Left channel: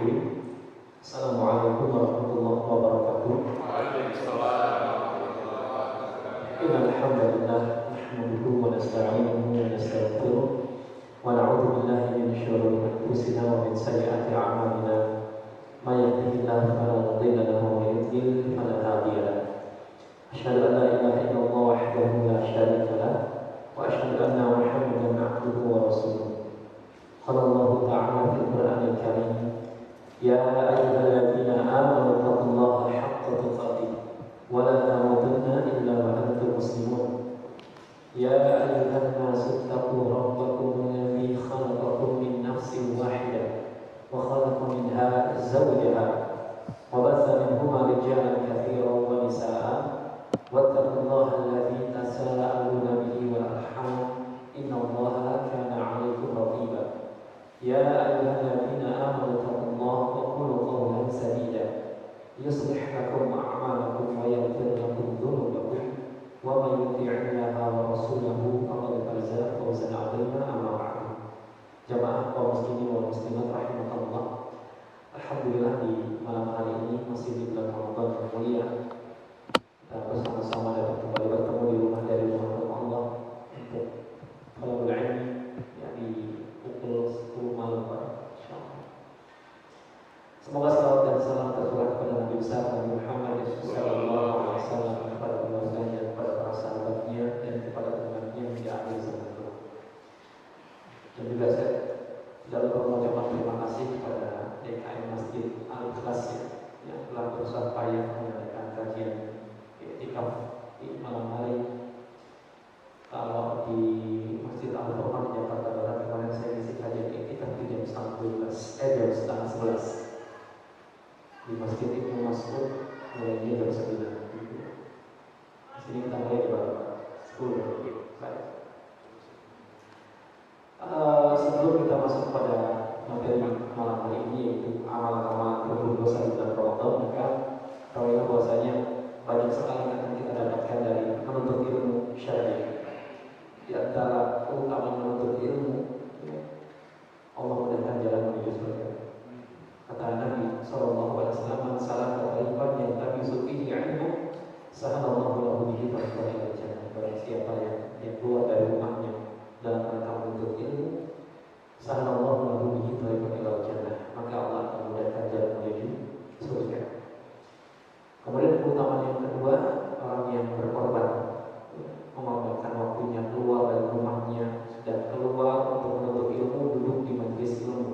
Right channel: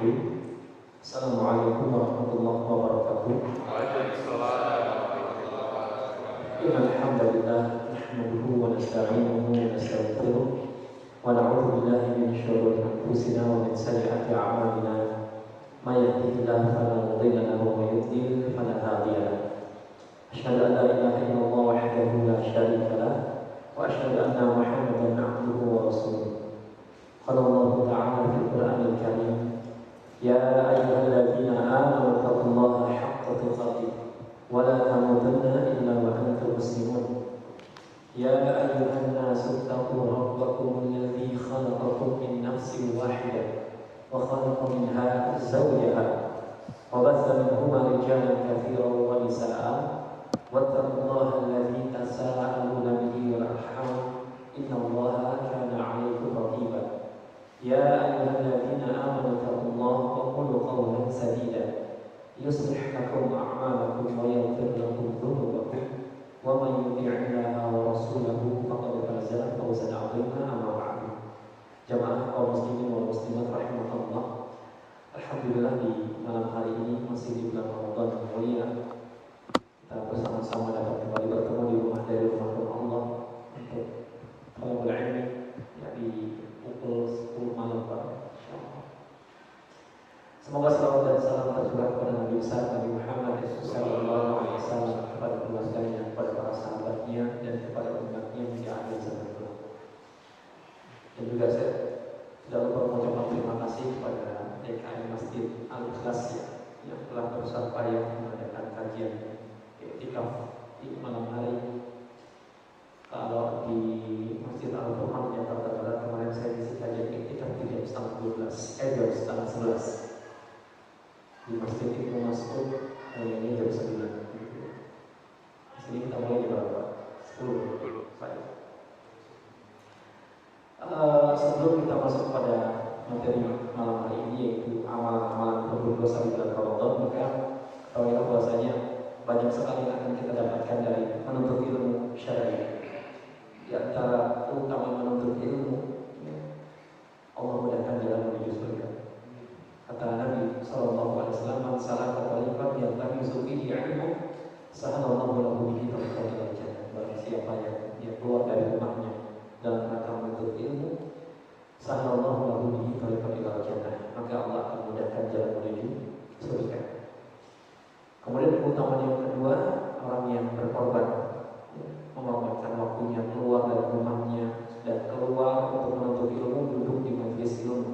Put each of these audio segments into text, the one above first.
الرحيم. السلام عليكم ورحمة الله وبركاته. Waalaikumsalam warahmatullahi wabarakatuh. إن الحمد لله نحمده ونستعينه ونستغفره ونعوذ بالله من شرور أنفسنا ومن سيئات أعمالنا. من يهده الله فلا مضل له ومن يضلل فلا هادي له. أشهد أن لا إله إلا الله وحده لا شريك له وأشهد أن محمدا عبده ورسوله. قال الله تعالى في القرآن الكريم: يا أيها الذين آمنوا اتقوا الله حق تقاته ولا تموتن إلا وأنتم مسلمون. يا أيها الناس اتقوا ربكم الذي خلقكم من نفس واحدة وخلق منها زوجها وبث منهما رجالا كثيرا ونساء واتقوا الله الذي تساءلون به والأرحام إن الله كان عليكم رقيبا. يا أيها الذين آمنوا اتقوا الله وقولوا قولا سديدا يصلح لكم أعمالكم ويغفر لكم ذنوبكم ومن يطع الله ورسوله فقد فاز فوزا عظيما. أما بعد. Jamaah kaum muslimin wal muslimat rahimakumullah. Alhamdulillah di malam hari ini masih di bulan Ramadan yang mulia, kita bersama-sama dapat kembali bertemu di rumah dari rumah Allah untuk talabul ilmi, ya, di pukul 10 malam, insyaallah. Semoga salawat dan salam tercurah kepada Nabi besar Nabi Muhammad sallallahu alaihi wasallam, kepada keluarganya, kepada para sahabatnya, dan kepada umatnya hingga akhir zaman. Dan juga saya tidak lupa mengucapkan terima kasih kepada DKM Masjid Al-Ikhlas yang telah berusaha payah mengadakan kajian i'tikaf di malam hari. Kalau di Masjid Al-Quran Jakarta Barat kemarin saya isi kajian i'tikaf di jam 11:30 di Masjid Ibnu Mas'ud, mulainya jam 9. Di sini kita mulai di berapa? 10. Baik. Sebelum kita masuk pada materi malam hari ini, yaitu amalan-amalan berbuat dosa di bulan Ramadan, maka tahu bahwasanya banyak sekali yang akan kita dapatkan dari menuntut ilmu syar'i. Di antara keutamaan menuntut ilmu, Allah mudahkan jalan menuju surga. Kata Nabi Sallallahu Alaihi Wasallam, "Man salaka tariqan yaltamisu fihi 'ilman, sahalallahu lahu bihi tariqan ilal jannah." Barang siapa yang keluar dari rumahnya dalam rangka menuntut ilmu, sahalallahu lahu bihi tariqan ilal jannah, maka Allah akan mudahkan jalan menuju surga. Kemudian keutamaan yang kedua, orang yang berkorban, mengorbankan waktunya keluar dari rumahnya dan keluar untuk menuntut ilmu, duduk di majelis ilmu.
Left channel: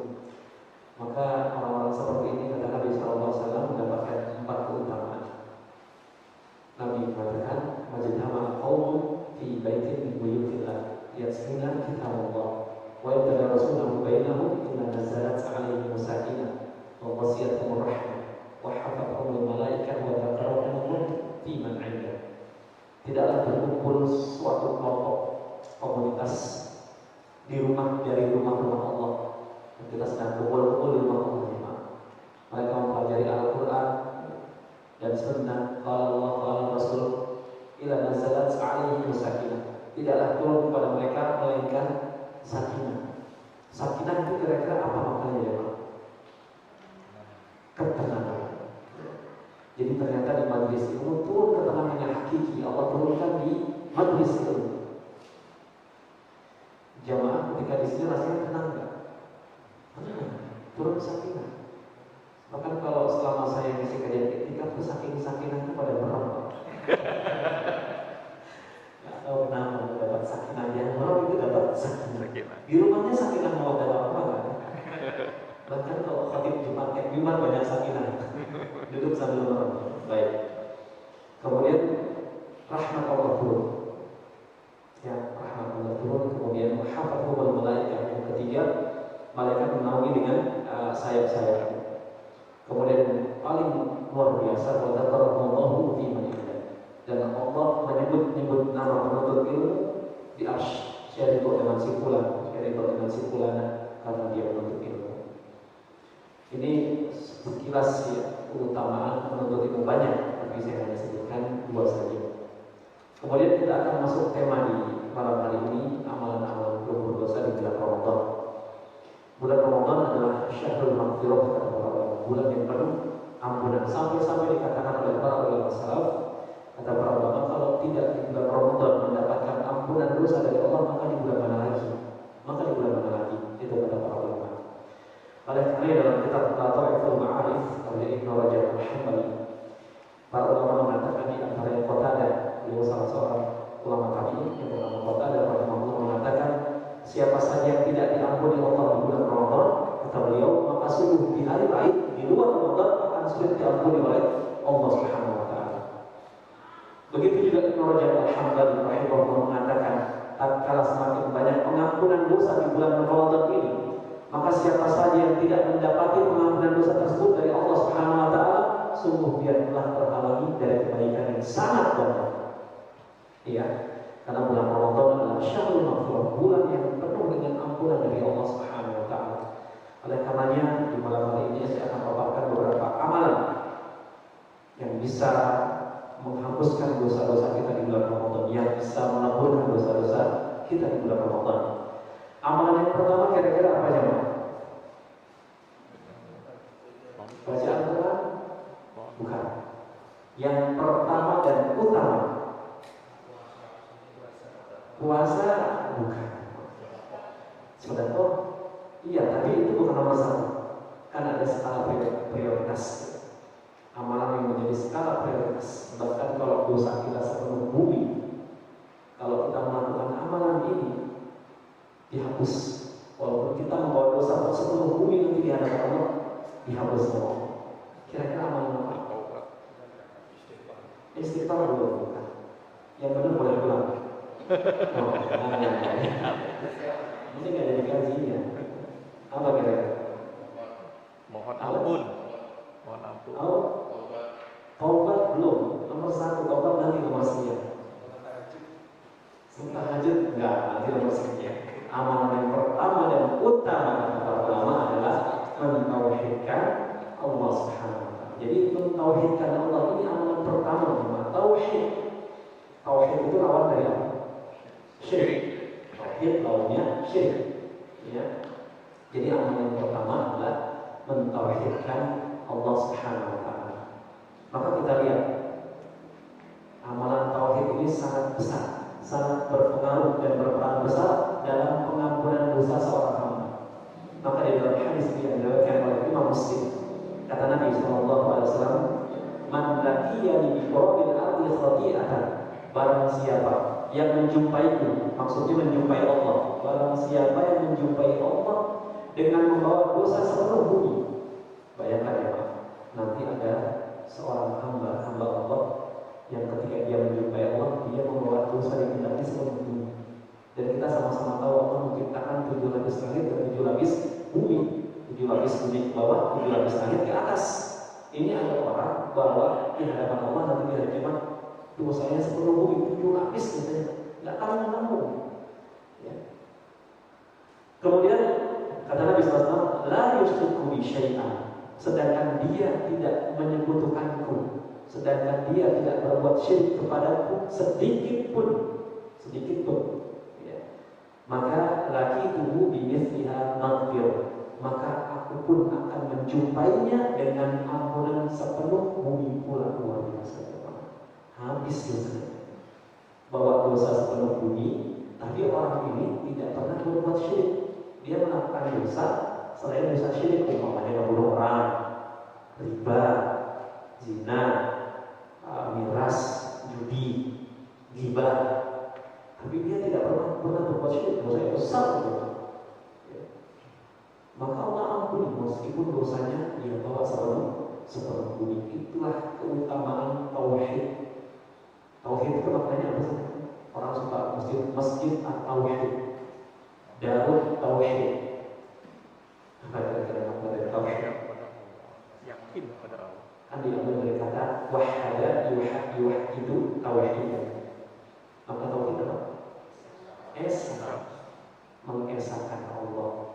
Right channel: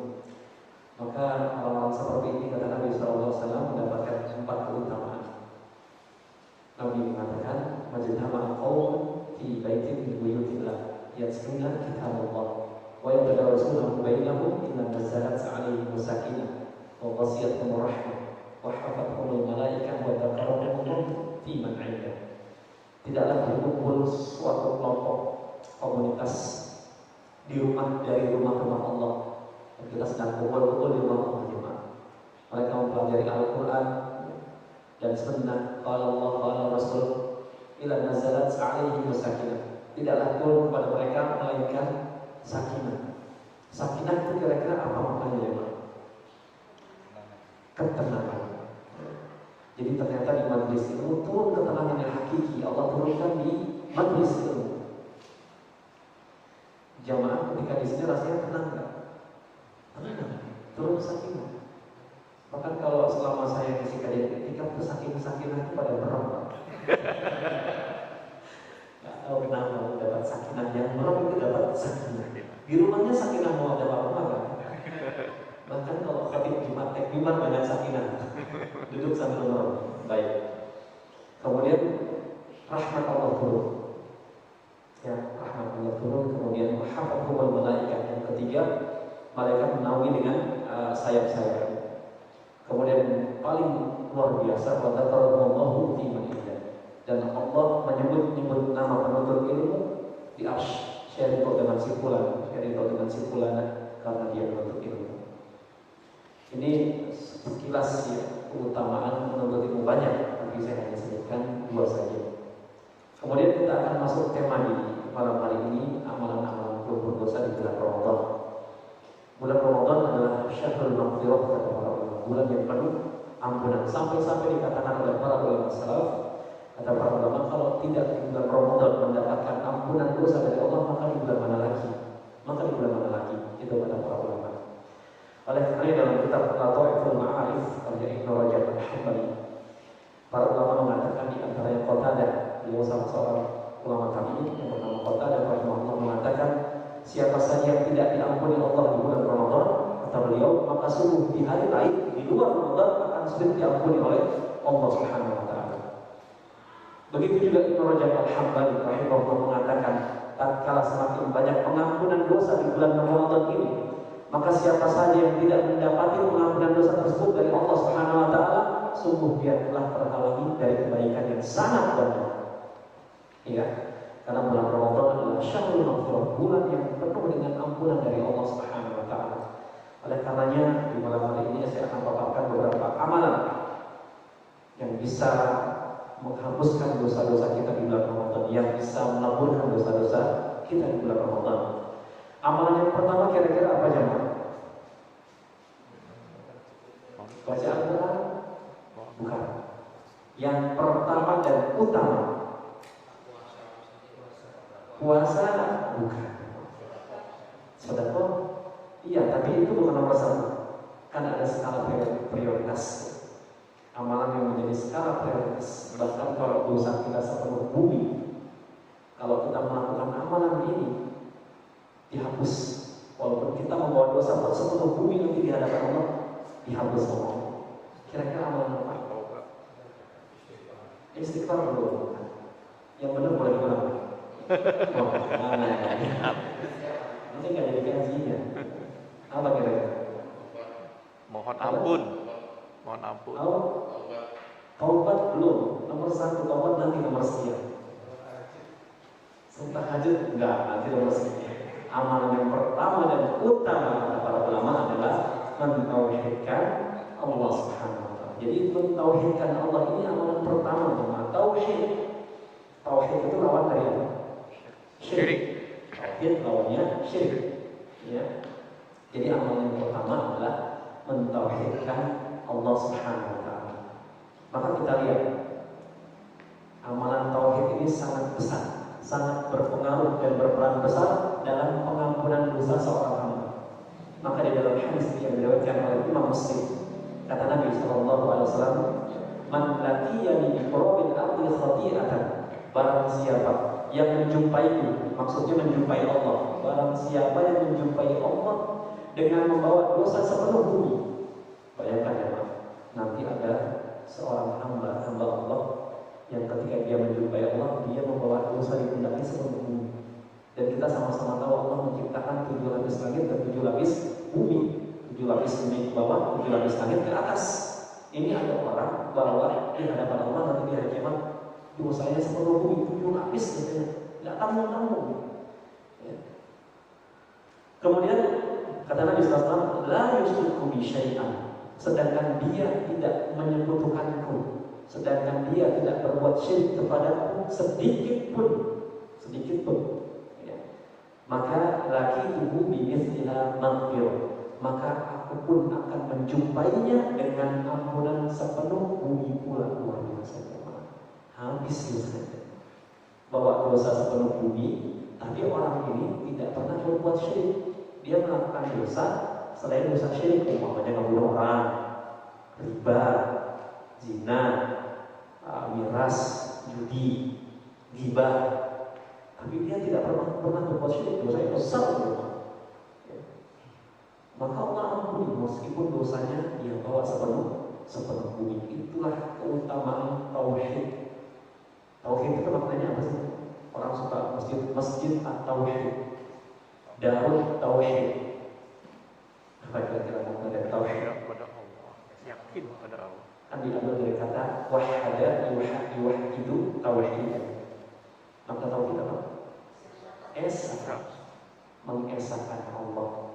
Maka orang-orang seperti ini, kata Nabi SAW, mendapatkan 4 keutamaan. Nabi mengatakan, "Majtama'a qaumun fi baitin min buyutillah yatluna kitabullah wa yatadarasunahu bainahum illa nazalat 'alaihim sakinah wa ghashiyatuhum rahmah wa hafathahumul malaikah wa dzakarahumullah fi man 'indah." Tidaklah berkumpul suatu kelompok komunitas di rumah dari rumah-rumah Allah. Kita sedang kumpul-kumpul di rumah Allah jemaah. Mereka mempelajari Al-Quran dan Sunnah, qala Allah qala Rasul, ila nazalat 'alaihim sakinah. Tidaklah turun kepada mereka melainkan sakinah. Sakinah itu kira-kira apa maknanya ya Pak? Ketenangan. Jadi ternyata di majelis itu turun ketenangan yang hakiki. Allah turunkan di majelis itu. Jamaah ketika di sini rasanya tenang nggak? Turun sakinah. Bahkan kalau selama saya ngisi kajian i'tikaf, sakinah itu pada berapa? Nggak tahu kenapa dapat sakinah, yang merem itu dapat sakinah. Di rumahnya sakinah mau ada apa kan? Bahkan kalau khatib Jumat, Jumat banyak sakinah. Duduk sambil merem. Baik. Kemudian rahmat Allah turun. Ya, rahmat Allah turun. Kemudian hafathul malaikah. Yang ketiga, malaikat menaungi dengan sayap-sayap. Kemudian paling luar biasa, wa dzakarallahu fi man indah. Dan Allah menyebut nama penuntut ilmu di arsy. Syarikul dengan simpulan, karena dia menuntut ilmu. Ini sekilas ya, keutamaan menuntut ilmu banyak, tapi saya hanya sebutkan 2 saja. Kemudian kita akan masuk tema di malam hari ini, amalan-amalan berdosa di bulan Ramadan. Bulan Ramadan adalah syahrul maghfirah, kata para bulan yang penuh ampunan. Sampai-sampai dikatakan oleh para ulama salaf, kata para ulama, kalau tidak di bulan Ramadan mendapatkan ampunan dosa dari Allah, maka di bulan mana lagi? Maka di bulan mana lagi? Itu kata para ulama. Oleh karena dalam kitab Lataiful Ma'arif oleh Ibnu Rajab Al-Hambali, para ulama mengatakan di antara yang Qatadah, beliau salah seorang ulama tabi'in yang bernama Qatadah rahimahullah mengatakan, siapa saja yang tidak diampuni Allah di bulan Ramadan, kata beliau, maka sungguh di hari lain di luar Ramadan akan sulit diampuni oleh Allah Subhanahu wa taala. Begitu juga Ibnu Rajab Al-Hambali rahimahullah mengatakan, tatkala semakin banyak pengampunan dosa di bulan Ramadan ini, maka siapa saja yang tidak mendapati pengampunan dosa tersebut dari Allah Subhanahu wa taala, sungguh dia telah terhalangi dari kebaikan yang sangat banyak. Iya, karena bulan Ramadan adalah syahrul maghfirah, bulan yang penuh dengan ampunan dari Allah Subhanahu wa taala. Oleh karenanya di malam hari ini saya akan paparkan beberapa amalan yang bisa menghapuskan dosa-dosa kita di bulan Ramadan, yang bisa meleburkan dosa-dosa kita di bulan Ramadan. Amalan yang pertama kira-kira apa jemaah? Baca Al-Quran? Bukan. Yang pertama dan utama, puasa? Bukan. Sedekah? Iya, tapi itu bukan nomor satu. Kan ada skala prioritas. Amalan yang menjadi skala prioritas. Bahkan kalau dosa kita sepenuh bumi, kalau kita melakukan amalan ini, dihapus. Walaupun kita membawa dosa sepenuh bumi nanti di hadapan Allah, dihapus semua. Kira-kira amalan apa? Istighfar dulu. Yang benar boleh pulang. Oh, ini nggak jadi kajian. Apa kira-kira? Mohon ampun. Mohon ampun. Taubat belum. Nomor satu taubat, nanti nomor sekian. Sumpah hajat enggak, nanti nomor sekian. Amalan yang pertama dan utama kata para ulama adalah mentauhidkan Allah Subhanahu wa taala. Jadi mentauhidkan Allah ini amalan pertama, nama tauhid. Tauhid itu lawan dari apa? Syirik. Tauhid lawannya syirik. Ya. Jadi amalan yang pertama adalah mentauhidkan Allah Subhanahu wa taala. Maka kita lihat amalan tauhid ini sangat besar, sangat berpengaruh dan berperan besar dalam pengampunan dosa seorang hamba. Maka di dalam hadis yang diriwayatkan oleh Imam Muslim, kata Nabi sallallahu alaihi wasallam, "Man laqiyani bi qurabil ardi khati'atan." Barang siapa yang menjumpaiku, maksudnya menjumpai Allah. Barang siapa yang menjumpai Allah dengan membawa dosa sepenuh bumi. Bayangkan ya Pak, nanti ada seorang hamba Allah yang ketika dia menjumpai Allah, dia membawa dosa di pundaknya sepenuh bumi. Dan kita sama-sama tahu Allah menciptakan 7 lapis langit dan 7 lapis bumi. 7 lapis bumi ke bawah, 7 lapis langit ke atas. Ini ada orang bahwa di hadapan Allah nanti di hari kiamat dosanya sepenuh bumi, 7 lapis gitu, nggak tanggung-tanggung. Ya. Kemudian kata Nabi SAW, la yusyriku bi syai'an, sedangkan dia tidak menyekutukanku, sedangkan dia tidak berbuat syirik kepadaku sedikit pun. Ya. Maka laki tubuh bimithliha maghfir, maka aku pun akan menjumpainya dengan ampunan sepenuh bumi pula. Luar biasa. Habis dosanya, bawa dosa sepenuh bumi, tapi orang ini tidak pernah berbuat syirik. Dia melakukan dosa selain dosa syirik, umpamanya membunuh orang, riba, zina, miras, judi, ghibah, tapi dia tidak pernah berbuat syirik. Dosanya besar, ya. Maka Allah ampuni meskipun dosanya dia bawa sepenuh bumi. Itulah keutamaan tauhid. Tauhid itu maknanya apa sih? Orang suka masjid at-tauhid, darut tauhid. Apa kira-kira makna dari tauhid? Pada Allah, yakin pada Allah. Kan diambil dari kata wahada yuwahidu tauhid. Maka tauhid apa? Esa, mengesahkan Allah.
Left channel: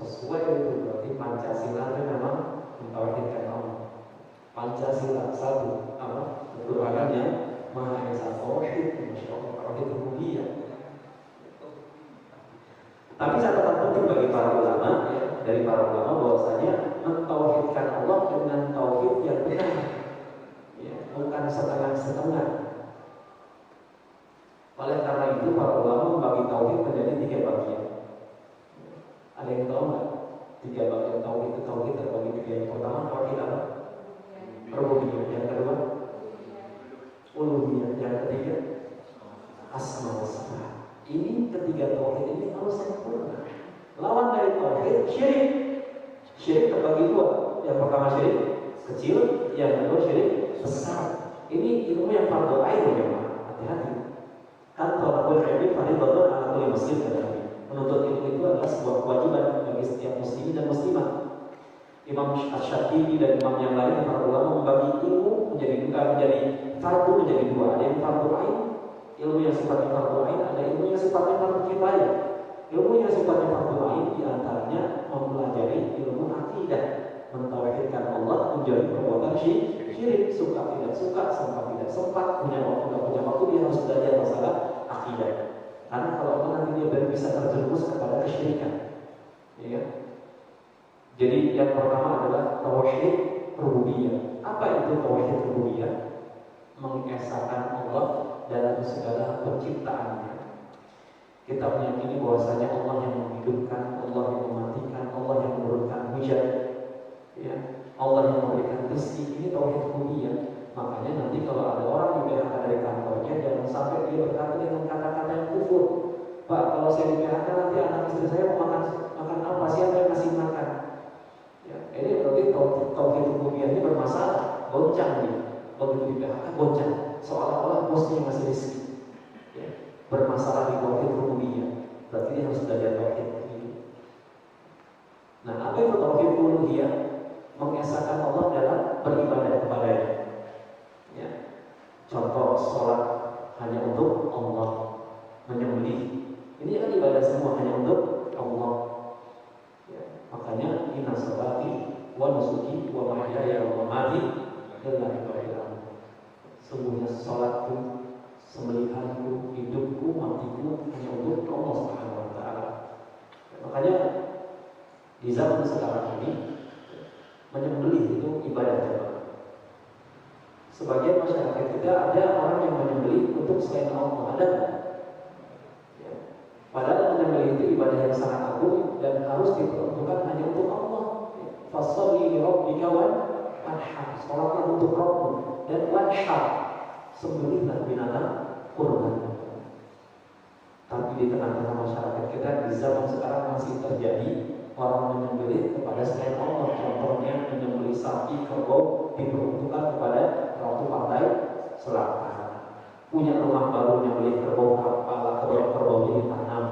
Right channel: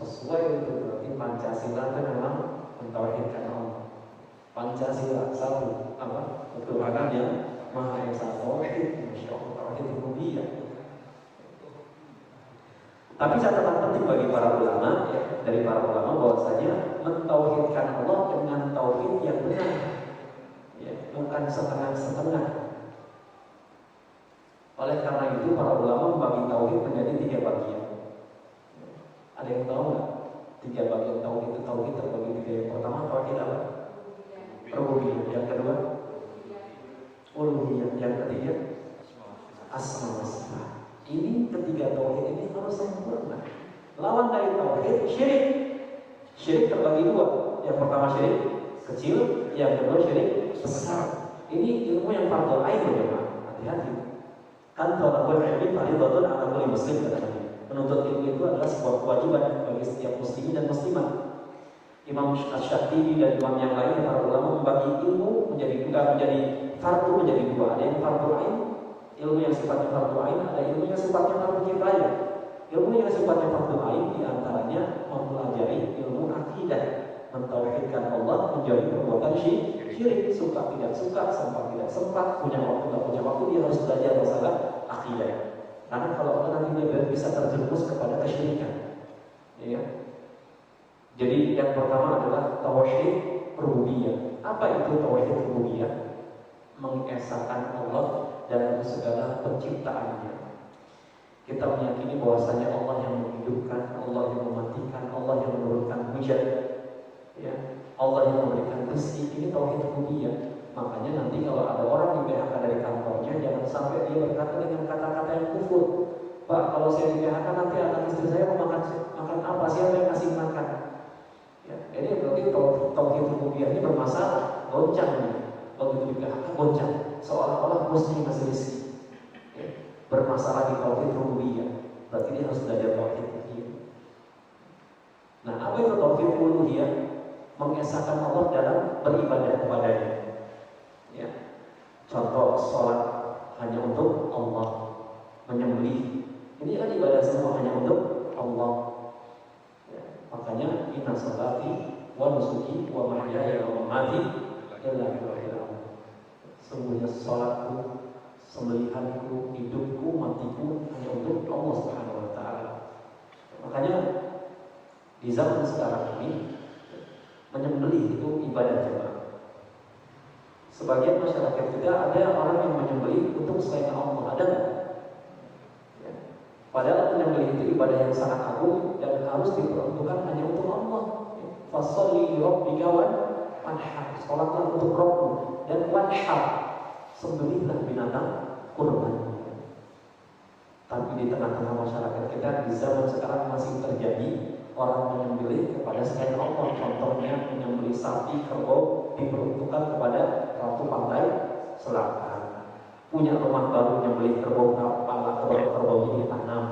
Sesuai itu berarti Pancasila itu memang mentauhidkan Allah. Pancasila satu apa? Keturunannya Maha Esa, tauhid, Masya Allah, tauhid rububiyah. Tapi catatan penting bagi para ulama, ya, dari para ulama bahwasanya mentauhidkan Allah dengan tauhid yang benar, ya, bukan setengah-setengah. Oleh karena itu para ulama membagi tauhid menjadi 3 bagian. Ada yang tahu nggak? 3 bagian tauhid itu terbagi 3. Yang pertama tauhid apa? Rububiyah. Yang kedua uluhiyah. Yang ketiga asma wa sifat. Ini ketiga tauhid ini harus sempurna. Lawan dari tauhid syirik. Syirik terbagi 2. Yang pertama syirik kecil, yang kedua syirik besar. Ini ilmu yang fardu ain ya, hati-hati. Kan tolakul ilmi fardhu ala kulli muslim katanya. Menuntut ilmu itu adalah sebuah kewajiban bagi setiap muslim dan muslimah. Imam Asy-Syafi'i dan imam yang lain para ulama membagi ilmu menjadi fardu menjadi 2. Ada yang fardu ain, ilmu yang sifatnya fardu ain, ada ilmu yang sifatnya fardu kifayah. Ilmu yang sifatnya fardu ain di antaranya mempelajari ilmu akidah, mentauhidkan Allah, menjauhi perbuatan syirik, suka tidak suka, sempat tidak sempat, punya waktu tidak punya waktu, dia harus belajar masalah akidah. Karena kalau nanti dia bisa terjerumus kepada kesyirikan, ya. Jadi yang pertama adalah tauhid rububiyah. Apa itu tauhid rububiyah? Mengesahkan Allah dalam segala penciptaannya. Kita meyakini bahwasanya Allah yang menghidupkan, Allah yang mematikan, Allah yang menurunkan hujan, ya, Allah yang memberikan rezeki. Ini tauhid rububiyah. Makanya nanti kalau ada orang di PHK dari kantornya, jangan sampai dia berkata dengan kata-kata yang kufur. Pak, kalau saya di PHK nanti anak istri saya mau makan apa? Siapa yang kasih makan? Ya, ini berarti tauhid rububiyah ini bermasalah, goncang nih. Begitu di PHK goncang, seolah-olah bosnya yang ngasih rezeki. Ya, bermasalah di tauhid rububiyah. Berarti dia harus belajar tauhid ini. Nah, apa itu tauhid uluhiyah? Mengesahkan Allah dalam beribadah kepadanya. Ya. Contoh sholat hanya untuk Allah, menyembelih ini kan ibadah semua hanya untuk Allah. Ya. Makanya inna sholati wa nusuki wa mahyaya wa mamati lillahi rabbil alamin. Sungguhnya sholatku, sembelihanku, hidupku, matiku hanya untuk Allah Subhanahu wa taala. Makanya di zaman sekarang ini menyembelih itu ibadah jemaah. Sebagian masyarakat kita ada orang yang menyembelih untuk selain Allah, ada. Ya. Padahal menyembelih itu ibadah yang sangat agung dan harus diperuntukkan hanya untuk Allah. Fasholli li rabbika wanhar, salatlah untuk Rabbmu, dan wanhar, sembelihlah binatang kurban. Tapi di tengah-tengah masyarakat kita di zaman sekarang masih terjadi orang menyembelih kepada selain Allah. Contohnya menyembelih sapi kerbau diperuntukkan kepada ratu pantai selatan. Punya rumah baru menyembelih kerbau, kepala kerbau ditanam.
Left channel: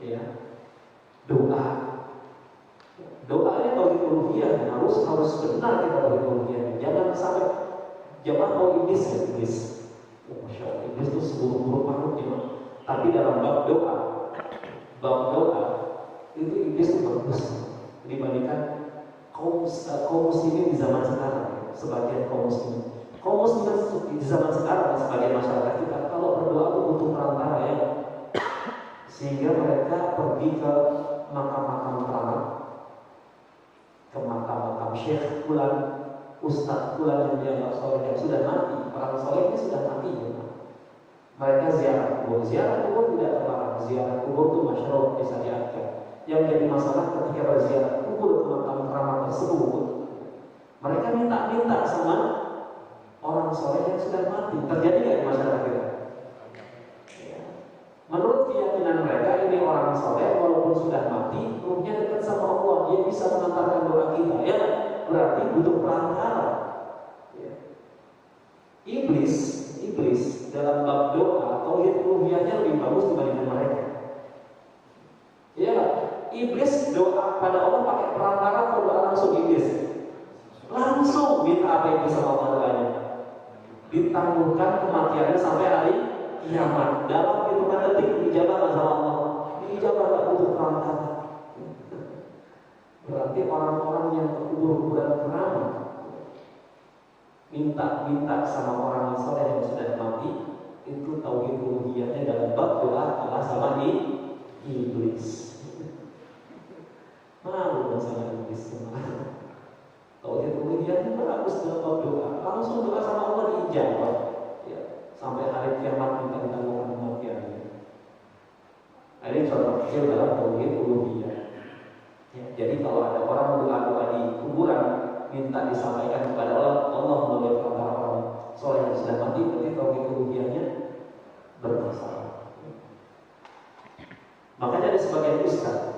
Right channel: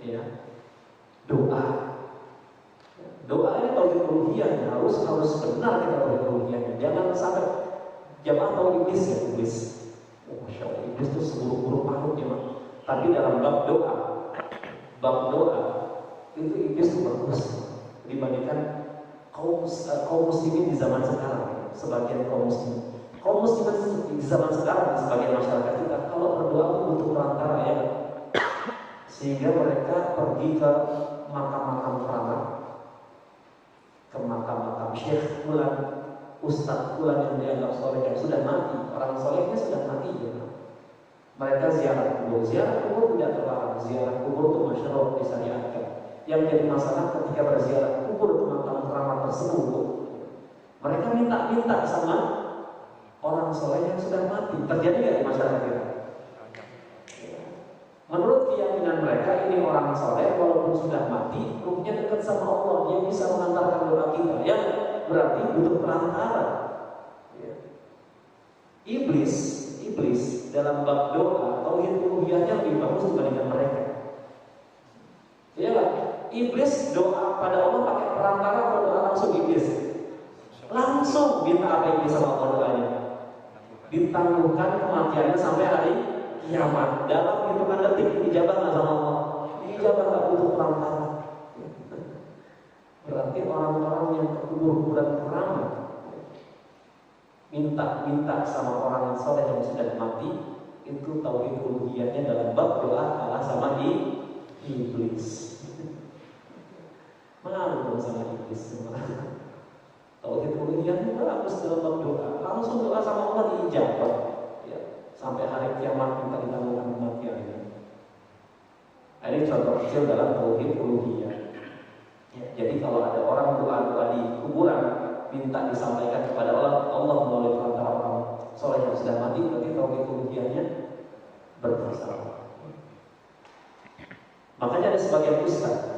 Ya. Doa ini tauhid uluhiyah, harus benar kita tauhid uluhiyah. Jangan sampai jamaah tahu iblis ya, iblis. Masya Allah, iblis itu seburuk-buruk makhluknya. Tapi dalam bab doa itu iblis itu bagus dibandingkan kaum muslimin di zaman sekarang. Sebagian kaum muslimin di zaman sekarang, sebagian masyarakat kita kalau berdoa itu butuh perantara, ya, sehingga mereka pergi ke makam-makam keramat, ke makam-makam syekh fulan, ustaz fulan yang dianggap soleh yang sudah mati. Orang solehnya sudah mati, ya. Mereka ziarah kubur tidak terlarang. Ziarah kubur itu masyruh, bisa diatur. Yang jadi masalah ketika berziarah kubur ke makam keramat tersebut, mereka minta sama orang soleh yang sudah mati. Terjadi nggak di masyarakat kita? Menurut keyakinan mereka, ini orang soleh walaupun sudah mati, ruhnya dekat sama Allah, dia bisa mengantarkan doa kita. Ya, berarti butuh perantara. Ya. Iblis dalam bab doa, tauhid uluhiyahnya lebih bagus dibandingkan mereka. Iya kan? Iblis doa pada Allah pakai perantara atau doa langsung iblis? Langsung minta apa yang bisa Allah doanya? Ditangguhkan kematiannya sampai hari kiamat. Dalam hitungan detik dijabah nggak sama Allah? Dijabah, nggak butuh perantara. Berarti orang-orang yang kubur-kuburan keramat minta sama orang soleh yang sudah mati, itu tauhid uluhiyahnya dalam bab doa kalah sama iblis. Malu sama iblis semua. bagus dalam doa. Langsung doa sama Allah diijabah. Ya, sampai hari kiamat minta ditanggung kematian. Ini contoh kecil dalam tauhid uluhiyah. Ya, jadi kalau ada orang doa di kuburan minta disampaikan kepada Allah melalui perantara orang soleh yang sudah mati, berarti tauhid uluhiyahnya bermasalah. Makanya ada sebagian ustaz.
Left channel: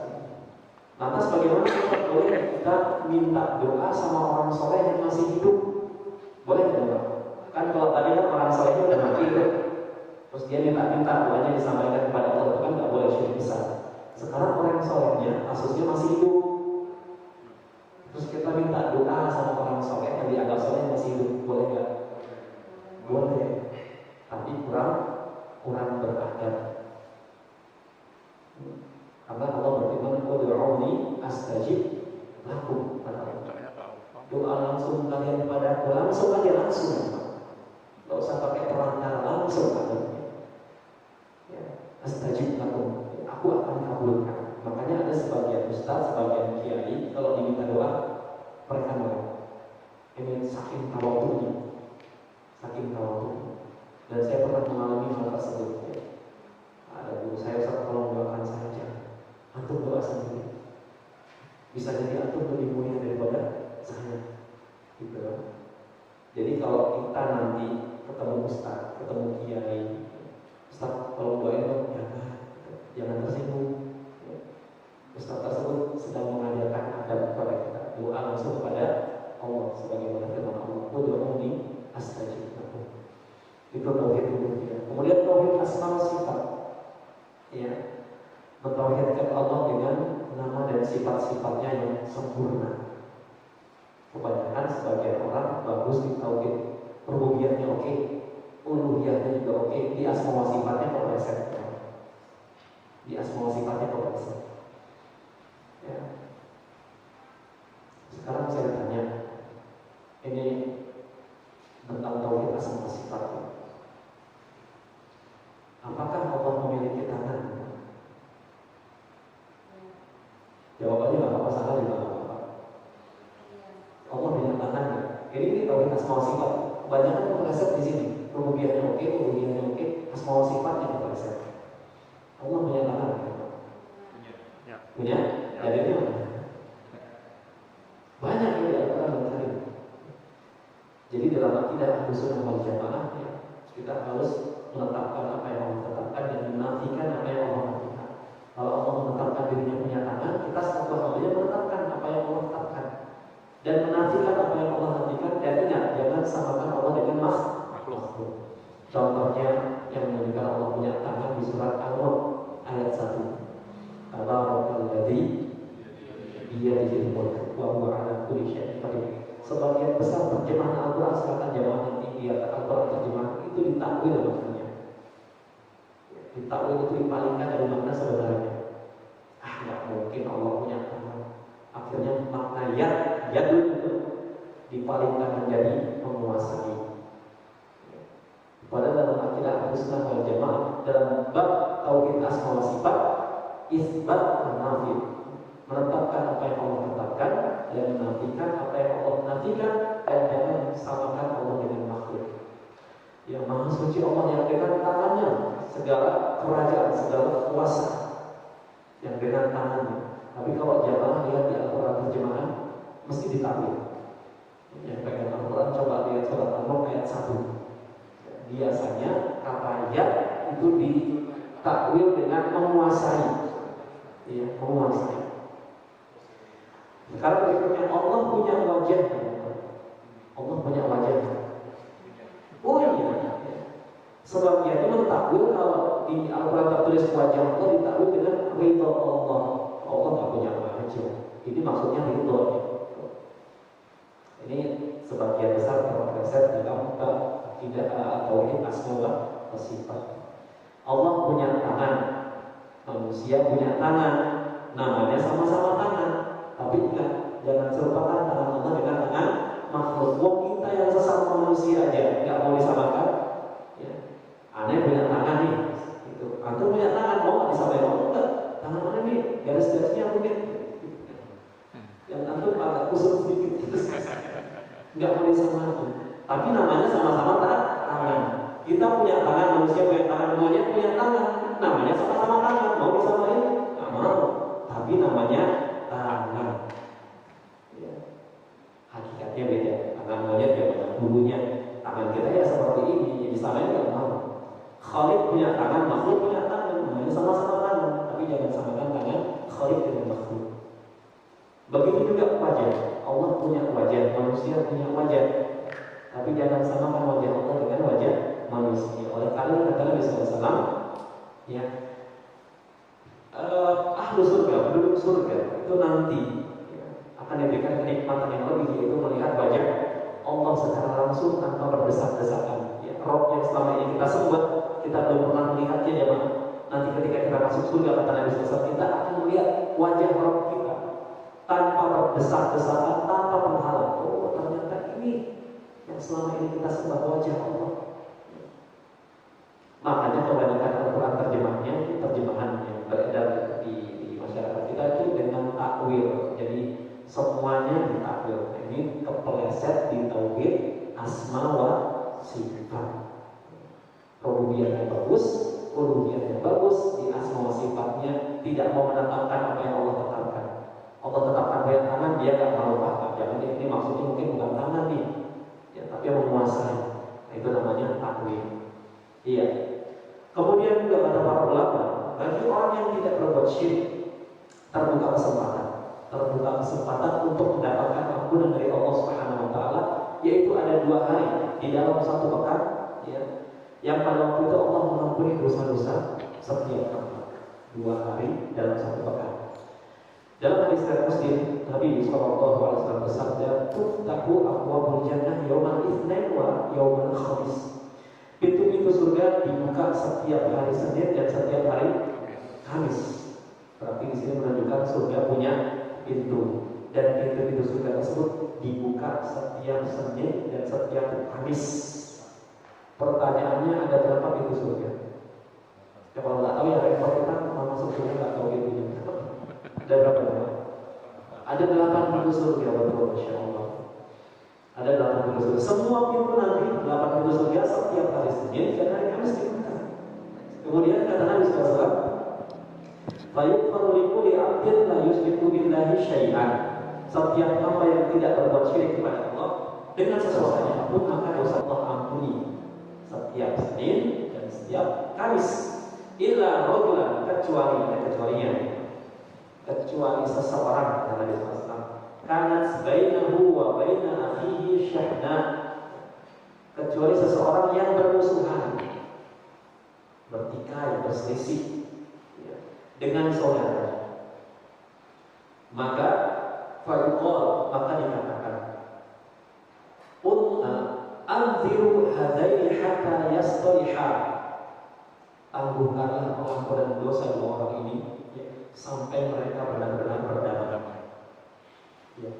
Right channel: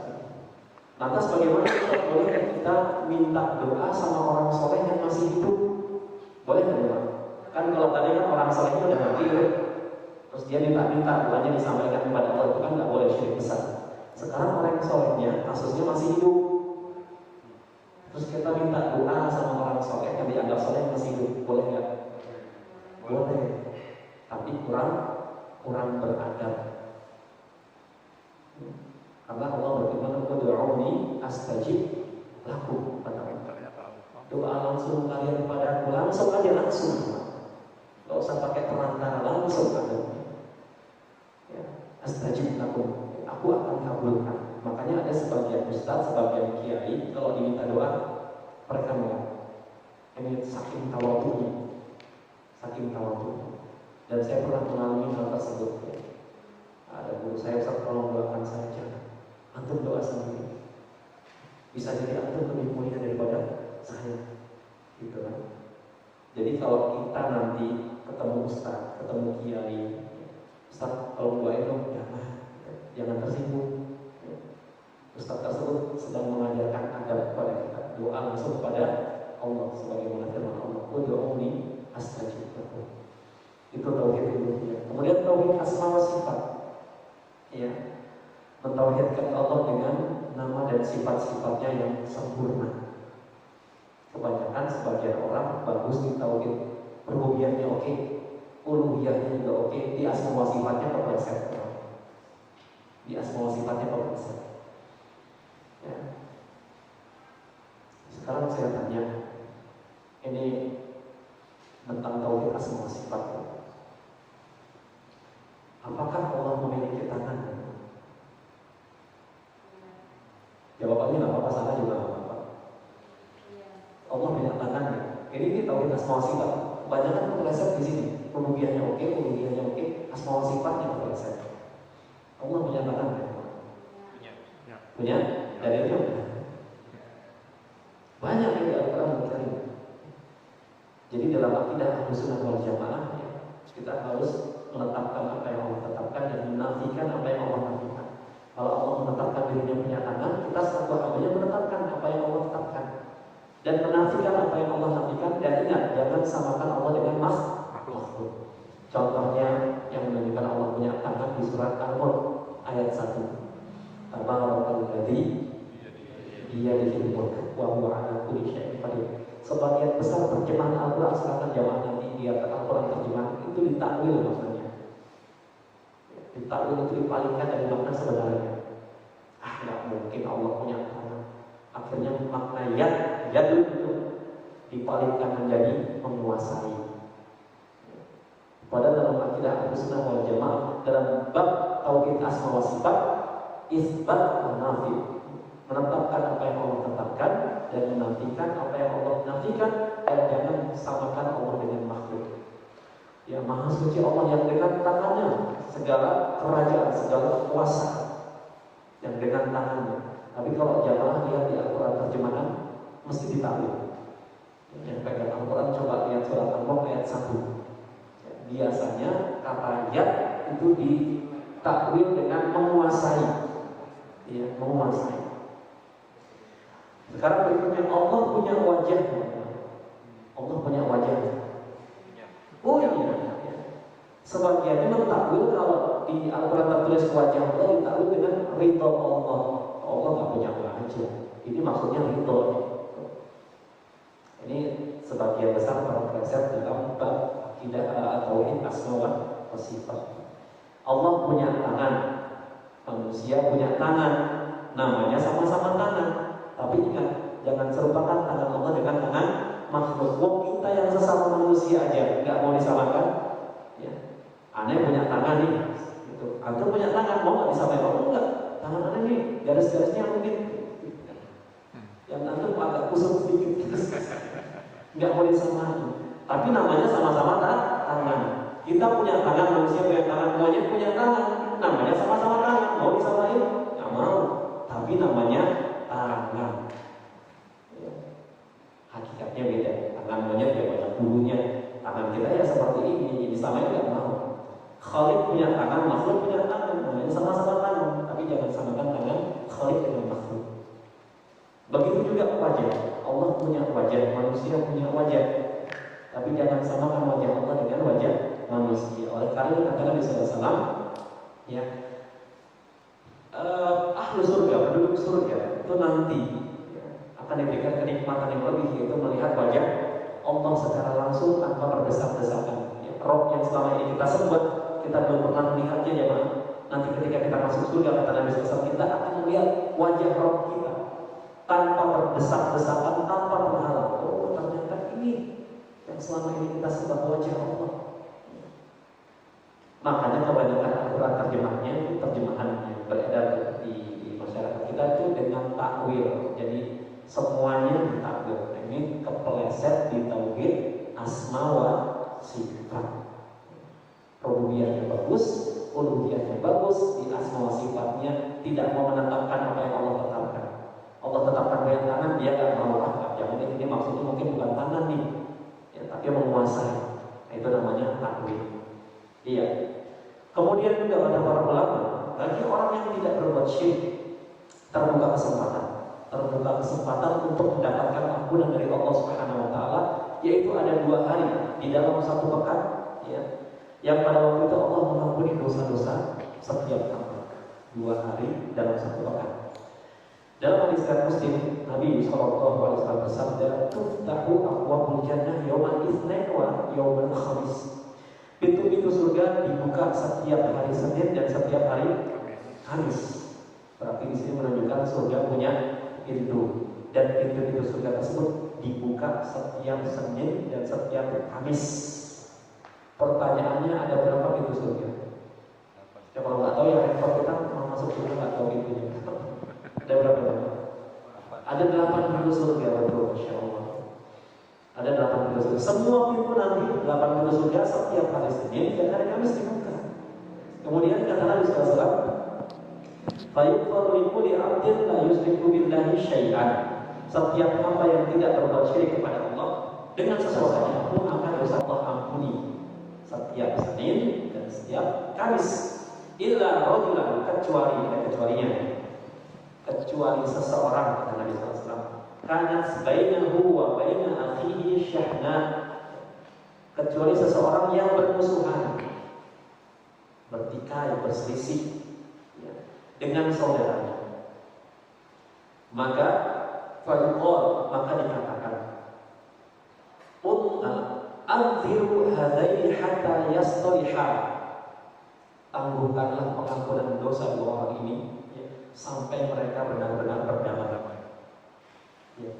Lantas bagaimana boleh kita minta doa sama orang soleh yang masih hidup? Boleh nggak? Kan kalau tadi kan orang solehnya udah mati, terus dia minta doanya disampaikan kepada Allah, itu kan nggak boleh, syirik besar. Sekarang orang solehnya kasusnya masih hidup, terus kita minta doa sama orang soleh yang dianggap soleh yang masih hidup, boleh nggak? Boleh, tapi kurang beradab. Karena Allah berfirman, "Ud'uuni astajib lakum." Doa langsung kalian padaku, langsung aja langsung. Gak usah pakai perantara, langsung aja. Ya, astajib lakum. Aku akan kabulkan. Makanya ada sebagian ustaz, sebagian kiai kalau diminta doa mereka menolak. Ini saking tawadhunya. Dan saya pernah mengalami hal tersebut. Ada guru saya, tolong doakan saya, jangan. Antum doa sendiri. Bisa jadi antum lebih mulia daripada saya. Gitu kan? Jadi kalau kita nanti ketemu ustaz, ketemu kiai, ustaz tolong doain dong, jangan tersinggung. Ustaz tersebut sedang mengajarkan adab kepada kita. Doa langsung kepada Allah sebagaimana firman Allah, "Ud'uuni astajib lakum." Itu tauhid uluhiyah. Kemudian tauhid asma wa sifat. Ya, mentauhidkan Allah dengan nama dan sifat-sifatnya yang sempurna. Kebanyakan sebagian orang bagus di tauhid rububiyahnya oke, uluhiyahnya juga oke, di asma wa sifatnya kepleset. Ya. Sekarang saya tanya, ini tentang tauhid asma wa sifat. Apakah Allah memiliki tangan? Jawabannya nggak apa-apa, salah juga nggak apa-apa. Allah punya tangan ya. Ini tauhid asma wa sifat. Kebanyakan kepleset di sini. Rububiyahnya oke, uluhiyahnya oke, asma wa sifatnya kepleset. Allah punya tangan ya? Punya? Dari itu banyak yang di Al-Quran Al-Karim. Jadi dalam akidah Ahlus Sunnah wal Jamaah ya, kita harus menetapkan apa yang Allah tetapkan dan menafikan apa yang Allah nafikan. Kalau Allah menetapkan dirinya punya tangan, kita satu hambanya menetapkan apa yang Allah tetapkan dan menafikan apa yang Allah nafikan. Dan ingat, jangan samakan Allah dengan makhluk. Contohnya yang menunjukkan Allah punya tangan di surat Al-Mulk ayat 1. Tabarakal-ladzi biyadihil mulk wa huwa 'ala kulli syai'in qadir. Sebagian besar terjemahan Al-Quran silakan jamaah nanti lihat Al-Quran terjemahan itu ditakwil maknanya. Ditakwil itu dipalingkan dari makna sebenarnya. Nggak mungkin Allah punya tangan. Akhirnya makna yadul itu dipalingkan menjadi menguasai. Padahal dalam akidah Ahlus Sunnah wal Jamaah dalam bab tauhid asma wa sifat, isbat menafi, menetapkan apa yang Allah tetapkan dan menafikan apa yang Allah nafikan, dan jangan samakan Allah dengan makhluk. Yang maha suci Allah yang dengan tangannya segala kerajaan, segala kuasa yang dengan tangannya. Tapi kalau jamaah lihat di Al-Quran terjemahan mesti ditakwil. Yang pegang Al-Quran coba lihat surat Al-Mulk ayat 1. Biasanya kata yad itu ditakwil dengan menguasai. Ya, menguasai. Sekarang berikutnya, Allah punya wajah. Allah punya wajah. Oh iya. Sebagiannya mentakwil kalau di Al-Quran tertulis wajah Allah ditakwil dengan ridho Allah. Allah nggak punya wajah. Ini maksudnya ridho. Ini sebagian besar terpleset dalam bab tidak tauhid asma wa sifat. Allah punya tangan, manusia punya tangan, namanya sama-sama tangan. Tapi ingat, jangan serupakan tangan Allah dengan tangan makhluk. Kita yang sesama manusia aja nggak mau disamakan. Ya. Aneh punya tangan nih, gitu. Antum punya tangan, mau nggak disamakan? Mau nggak? Tangan aneh nih, garis-garisnya mungkin. Yang antum agak kusut sedikit. nggak boleh sama. Tapi namanya sama-sama tangan. Kita punya tangan, manusia punya tangan, semuanya punya tangan. Namanya sama-sama tangan. Mau disamain? Nggak mau. Tapi namanya tangan. Ya. Hakikatnya beda. Tangan monyet ya banyak bulunya. Tangan kita ya seperti ini. Jadi disamain nggak mau. Khalid punya tangan, makhluk punya tangan. Namanya sama-sama tangan. Tapi jangan samakan tangan Khalid dengan makhluk. Begitu juga wajah. Allah punya wajah, manusia punya wajah. Tapi jangan samakan wajah Allah dengan wajah manusia. Oleh karena kata Nabi SAW, ya, ahlu surga, penduduk surga itu nanti ya, akan diberikan kenikmatan yang lebih, yaitu melihat wajah Allah secara langsung tanpa berdesak-desakan. Ya, roh yang selama ini kita sembah, kita belum pernah melihatnya ya, Pak. Nanti ketika kita masuk surga, kata Nabi SAW, kita akan melihat wajah roh kita tanpa berdesak-desakan, tanpa penghalang. Oh, ternyata ini yang selama ini kita sembah wajah Allah. Makanya kebanyakan Al-Quran terjemahnya itu terjemahan yang beredar di masyarakat kita itu dengan takwil. Jadi semuanya ditakwil. Ini kepeleset di tauhid asma wa sifat. Rububiyahnya bagus, uluhiyahnya bagus, di asma wa sifatnya tidak mau menetapkan apa yang Allah tetapkan. Allah tetapkan banyak tangan, dia nggak mau. Jangan ini maksudnya mungkin bukan tangan nih, ya, tapi menguasai. Itu namanya takwil. Iya. Kemudian juga ada para ulama, bagi orang yang tidak berbuat syirik, terbuka kesempatan untuk mendapatkan ampunan dari Allah Subhanahu Wa Taala, yaitu ada 2 hari di dalam 1 pekan, ya, yang pada waktu itu Allah mengampuni dosa-dosa setiap hari. 2 hari dalam 1 pekan. Dalam hadis Muslim, Nabi SAW bersabda, "Tuftahu abwabul jannah yaumal itsnain wa yaumal khamis." Pintu-pintu surga dibuka setiap hari Senin dan setiap hari Kamis. Berarti di sini menunjukkan surga punya pintu, dan pintu-pintu surga tersebut dibuka setiap Senin dan setiap Kamis. Pertanyaannya, ada berapa pintu surga? Ya, kalau nggak tahu ya repot, kita mau masuk surga atau pintunya. Ada berapa? Ada 8 pintu surga, betul, Masya Allah. Ada 8 pintu surga. Semua pintu nanti 8 pintu surga setiap hari Senin dan hari Kamis dibuka. Kemudian kata Nabi SAW, "Fayughfaru likulli 'abdin la yusyriku billahi syai'an." Setiap hamba yang tidak berbuat syirik kepada Allah dengan sesuatu pun akan dosa Allah ampuni setiap Senin dan setiap Kamis. Illa rajulan, kecuali, ada kecualinya, kecuali seseorang, kata Nabi SAW, kanat bainahu wa baina akhihi syahna, kecuali seseorang yang bermusuhan, bertikai, berselisih, ya, dengan saudaranya, maka fayuqal, maka dikatakan, anziru hadaini hatta yastaliha, tangguhkanlah pengampunan dosa 2 orang ini, ya, sampai mereka benar-benar berdamai. Ya,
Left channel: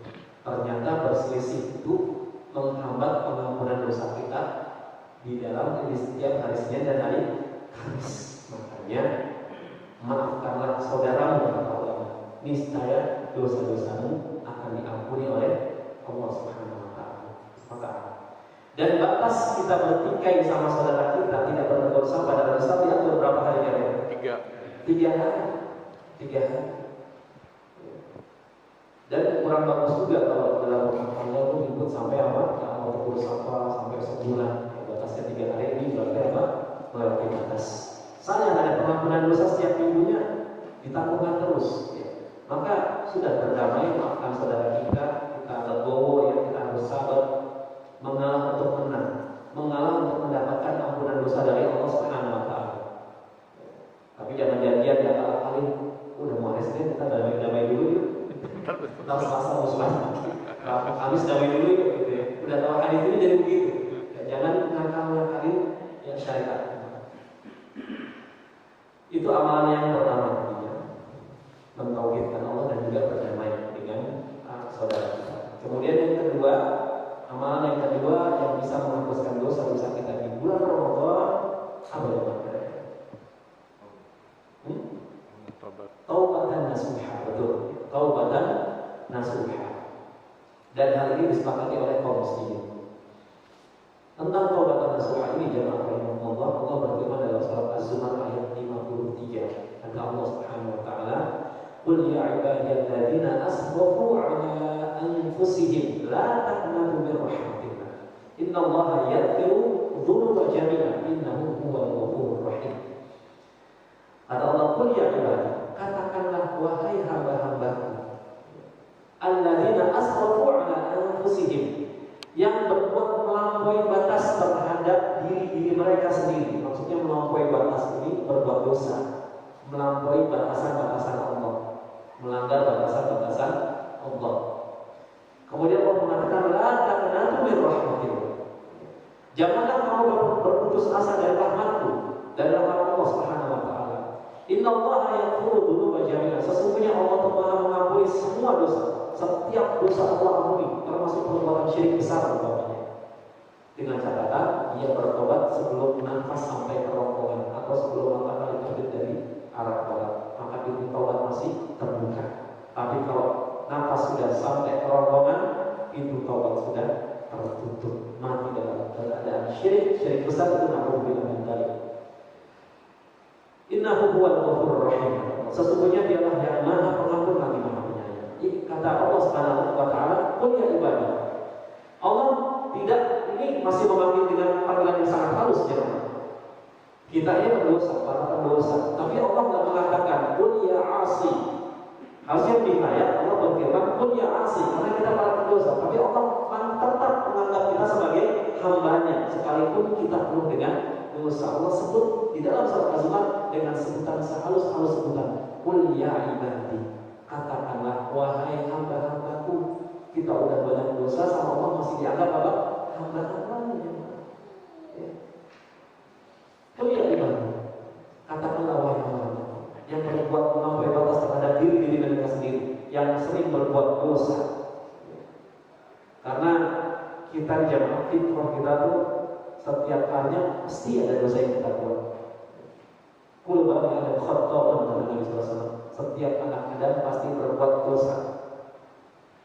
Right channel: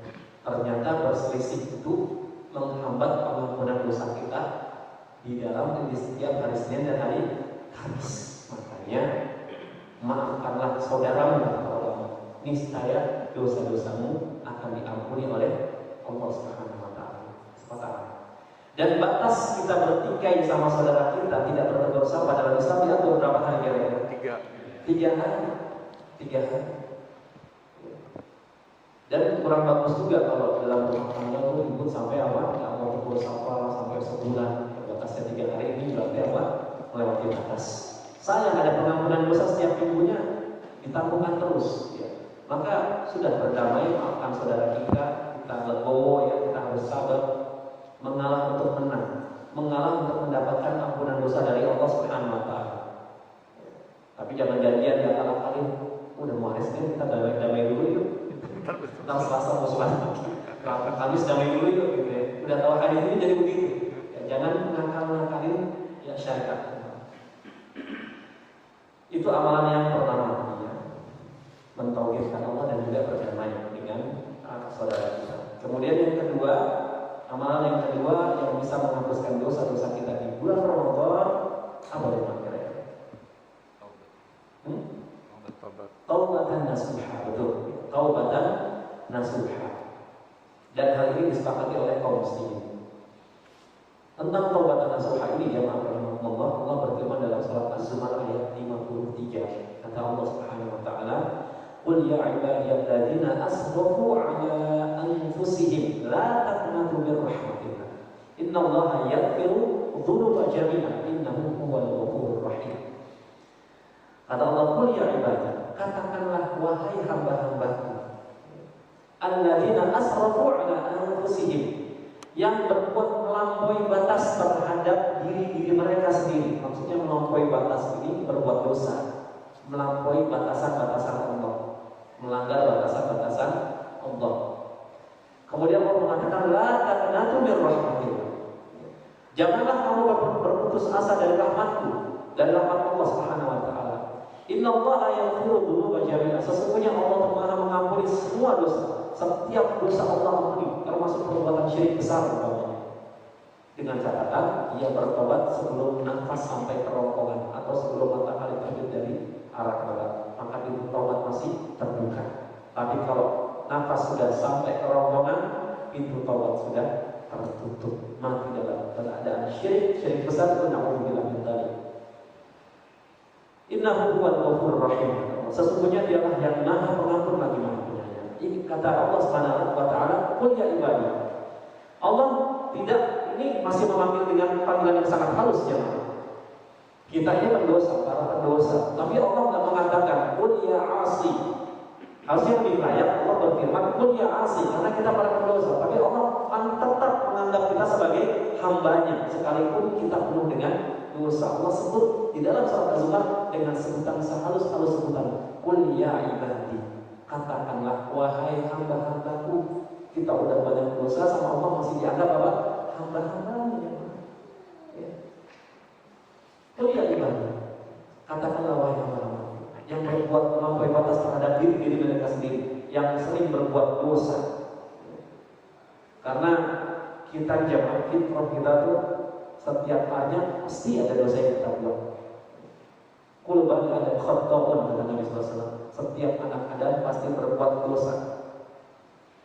ternyata berselisih itu menghambat pengampunan dosa kita di setiap hari Senin dan hari Kamis. Makanya maafkanlah saudaramu, kata Allah, niscaya dosa-dosamu akan diampuni oleh Allah Subhanahu Wa Taala. Dan batas kita bertikai sama saudara kita tidak berbuat dosa pada Islam diatur berapa hari kira-kira? 3 hari. 3 hari. Dan kurang bagus juga kalau dalam rumah tangga itu ribut sampai apa? Ya mau tegur sapa sampai sebulan. Ya, batasnya 3 hari ini berarti apa? Melewati batas. Sayang ada pengampunan dosa setiap minggunya ditangguhkan terus. Ya. Maka sudah berdamai, maafkan saudara kita legowo, ya, kita harus sabar, mengalah untuk menang, mengalah untuk mendapatkan ampunan dosa dari Allah Subhanahu Wa Taala. Tapi jangan janjian ya akal-akalin, udah mau hari Senin kita damai dulu yuk. Kita Selasa musuhan, Kamis damai dulu yuk, gitu ya. Udah tahu hari ini jadi begitu. Ya, jangan ngakal-ngakalin ya syariat. Itu amalan yang pertama, ya, mentauhidkan Allah dan juga berdamai dengan saudara kita. Kemudian yang kedua, amalan yang kedua yang bisa menghapuskan dosa-dosa kita di bulan Ramadan, apa yang kira-kira? Taubatan nasuha, betul. Taubatan nasuha. Dan hal ini disepakati oleh kaum muslimin. Tentang taubat nasuha ini jemaah rahimahullah, Allah berfirman dalam surat Az-Zumar ayat 53. Kata Allah Subhanahu wa taala, "Qul ya ibadiyalladzina asrafu 'ala anfusihim la taqnatu min rahmatillah. Innallaha yaghfiru dzunuba jami'an innahu huwal ghafurur rahim." Kata Allah, "Qul ya ibadah, katakanlah wahai hamba-hambaku, alladzina asrafu 'ala anfusihim, yang berbuat melampaui batas terhadap diri mereka sendiri." Maksudnya melampaui batas ini berbuat dosa, melampaui batasan-batasan Allah, melanggar batasan-batasan Allah. Kemudian Allah mengatakan, la taqnatu min rahmatillah. Janganlah kamu berputus asa dari rahmatku, dari rahmat Allah Subhanahu wa taala. Innallaha yaghfiru dzunuba jami'an. Sesungguhnya Allah Maha mengampuni semua dosa. Setiap dosa Allah ampuni, termasuk perbuatan syirik besar umpamanya. Dengan catatan ia bertobat sebelum nafas sampai kerongkongan atau sebelum matahari terbit dari arah barat, maka pintu taubat masih terbuka. Tapi kalau nafas sudah sampai kerongkongan, pintu taubat sudah tertutup. Mati dalam keadaan syirik besar itu na'udzubillah min dzalik. Innahu huwal ghafurur rahim. Sesungguhnya dialah yang Maha Pengampun lagi Maha Penyayang. Ini kata Allah Subhanahu wa taala, "Qul ya ibadi." Allah tidak, ini masih memanggil dengan panggilan yang sangat halus ya. Kita ini berdosa, para pendosa. Tapi Allah tidak mengatakan "Qul ya 'asi." Harusnya lebih layak Allah berfirman "Qul ya 'asi" karena kita para pendosa. Tapi Allah tetap menganggap kita sebagai hambanya sekalipun kita penuh dengan dosa. Allah sebut di dalam surat Az-Zumar dengan sebutan sehalus-halus sebutan "Qul ya ibadi." Katakanlah wahai hamba-hambaku. Kita udah banyak dosa sama Allah masih dianggap apa? Hamba-hambanya. Ya. Qul ya ibadi. Katakanlah wahai hamba-hambaku yang berbuat melampaui batas terhadap diri mereka sendiri, yang sering berbuat dosa. Ya. Karena kita di jamaah fitrah kita tuh setiap harinya pasti ada dosa yang kita buat. Kul bani Adam khata'un, kata Nabi SAW. Setiap anak Adam pasti berbuat dosa.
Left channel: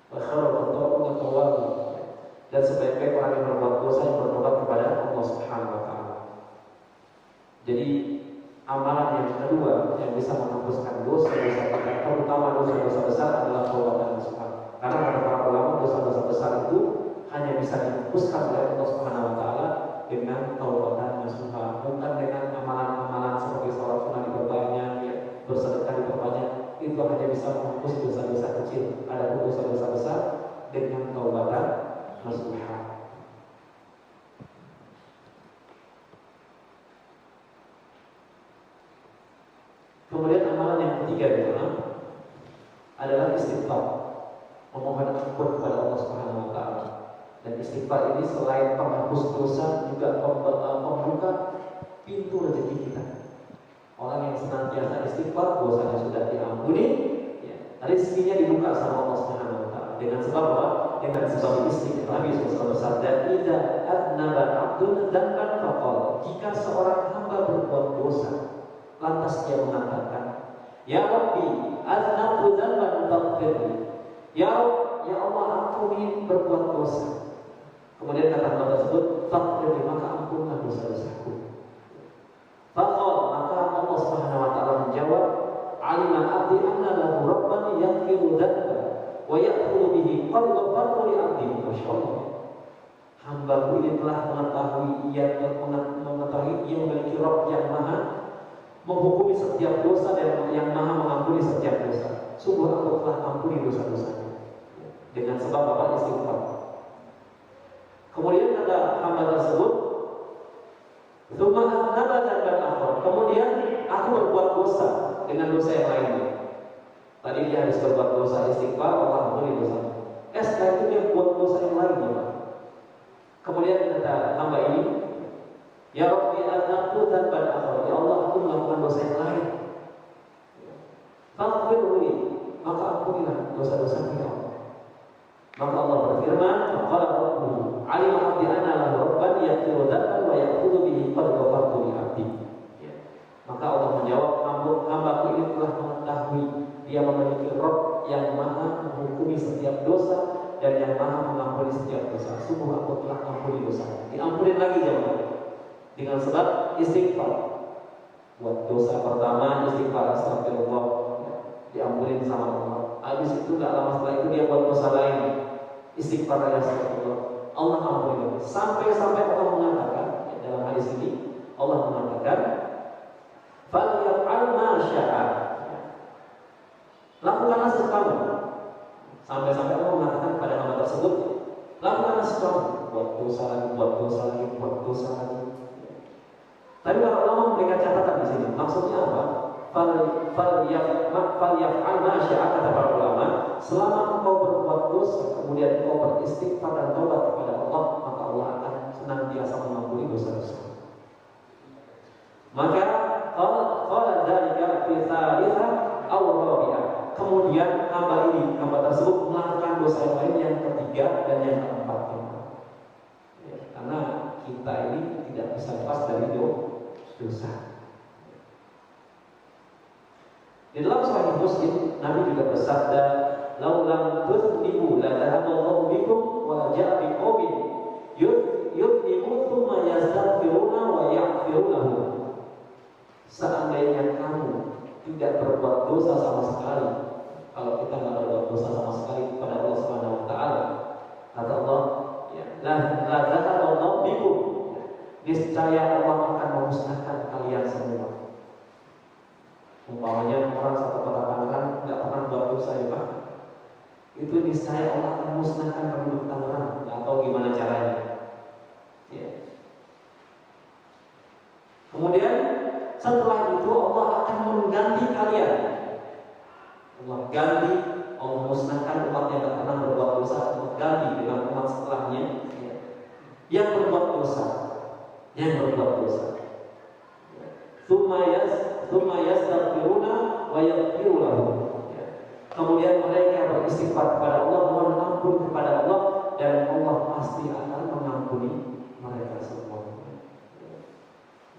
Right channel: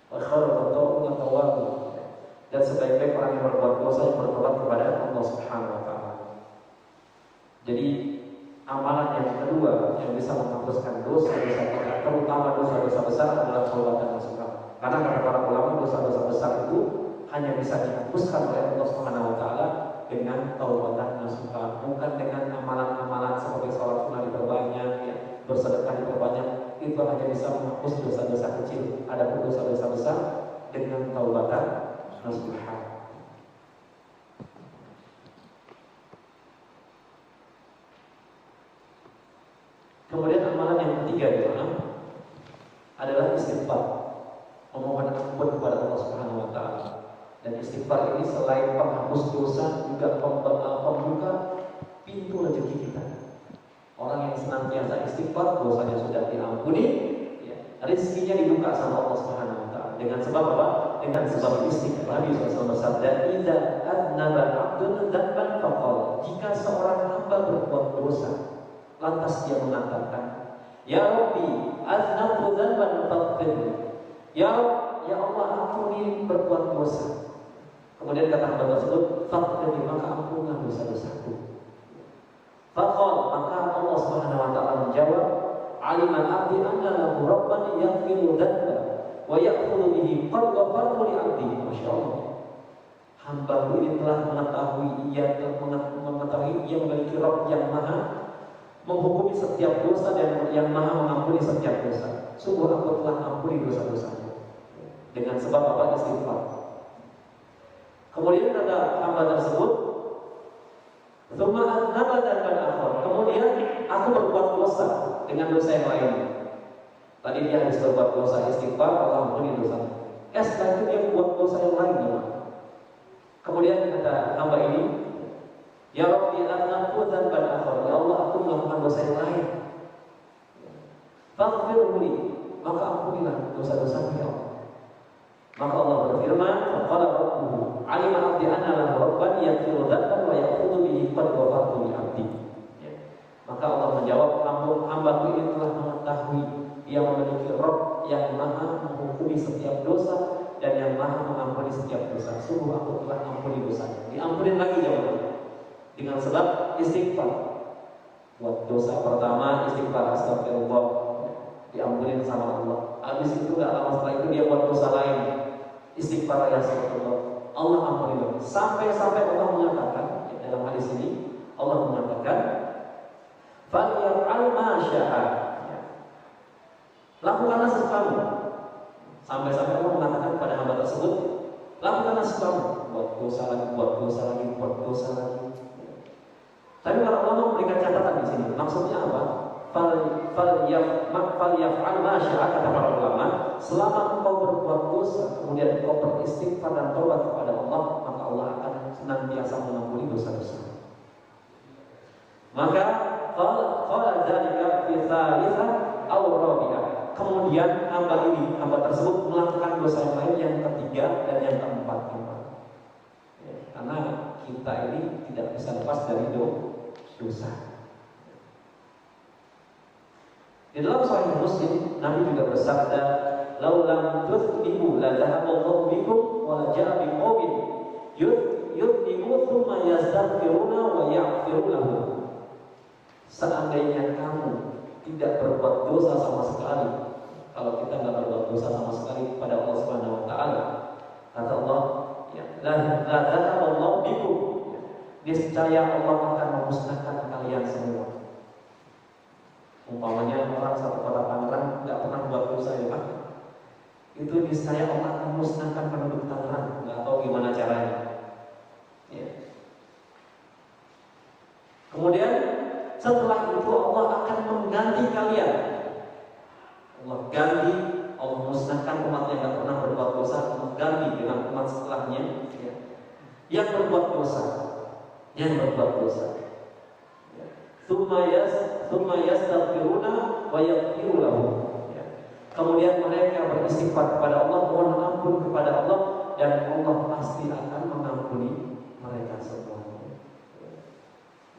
Wa khairul khata'un at-tawwabun. Dan sebaik-baik orang yang berbuat dosa yang bertobat kepada Allah Subhanahu wa taala. Jadi amalan yang kedua yang bisa menghapuskan dosa-dosa kita, terutama dosa-dosa besar adalah taubat nasuha. Karena kata para ulama dosa-dosa besar itu hanya bisa dihapuskan oleh Allah Subhanahu wa taala dengan taubatan nasuha, bukan dengan amalan-amalan seperti salat sunat diperbanyak, ya, bersedekah diperbanyak. Itu hanya bisa menghapus dosa-dosa kecil. Adapun dosa-dosa besar dengan taubatan nasuha. Kemudian amalan yang ketiga adalah istighfar, memohon ampun kepada Allah Subhanahu wa taala. Dan istighfar ini selain penghapus dosa juga pembuka pintu rezeki kita. Orang yang senantiasa istighfar, dosanya sudah diampuni, ya, rezekinya dibuka sama Allah Subhanahu wa taala. Dengan sebab apa? Dengan sebab istighfar. Nabi SAW bersabda, "Idza adnaba 'abdun dzanban faqala." Jika seorang hamba berbuat dosa, lantas dia mengatakan, "Ya Rabbi, adnabtu dzanban faghfirli." Ya Allah, ampuni berbuat dosa. Kemudian kata hamba tersebut, "Faghfirli," maka ampunlah dosa-dosaku. Faqal, maka Allah Subhanahu wa taala menjawab, "Alimal 'abdi anna lahu rabban yaghfiru dzanba wa ya'khudhu bihi qad ghafartu li 'abdi." Masyaallah. Hamba-Ku ini telah mengetahui, ia memiliki Rabb yang Maha menghukumi setiap dosa dan yang Maha mengampuni setiap dosa. Sungguh Aku telah ampuni dosa-dosaku dengan sebab apa? Istighfar. Kemudian kata hamba tersebut, kemudian aku berbuat dosa dengan dosa yang lainnya. Tadi dia harus berbuat dosa istighfar, Allah ampuni dosanya. Setelah itu dia buat dosa yang lainnya. Kemudian kata hamba ini, "Ya Rabbi, adnabtu dzanban akhar." Ya Allah, aku melakukan dosa yang lain. Faghfirli, maka ampunilah dosa-dosaku ya Allah. Maka Allah berfirman, "Faqala rabbuhu 'alima 'abdi anna lahu rabban yaghfiru dzanban wa ya'khudhu bihi qad ghafartu li 'abdi." Ya. Maka Allah menjawab, "Hamba-Ku ini telah mengetahui dia memiliki Rabb yang Maha menghukumi setiap dosa dan yang Maha sungguh aku telah ampuni dosanya. Diampunin lagi jemaah dengan sebab istighfar. Buat dosa pertama istighfar, astagfirullah, diampunin sama Allah. Habis itu gak lama setelah itu dia buat dosa lain, istighfar lagi, astagfirullah, Allah ampuni. Sampai-sampai Allah mengatakan, ya, dalam hadis ini Allah mengatakan, "Falyaf'al ma syaa." Lakukanlah sekamu. Sampai-sampai Allah mengatakan pada hamba tersebut, lakukanlah sekamu. Buat dosa lagi, buat dosa lagi, buat dosa lagi. Tapi para ulama memberikan catatan di sini. Maksudnya apa? Falyaf'al ma syaa, kata para ulama, selama engkau berbuat dosa, kemudian engkau beristighfar dan taubat kepada Allah, maka Allah akan senantiasa mengampuni dosa-dosa. Maka qala dzalika fi tsalitsah aw rabi'ah. Kemudian hamba tersebut melakukan dosa yang lain, yang ketiga dan yang keempat. Ya, karena kita ini tidak bisa lepas dari dosa. Di dalam Sahih Muslim, Nabi juga bersabda, "Laulam tudznibu la dhahaballahu bikum wa la ja'a biqaumin yudnibu thumma yastaghfiruna wa yaghfiru lahum." Seandainya kamu tidak berbuat dosa sama sekali, kalau kita tidak berbuat dosa sama sekali kepada Allah Subhanahu wa taala, kata Allah, ya, la dhahaballahu bikum, niscaya Allah akan memusnahkan kalian semua. Umpamanya orang satu kota Tangerang nggak pernah buat dosa, ya Pak, itu niscaya Allah akan memusnahkan penduduk Tangerang, nggak tahu gimana caranya. Ya. Kemudian setelah itu Allah akan mengganti kalian. Allah ganti, Allah musnahkan umat yang tidak pernah berbuat dosa, Allah ganti dengan umat setelahnya, ya, yang berbuat dosa. Tsumma yastaghfiruna wa yaghfiru lahum. Kemudian mereka beristighfar kepada Allah, mohon ampun kepada Allah, dan Allah pasti akan mengampuni mereka semua.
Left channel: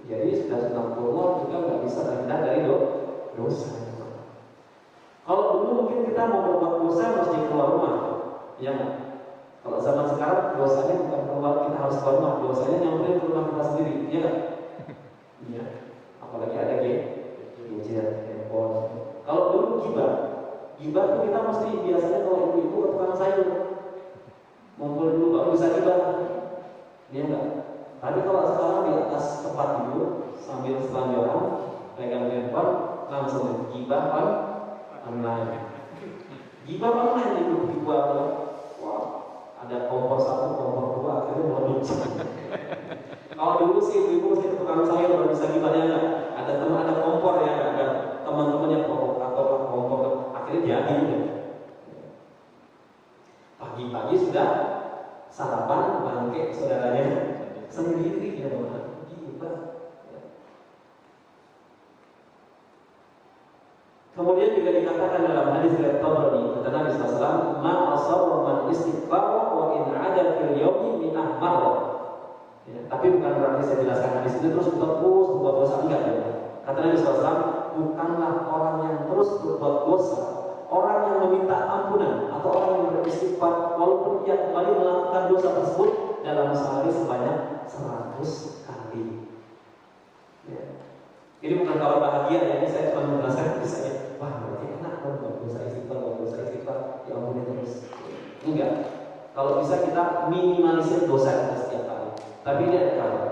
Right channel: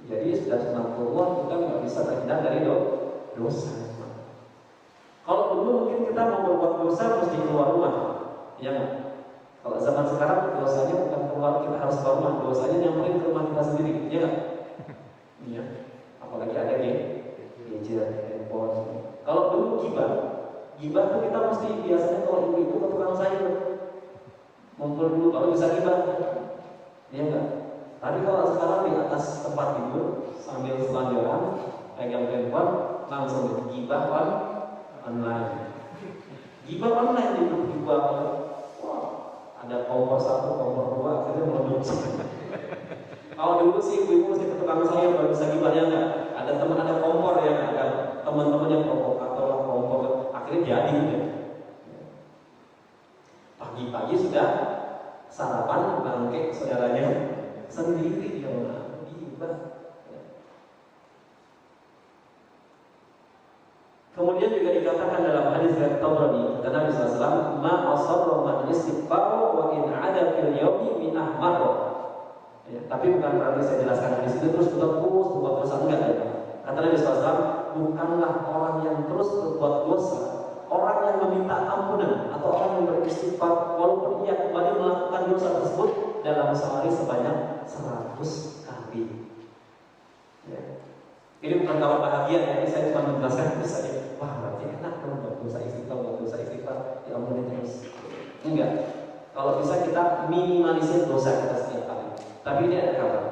Jadi sudah sunatullah, kita nggak bisa terhindar dari dosa. Kalau dulu mungkin kita mau berbuat dosa mesti keluar rumah, ya nggak? Kalau zaman sekarang dosanya bukan keluar, kita harus keluar rumah, dosanya nyamperin ke rumah kita sendiri, ya nggak? Iya. Apalagi ada gadget, handphone. Kalau dulu gibah itu kita mesti biasanya kalau ibu-ibu ke tukang sayur, ngumpul dulu baru bisa gibah, ya nggak? Tapi kalau sekarang di atas tempat tidur sambil selanjoran pegang handphone, langsung gibah online. Gibah online itu dibuat, wah, ada kompor 1, kompor 2, akhirnya meledup. Kalau dulu sih ibu saya ke tukang sayur baru bisa gibahnya enggak. Ada teman, ada kompor ya, ada teman-temannya provokator kompor, akhirnya jadi udah. Pagi-pagi sudah sarapan bangke saudaranya sendiri, ya Allah, gibah. Kemudian juga dikatakan dalam hadis riwayat Tabrani, kata Nabi SAW, "Ma asarra man istighfar wa in 'ada fil yawmi min ahmar." Ya, tapi bukan berarti saya jelaskan hadis itu terus berbuat dosa, enggak ya. Kata Nabi SAW, bukanlah orang yang terus berbuat dosa, orang yang meminta ampunan atau orang yang beristighfar walaupun ia kembali melakukan dosa tersebut dalam sehari sebanyak 100 kali. Ya. Ini bukan kabar bahagia ya, ini saya cuma menjelaskan misalnya, wah berarti enak dong buat dosa istighfar, ya ampun terus. Enggak. Kalau bisa kita minimalisir dosa kita setiap hari. Tapi ini ada kabar.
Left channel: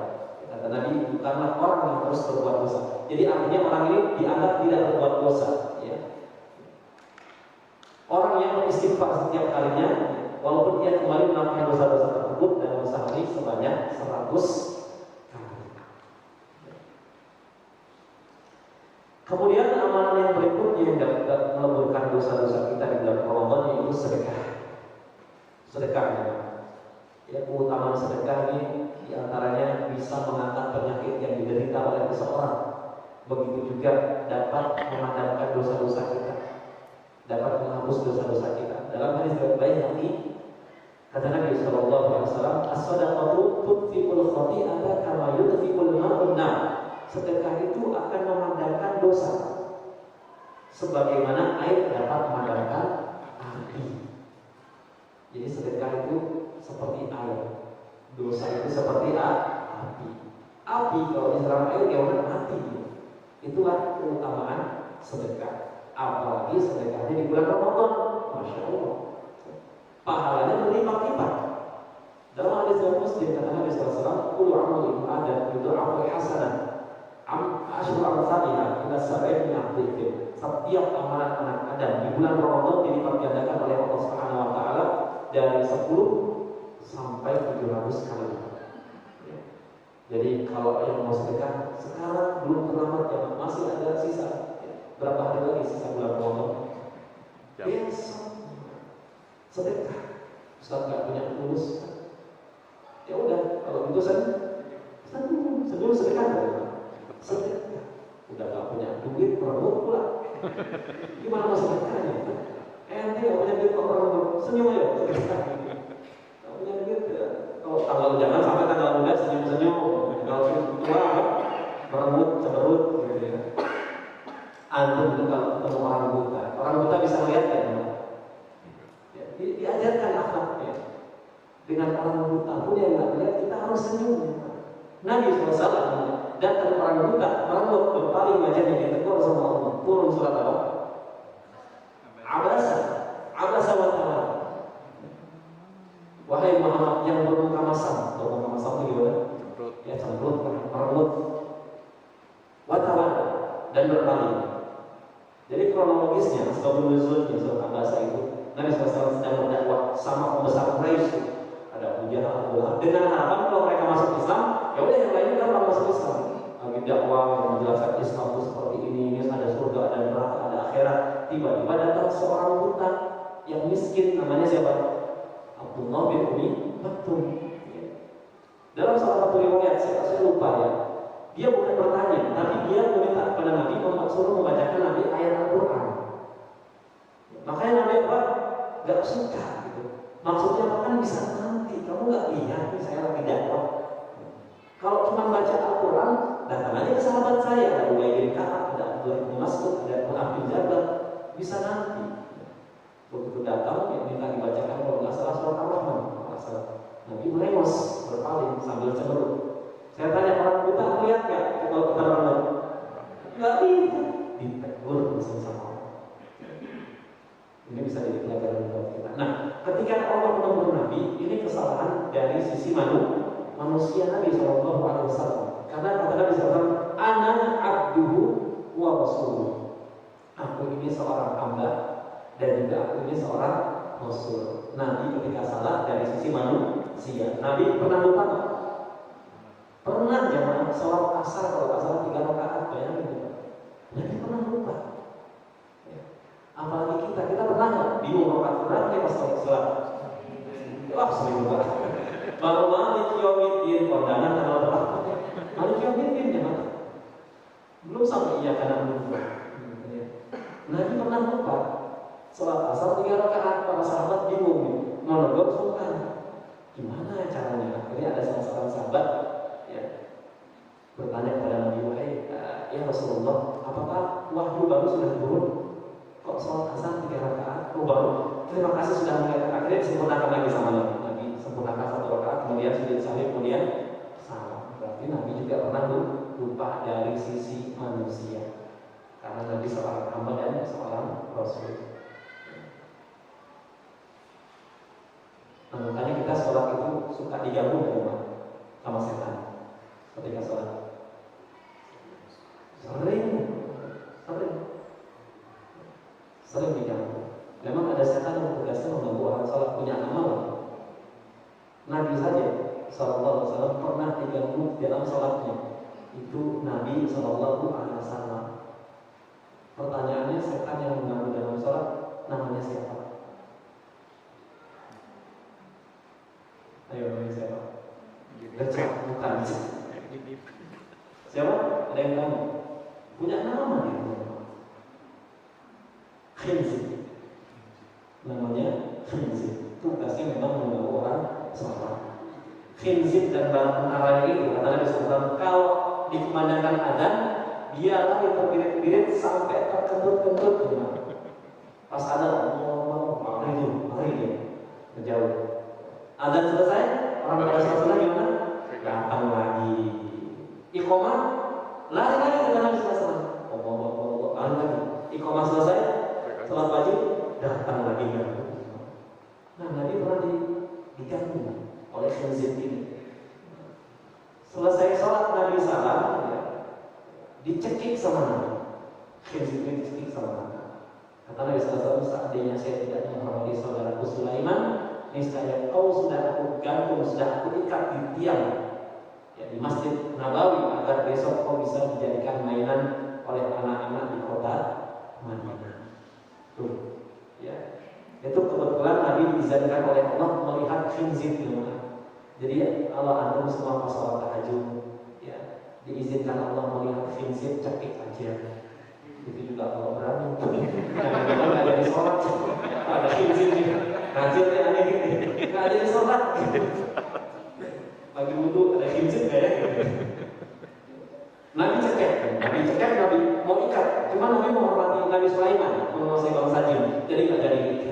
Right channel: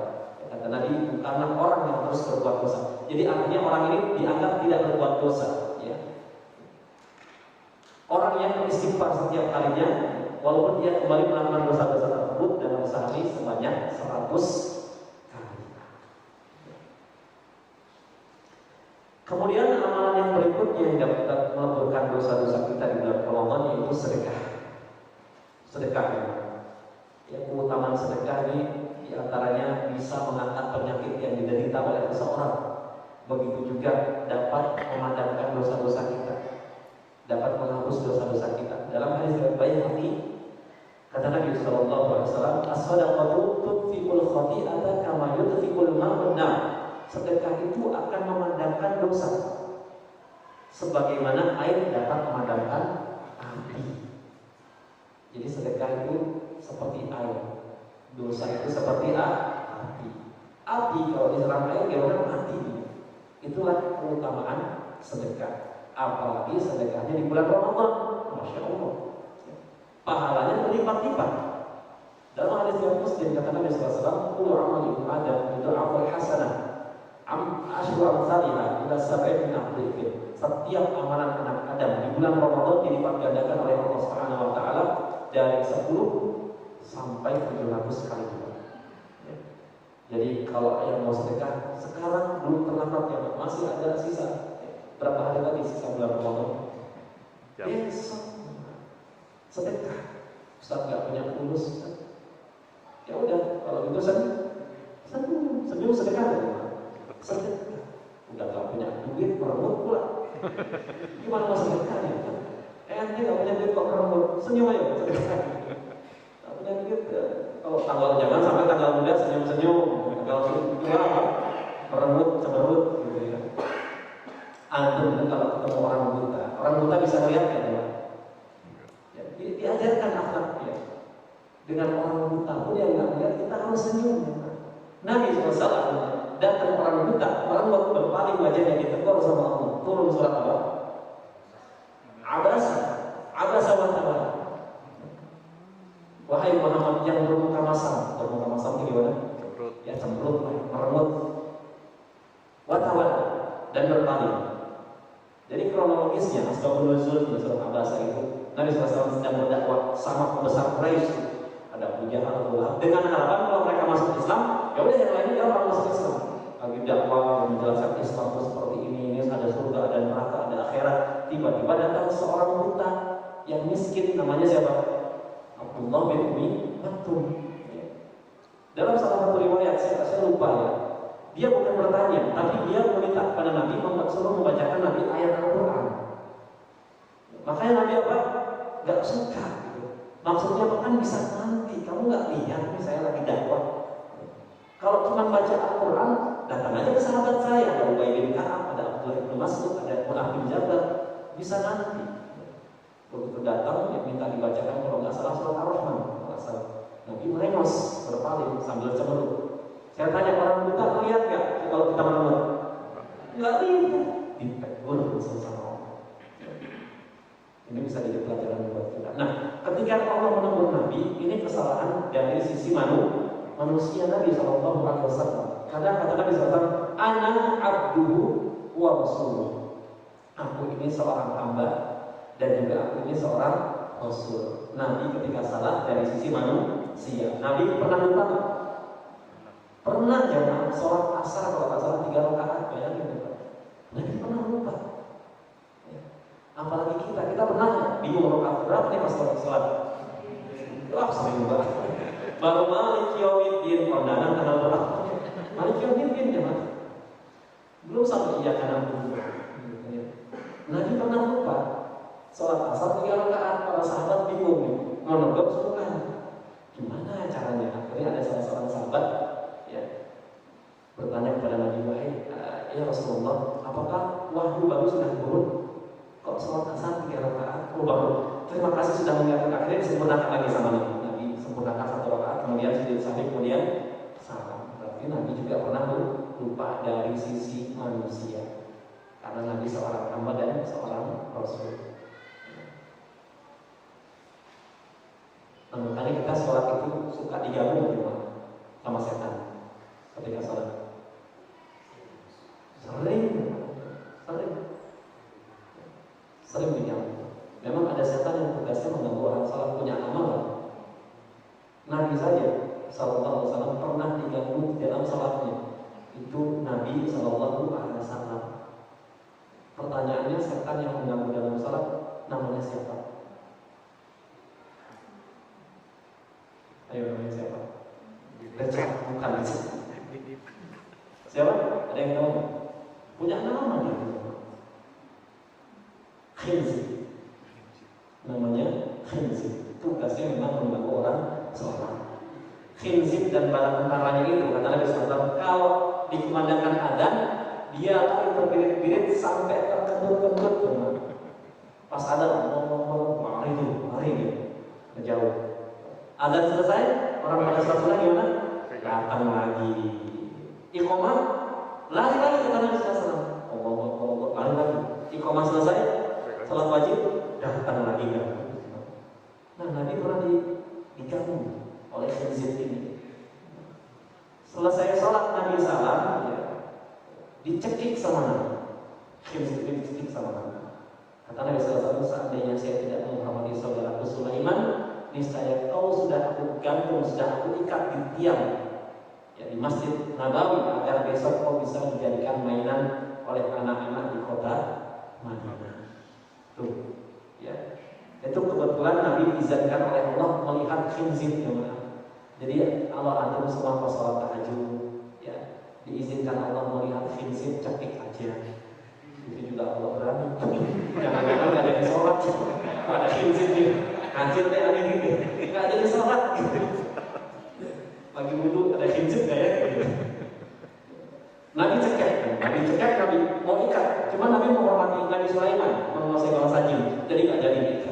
Kata Nabi, bukanlah orang yang terus berbuat dosa. Jadi artinya orang ini dianggap tidak berbuat dosa, ya. Orang yang beristighfar setiap harinya, walaupun dia kembali melakukan dosa-dosa tersebut dalam sehari sebanyak 100 kali. Kemudian amalan yang berikutnya yang dapat meleburkan dosa-dosa kita di bulan Ramadan yaitu sedekah. Sedekah, ya, keutamaan sedekah ini diantaranya bisa mengangkat penyakit yang diderita oleh seseorang. Begitu juga dapat memadamkan dosa-dosa kita, dapat menghapus dosa-dosa kita. Dalam hadis riwayat Baihaqi, kata Nabi SAW, "As-shadaqatu tudfi'ul khati'ata kama yudfi'ul ma'un nar." Sedekah itu akan memadamkan dosa, sebagaimana air dapat memadamkan api. Jadi sedekah itu seperti air. Dosa itu seperti api. Api kalau diserang air gimana? Mati. Itulah keutamaan sedekah. Apalagi sedekahnya di bulan Ramadan, masya Allah, pahalanya berlipat-lipat. Dalam hadis yang Muslim kata Nabi SAW, "Kullu amali Adam yudha'afu hasanah, asyru amsalihha ila sab'in min Setiap amalan anak Adam di bulan Ramadan dilipat gandakan oleh Allah Subhanahu wa taala dari 10 sampai 700 kali lipat. Ya. Jadi kalau yang mau sedekah sekarang belum terlambat ya, masih ada sisa. Berapa hari lagi sisa bulan Ramadan? Yes. Sedekah. Ustaz nggak punya fulus. Ya udah, kalau gitu senyum sedekah ya. Sedekah. Udah nggak punya duit, merebut pula. Gimana mau sedekahnya? Ente nggak punya duit kok merebut, senyum aja sedekah. Nggak punya duit ya. Kalau tanggal jangan sampai tanggal muda senyum-senyum. Kalau tua merebut, cemerut gitu ya. Antum itu kalau ketemu orang buta bisa melihat kan? Ya, diajarkan akhlaknya. Dengan orang buta pun yang nggak lihat kita harus senyum. Nabi SAW datang orang buta, merebut berpaling wajahnya ditegur sama Allah. Turun surat apa? Abasa wa tawalla. Wahai Muhammad yang bermuka masam itu gimana? Cemberut. Ya cemberut, merebut. Wa tawalla dan berpaling. Jadi kronologisnya asbabun nuzul di surat Abasa itu Nabi SAW sedang berdakwah sama pembesar Quraisy. Ada Abu Jahal, Abu Lahab, dengan harapan kalau mereka masuk Islam, ya udah yang lainnya orang masuk Islam. Lagi dakwah yang menjelaskan Islam itu seperti ini ada surga, ada neraka, ada akhirat. Tiba-tiba datang seorang buta yang miskin, namanya siapa? Abdullah bin Umi Maktum. Dalam salah satu riwayat saya lupa ya. Dia bukan bertanya, tapi dia meminta kepada Nabi suruh membacakan Nabi ayat Al-Quran. Makanya Nabi apa? Gak suka gitu. Maksudnya apa kan bisa nanti kamu gak lihat nih saya lagi dakwah. Kalau cuma baca Al-Quran, datang aja ke sahabat saya, ada Ubay bin Ka'ab, ada Abdullah bin Mas'ud, ada Mu'adz bin Jabal, bisa nanti. Begitu datang, ya minta dibacakan kalau nggak salah surat Ar-Rahman, nggak salah. Nabi merengos, berpaling sambil cemberut. Saya tanya orang buta lihat nggak kalau kita merengut? Nggak lihat, ditegur sama Allah. Ini bisa jadi pelajaran buat kita. Nah, ketika Allah menegur Nabi, ini kesalahan dari sisi manusia Nabi Shallallahu Alaihi Wasallam. Karena kata Nabi SAW, "Ana abduhu wa rasuluh." Aku ini seorang hamba dan juga aku ini seorang rasul. Nabi ketika salah dari sisi manusia, Nabi pernah lupa nggak? Pernah jangan sholat asar kalau nggak salah 3 rakaat, bayangin ya. Nabi pernah lupa. Ya. Apalagi kita pernah nggak bingung rakaat berapa nih pas sholat? Wah sering lupa. Baru Malik Yaumiddin kondangan tanggal berapa? Malik Yaumiddin ya mas. Belum sampai iya karena lupa. Nabi pernah lupa. Sholat asar 3 rakaat, para sahabat bingung nih, mau negok bukan? Gimana caranya? Akhirnya ada salah seorang sahabat ya bertanya kepada Nabi Muhammad, ya Rasulullah, apakah wahyu baru sudah turun? Kok sholat asar 3 rakaat? Oh baru. Terima kasih sudah mengingatkan. Akhirnya disempurnakan lagi sama Nabi. Sempurnakan 1 rakaat, kemudian sujud sahwi, kemudian salam. Berarti Nabi juga pernah lupa dari sisi manusia. Karena Nabi seorang hamba dan seorang Rasul. Nah, makanya kita sholat itu suka digabung di rumah sama setan ketika sholat. Sering digabung. Memang ada setan yang tugasnya mengganggu orang sholat, punya nama lah. Nabi saja Sallallahu Alaihi Wasallam pernah diganggu dalam sholatnya. Itu Nabi Sallallahu Alaihi Wasallam. Pertanyaannya, setan yang mengganggu dalam sholat namanya siapa? Ayo namanya siapa? Bukan. Siapa? Ada yang tahu? Punya nama dia. Khinzib. Namanya Khinzib. Tugasnya memang mengganggu orang sholat. Khinzib dan bala tentaranya itu kata Nabi SAW, kalau dikumandangkan adzan, dia lagi terbirit-birit sampai terkentut-kentut cuma. Pas ada mari dia menjauh. Adzan selesai, orang baca surat lagi selesai sholat wajib, datang lagi ganggu. Nah, Nabi pernah diganggu oleh khinzir ini. Selesai sholat Nabi salam, ya, dicekik sama Nabi. Khinzir ini dicekik sama Nabi. Kata Nabi SAW, seandainya saya tidak menghormati saudaraku Sulaiman, niscaya kau sudah aku gantung, sudah aku ikat di tiang, ya, di Masjid Nabawi, agar besok kau bisa dijadikan mainan oleh anak-anak di kota Madinah. Tuh, ya. Itu kebetulan Nabi diizinkan oleh Allah melihat khinzir yang mana. Jadi Allah antum semua pas salat tahajud, ya, diizinkan Allah melihat khinzir, cekik aja. Itu juga Allah berani. Jangan-jangan nggak jadi sholat, ada khinzir nih, hajatnya aneh gitu, nggak jadi sholat. Pagi wudhu ada khinzir kayak gitu. Nabi cekek, Nabi mau ikat, cuma Nabi mau menghormati Nabi Sulaiman, menguasai bangsa jin, jadi nggak jadi gitu.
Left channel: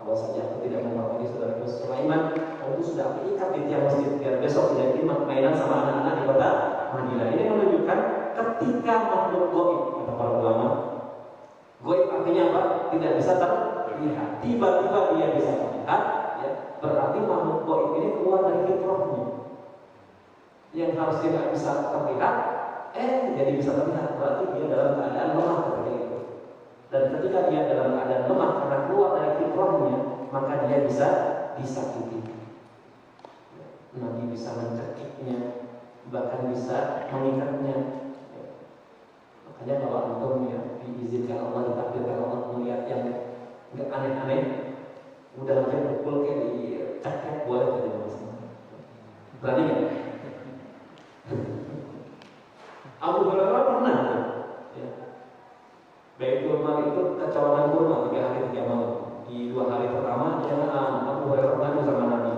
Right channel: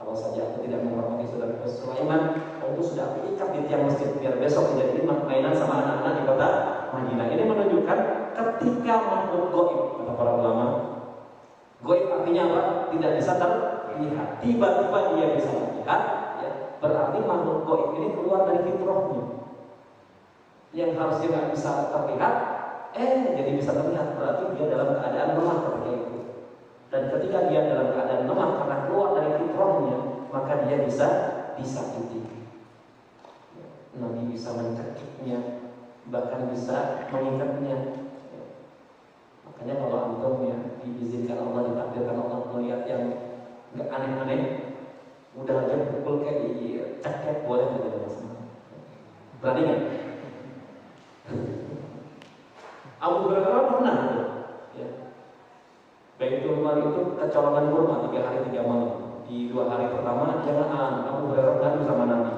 Kalau saja aku tidak menghormati saudara Sulaiman, aku sudah aku ikat di tiang masjid biar besok tidak mainan sama anak-anak di kota Madinah. Ini menunjukkan ketika makhluk goib, kata para ulama, goib artinya apa? Tidak bisa terlihat. Tiba-tiba dia bisa terlihat, ya, berarti makhluk goib ini keluar dari fitrahnya. Yang harusnya nggak bisa terlihat, jadi bisa terlihat. Berarti dia dalam keadaan lemah seperti itu. Dan ketika dia dalam keadaan lemah karena keluar dari fitrahnya, maka dia bisa disakiti. Nabi bisa mencekiknya, bahkan bisa mengikatnya. Makanya kalau antum ya diizinkan Allah, ditakdirkan Allah melihat yang nggak aneh-aneh, udah aja pukul kayak dicekek boleh aja masalah. Berani nggak? Abu Hurairah pernah, ya, Baitul Mal itu kecolongan kurma 3 hari 3 malam. Di 2 hari pertama dia Abu Hurairah ngadu sama Nabi.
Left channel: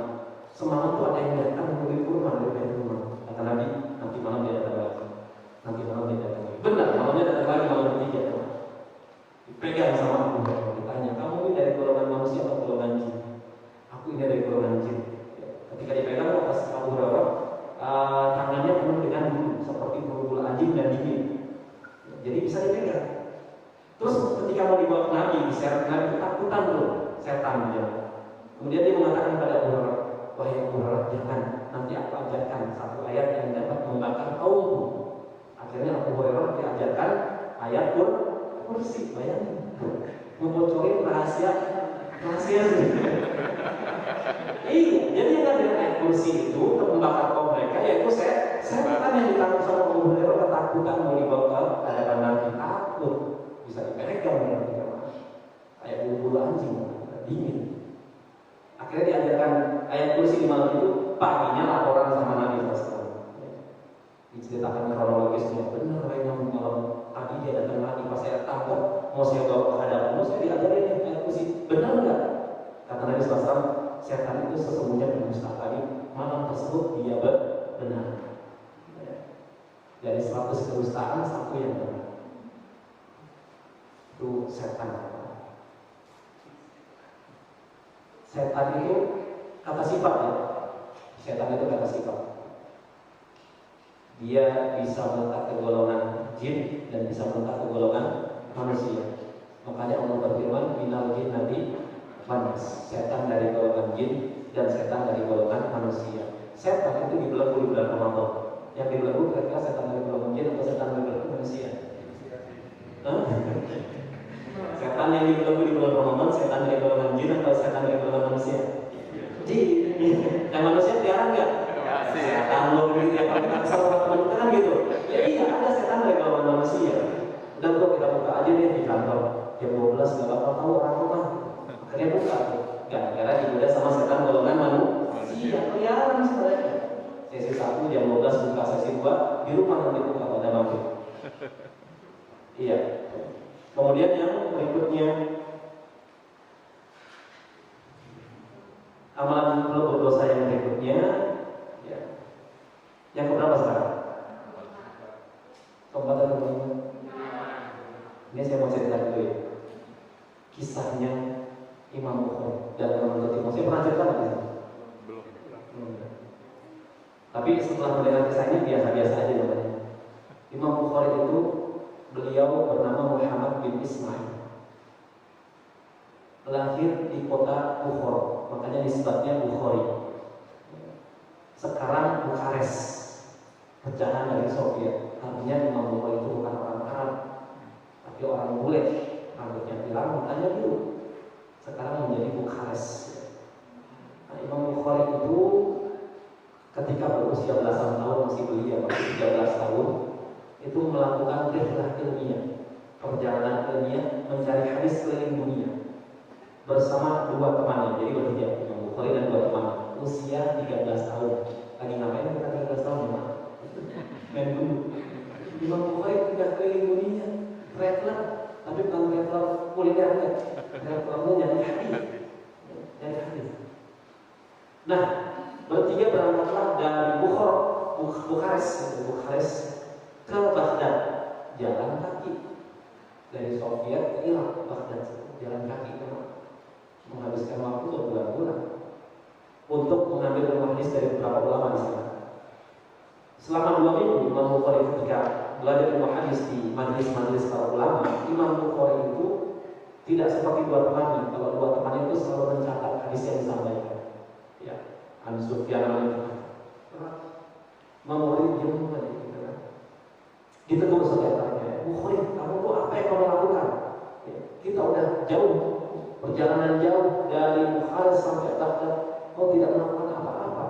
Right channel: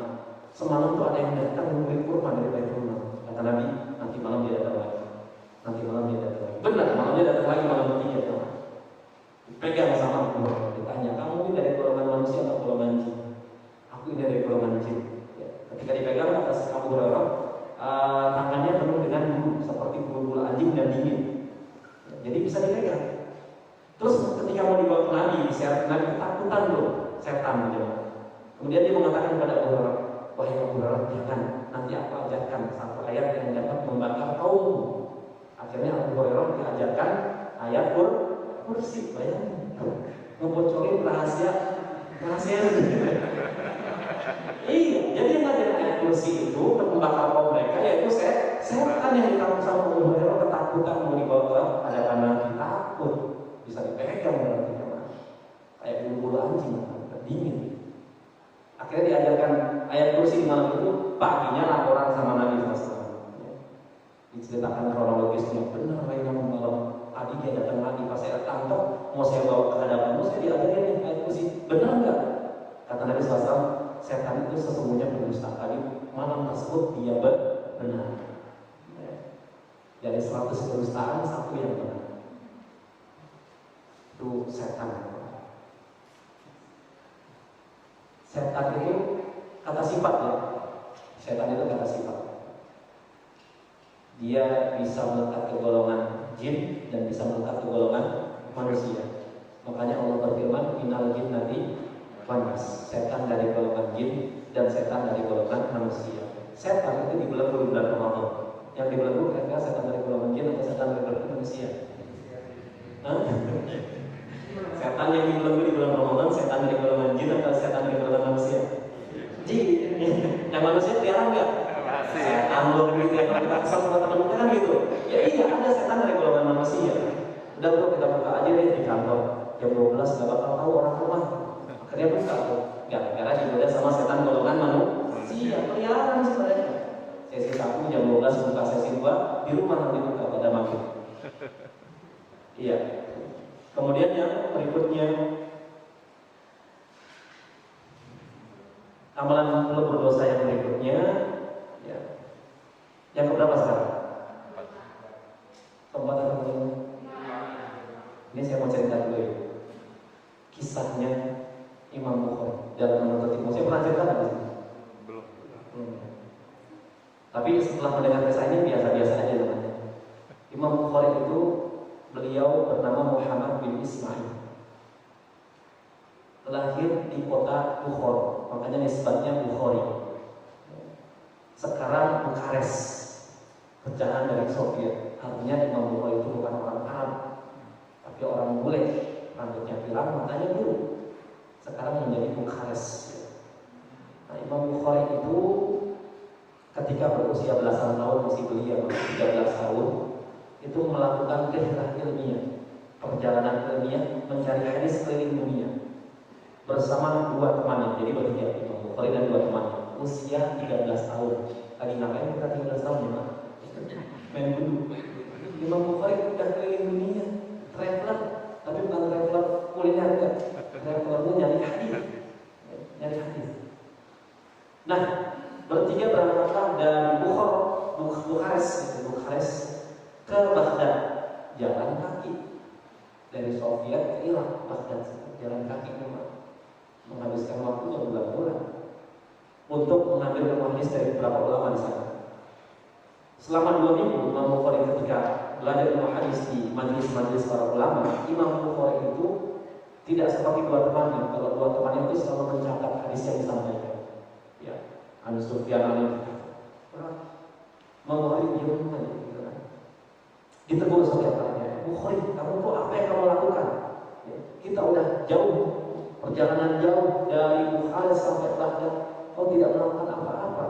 Semalam tuh ada yang datang membeli kurma dari Baitul Mal. Kata Nabi, nanti malam dia datang lagi. Nanti malam dia datang lagi. Benar, malamnya datang lagi, malam ketiga. Dipegang sama Abu Hurairah, ditanya, kamu ini dari golongan manusia atau golongan jin? Aku ini dari golongan jin. Ya. Ketika dipegang atas Abu Hurairah, tangannya penuh dengan bulu seperti bulu anjing dan dingin. Ya, jadi bisa dipegang. Terus ketika mau dibawa ke Nabi, Nabi ketakutan loh, setan dia. Kemudian dia mengatakan kepada Abu Hurairah, wahai Abu Hurairah, jangan, nanti aku ajarkan satu ayat yang dapat membakar kaummu. Akhirnya Abu Hurairah diajarkan ayat kursi, bayangin, ngebocorin rahasia. Iya, jadi yang tadi ayat kursi itu membakar kaum mereka, yaitu setan yang ditangkap sama Abu Hurairah, ketakutan mau dibawa ke hadapan Nabi, takut bisa dipegang berarti kayak bulu anjing, dingin. Akhirnya diajarkan ayat kursi di malam itu, paginya laporan sama Nabi SAW. Ya. Diceritakan kronologisnya, benar yang malam tadi dia datang lagi pas saya tangkap, mau saya bawa ke hadapanmu, saya diajarin ayat kursi, benar nggak? Kata Nabi SAW, setan itu sesungguhnya berdusta tadi, malam tersebut dia benar. Ya. Dari 100 kedustaan, 1 yang benar. Itu setan. Setan itu kata sifat ya. Setan itu kata sifat. Dia bisa melekat ke golongan jin dan bisa melekat ke golongan manusia. Makanya Allah berfirman, minal jinnati wanas. Setan dari golongan jin dan setan dari golongan manusia. Setan itu dibelenggu di bulan Ramadan. Yang dibelenggu kira-kira setan dari golongan jin atau setan dari golongan manusia? Setan yang dibelenggu di bulan Ramadan, setan dari golongan jin atau setan dari golongan manusia? Jin. Yang manusia tiara enggak? Masih. Setan lu gitu ya, kalau kita kesel sama teman kita kan gitu. Ya iya, ada setan dari golongan manusia. Udah tuh kita buka aja deh di kantor. Jam 12 nggak bakal tahu orang rumah. Akhirnya buka tuh. Gara-gara digoda sama setan golongan manusia. Peliharaan sih mereka. Sesi 1 jam 12 buka, sesi 2 di rumah nanti buka pada maghrib. Iya. Kemudian yang berikutnya, amalan berdosa yang berikutnya, ya. Yang keberapa sekarang? Keempat atau kelima? Ini saya mau cerita dulu ya. Kisahnya Imam Bukhari dalam menuntut ilmu. Saya pernah cerita nggak? Belum. Tapi setelah mendengar kisahnya biasa-biasa aja namanya. Imam Bukhari itu beliau bernama Muhammad bin Ismail. lahir di kota Bukhara, makanya nisbatnya Bukhari. Sekarang Bukares, pecahan dari Soviet. Artinya Imam Bukhari itu bukan orang Arab, tapi orang bule, rambutnya pirang, matanya biru. Sekarang menjadi Bukares. Nah, Imam Bukhari itu ketika berusia belasan tahun, masih belia, 13 tahun, itu melakukan rihlah ilmiah, perjalanan ilmiah mencari hadis keliling dunia bersama dua temannya. Jadi bertiga, Imam Bukhari dan dua temannya, usia 13 tahun. Lagi ngapain kita 13 tahun ya, Pak? Main dulu. Imam Bukhari sudah keliling dunia, traveler, tapi bukan traveler kuliner, enggak. Travelernya nyari hadis. Nyari hadis. Nah, bertiga berangkatlah dari Bukares ke Baghdad, jalan kaki dari Soviet ke Irak, Baghdad, jalan kaki menghabiskan waktu 2 bulan untuk mengambil ilmu hadis dari beberapa ulama di sana. Selama 2 minggu Imam Bukhari ketika belajar ilmu hadis di majelis-majelis para ulama, Imam Bukhari itu tidak seperti dua temannya. Kalau dua temannya itu selalu mencatat hadis yang disampaikan. Ya, An Sufyan Imam Bukhari diam aja gitu kan. Ditegur setiap harinya, Bukhari, kamu tuh apa yang kamu lakukan? Ya, kita udah jauh, perjalanan jauh dari Bukhari sampai Baghdad, kau tidak melakukan apa-apa.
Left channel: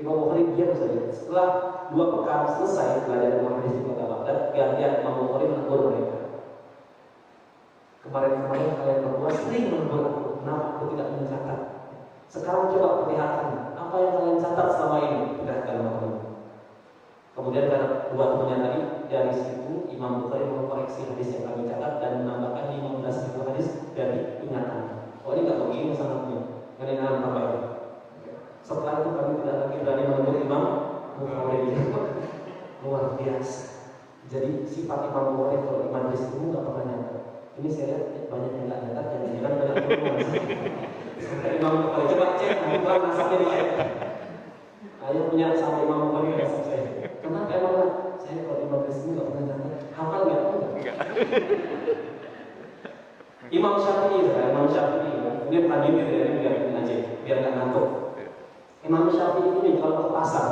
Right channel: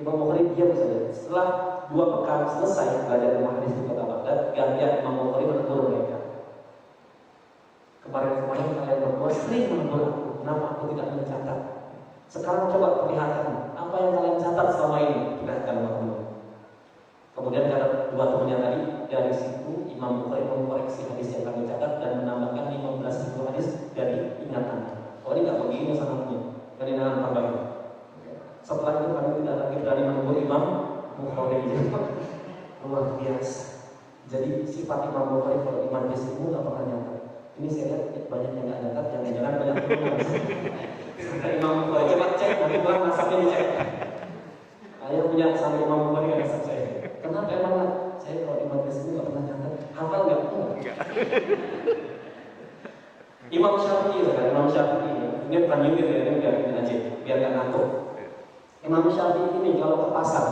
Imam Bukhari diam saja. Setelah 2 pekan selesai belajar ilmu hadis di kota Baghdad, gantian Imam Bukhari menegur mereka. Kemarin-kemarin kalian berdua sering menegur aku, kenapa aku tidak mencatat? Sekarang coba perlihatkan apa yang kalian catat selama ini. Perlihatkan Imam. Kemudian karena dua temannya tadi, dari situ Imam Bukhari mengkoreksi hadis yang kami catat dan menambahkan 15.000 hadis dari ingatannya. Oh, ini nggak begini sanadnya, dari dengan perbaikan. Setelah itu kami tidak lagi berani menegur Imam Bukhari. Luar biasa. Jadi sifat Imam Bukhari kalau di majlis itu nggak pernah nyata. Ini saya lihat banyak yang nggak nyata, jangan-jangan beda tugas. Imam Bukhari coba cek, bukan nasabnya dicek. Ayo punya sama Imam Bukhari nasab saya. Kenapa emang saya kalau di majlis ini nggak pernah nyata? Hafal nggak? Enggak. Imam Syafi'i, Imam Syafi'i, ini panjangin ya, biar ini aja, biar nggak ngantuk. Imam Syafi'i ini kalau ke pasar